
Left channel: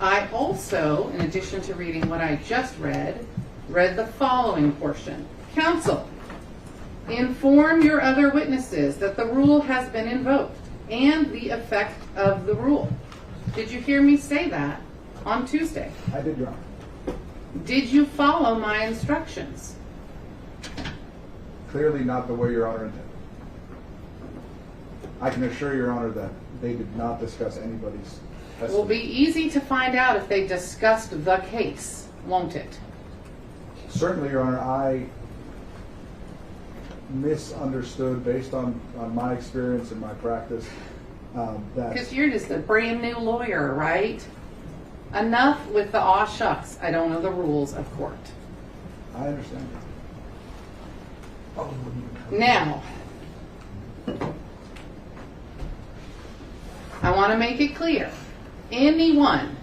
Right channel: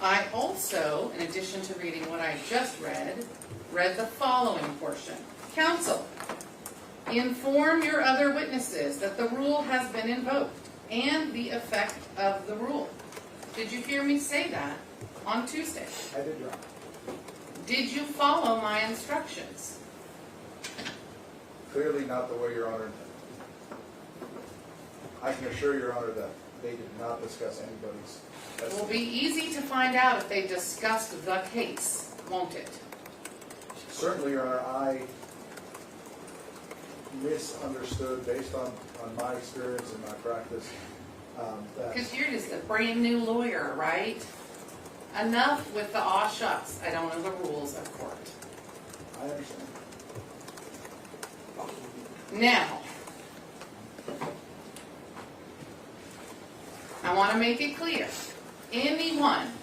I also, in addition to reading what I just read the following portion. Counsel, inform your other witnesses that the rule has been invoked and the effect of the rule. Did you hear me say that on Tuesday? I did, Your Honor. Did you follow my instructions? Clearly not the way Your Honor intended. I can assure Your Honor that they did not discuss anybody's testimony. It will be easy to find out if they discussed the case, won't it? Certainly, Your Honor, I misunderstood based on my experience and my practice that... Because you're just a brand new lawyer, right? Enough with the aw shucks, I don't know the rules of court. I understand. Now, I want to make it clear, anyone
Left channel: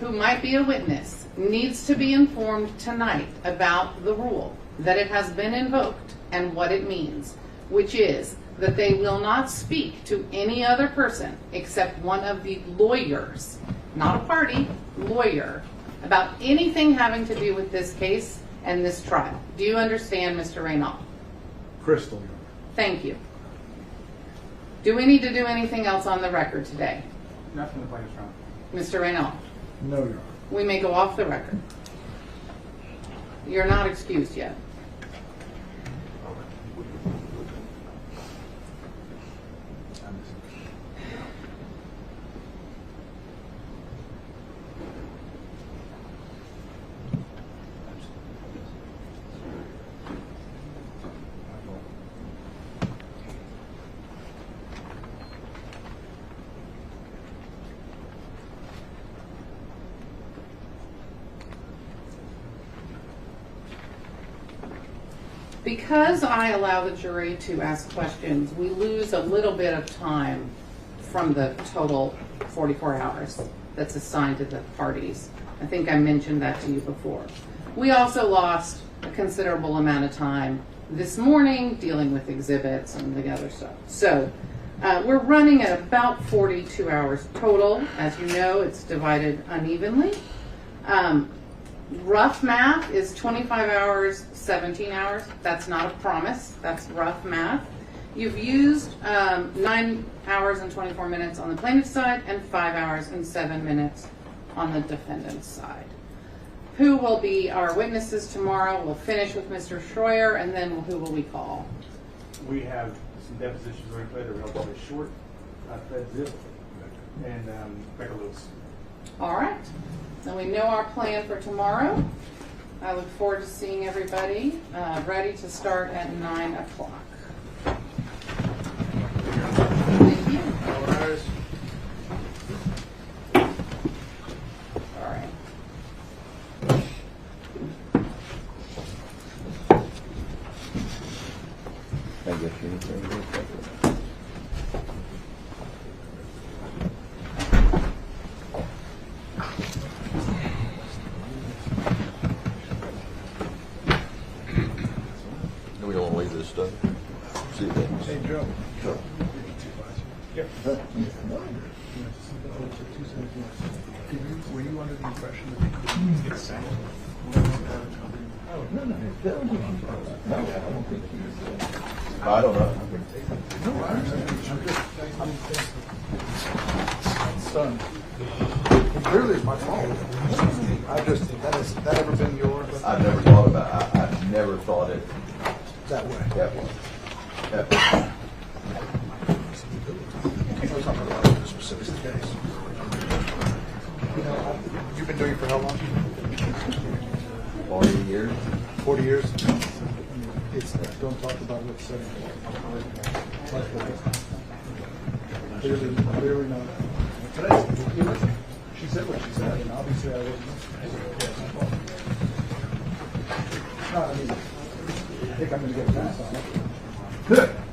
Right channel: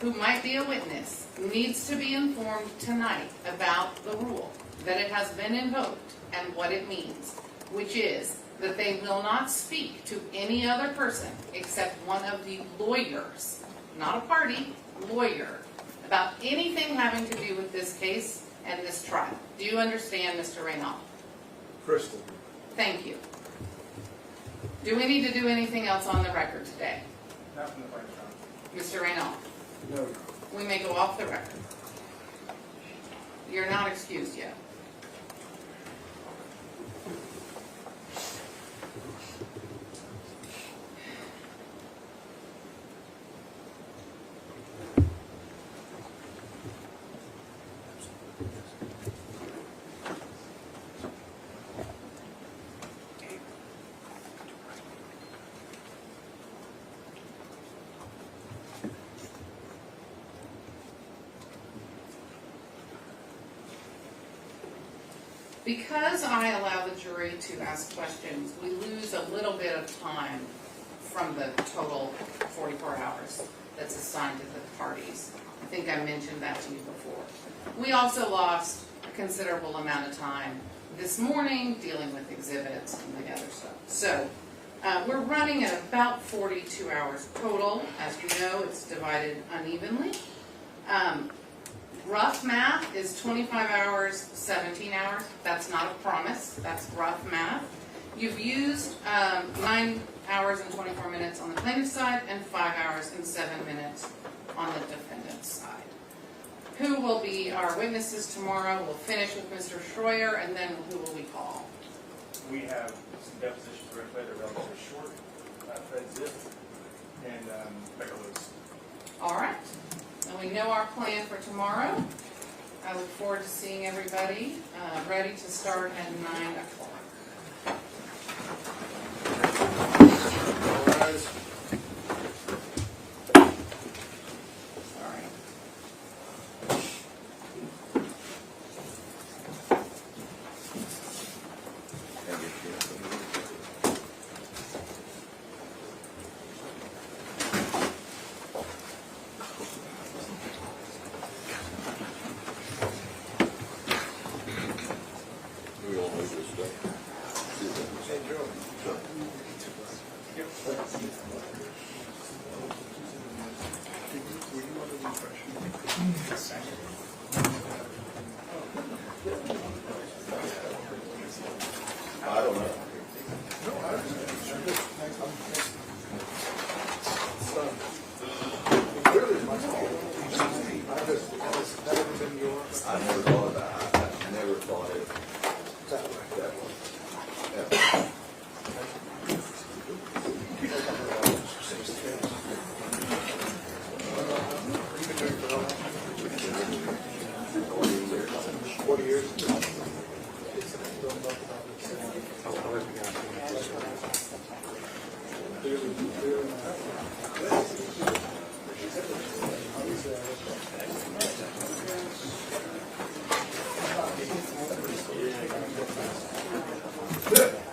who might be a witness needs to be informed tonight about the rule, that it has been invoked and what it means, which is that they will not speak to any other person except one of the lawyers, not a party, lawyer, about anything having to do with this case and this trial. Do you understand, Mr. Reynal? Crystal. Thank you. Do we need to do anything else on the record today? Not from the plaintiff's Mr. trial. Reynal? No, Your Honor. We may go off the record. You're not excused yet. Because I allow the jury to ask questions, we lose a little bit of time from the total 44 hours that's assigned to the parties. I think I mentioned that to you before. We also lost a considerable amount of time this morning dealing with exhibits and the other stuff. So we're running at about 42 hours total. As you know, it's divided unevenly. Rough math is 25 hours, 17 hours. That's not a promise. That's rough math. You've used 9 hours and 24 minutes on the plaintiff's side and 5 hours and 7 minutes on the defendant's side. Who will be our witnesses tomorrow? We'll finish with Mr. Schroyer, and then who will we call? We have some depositions we're going to play. They're relatively short. Fred Zip and Becca Lewis. All right. Then we know our plan for tomorrow. I look forward to seeing everybody ready to start at 9 o'clock. All right. Can I get you anything? Do we want to leave this stuff? Hey, Joe. Were you under the impression that you couldn't get signed? Oh, I don't know. Stunned. Clearly it's my fault. Has that ever been yours? I never thought about it. I never thought it. That way. Yeah. You've been doing it for how long? 40 years. 40 years? Don't talk about it. Clearly not. She said what she said, and obviously I was. I think I'm going to get a pass on it.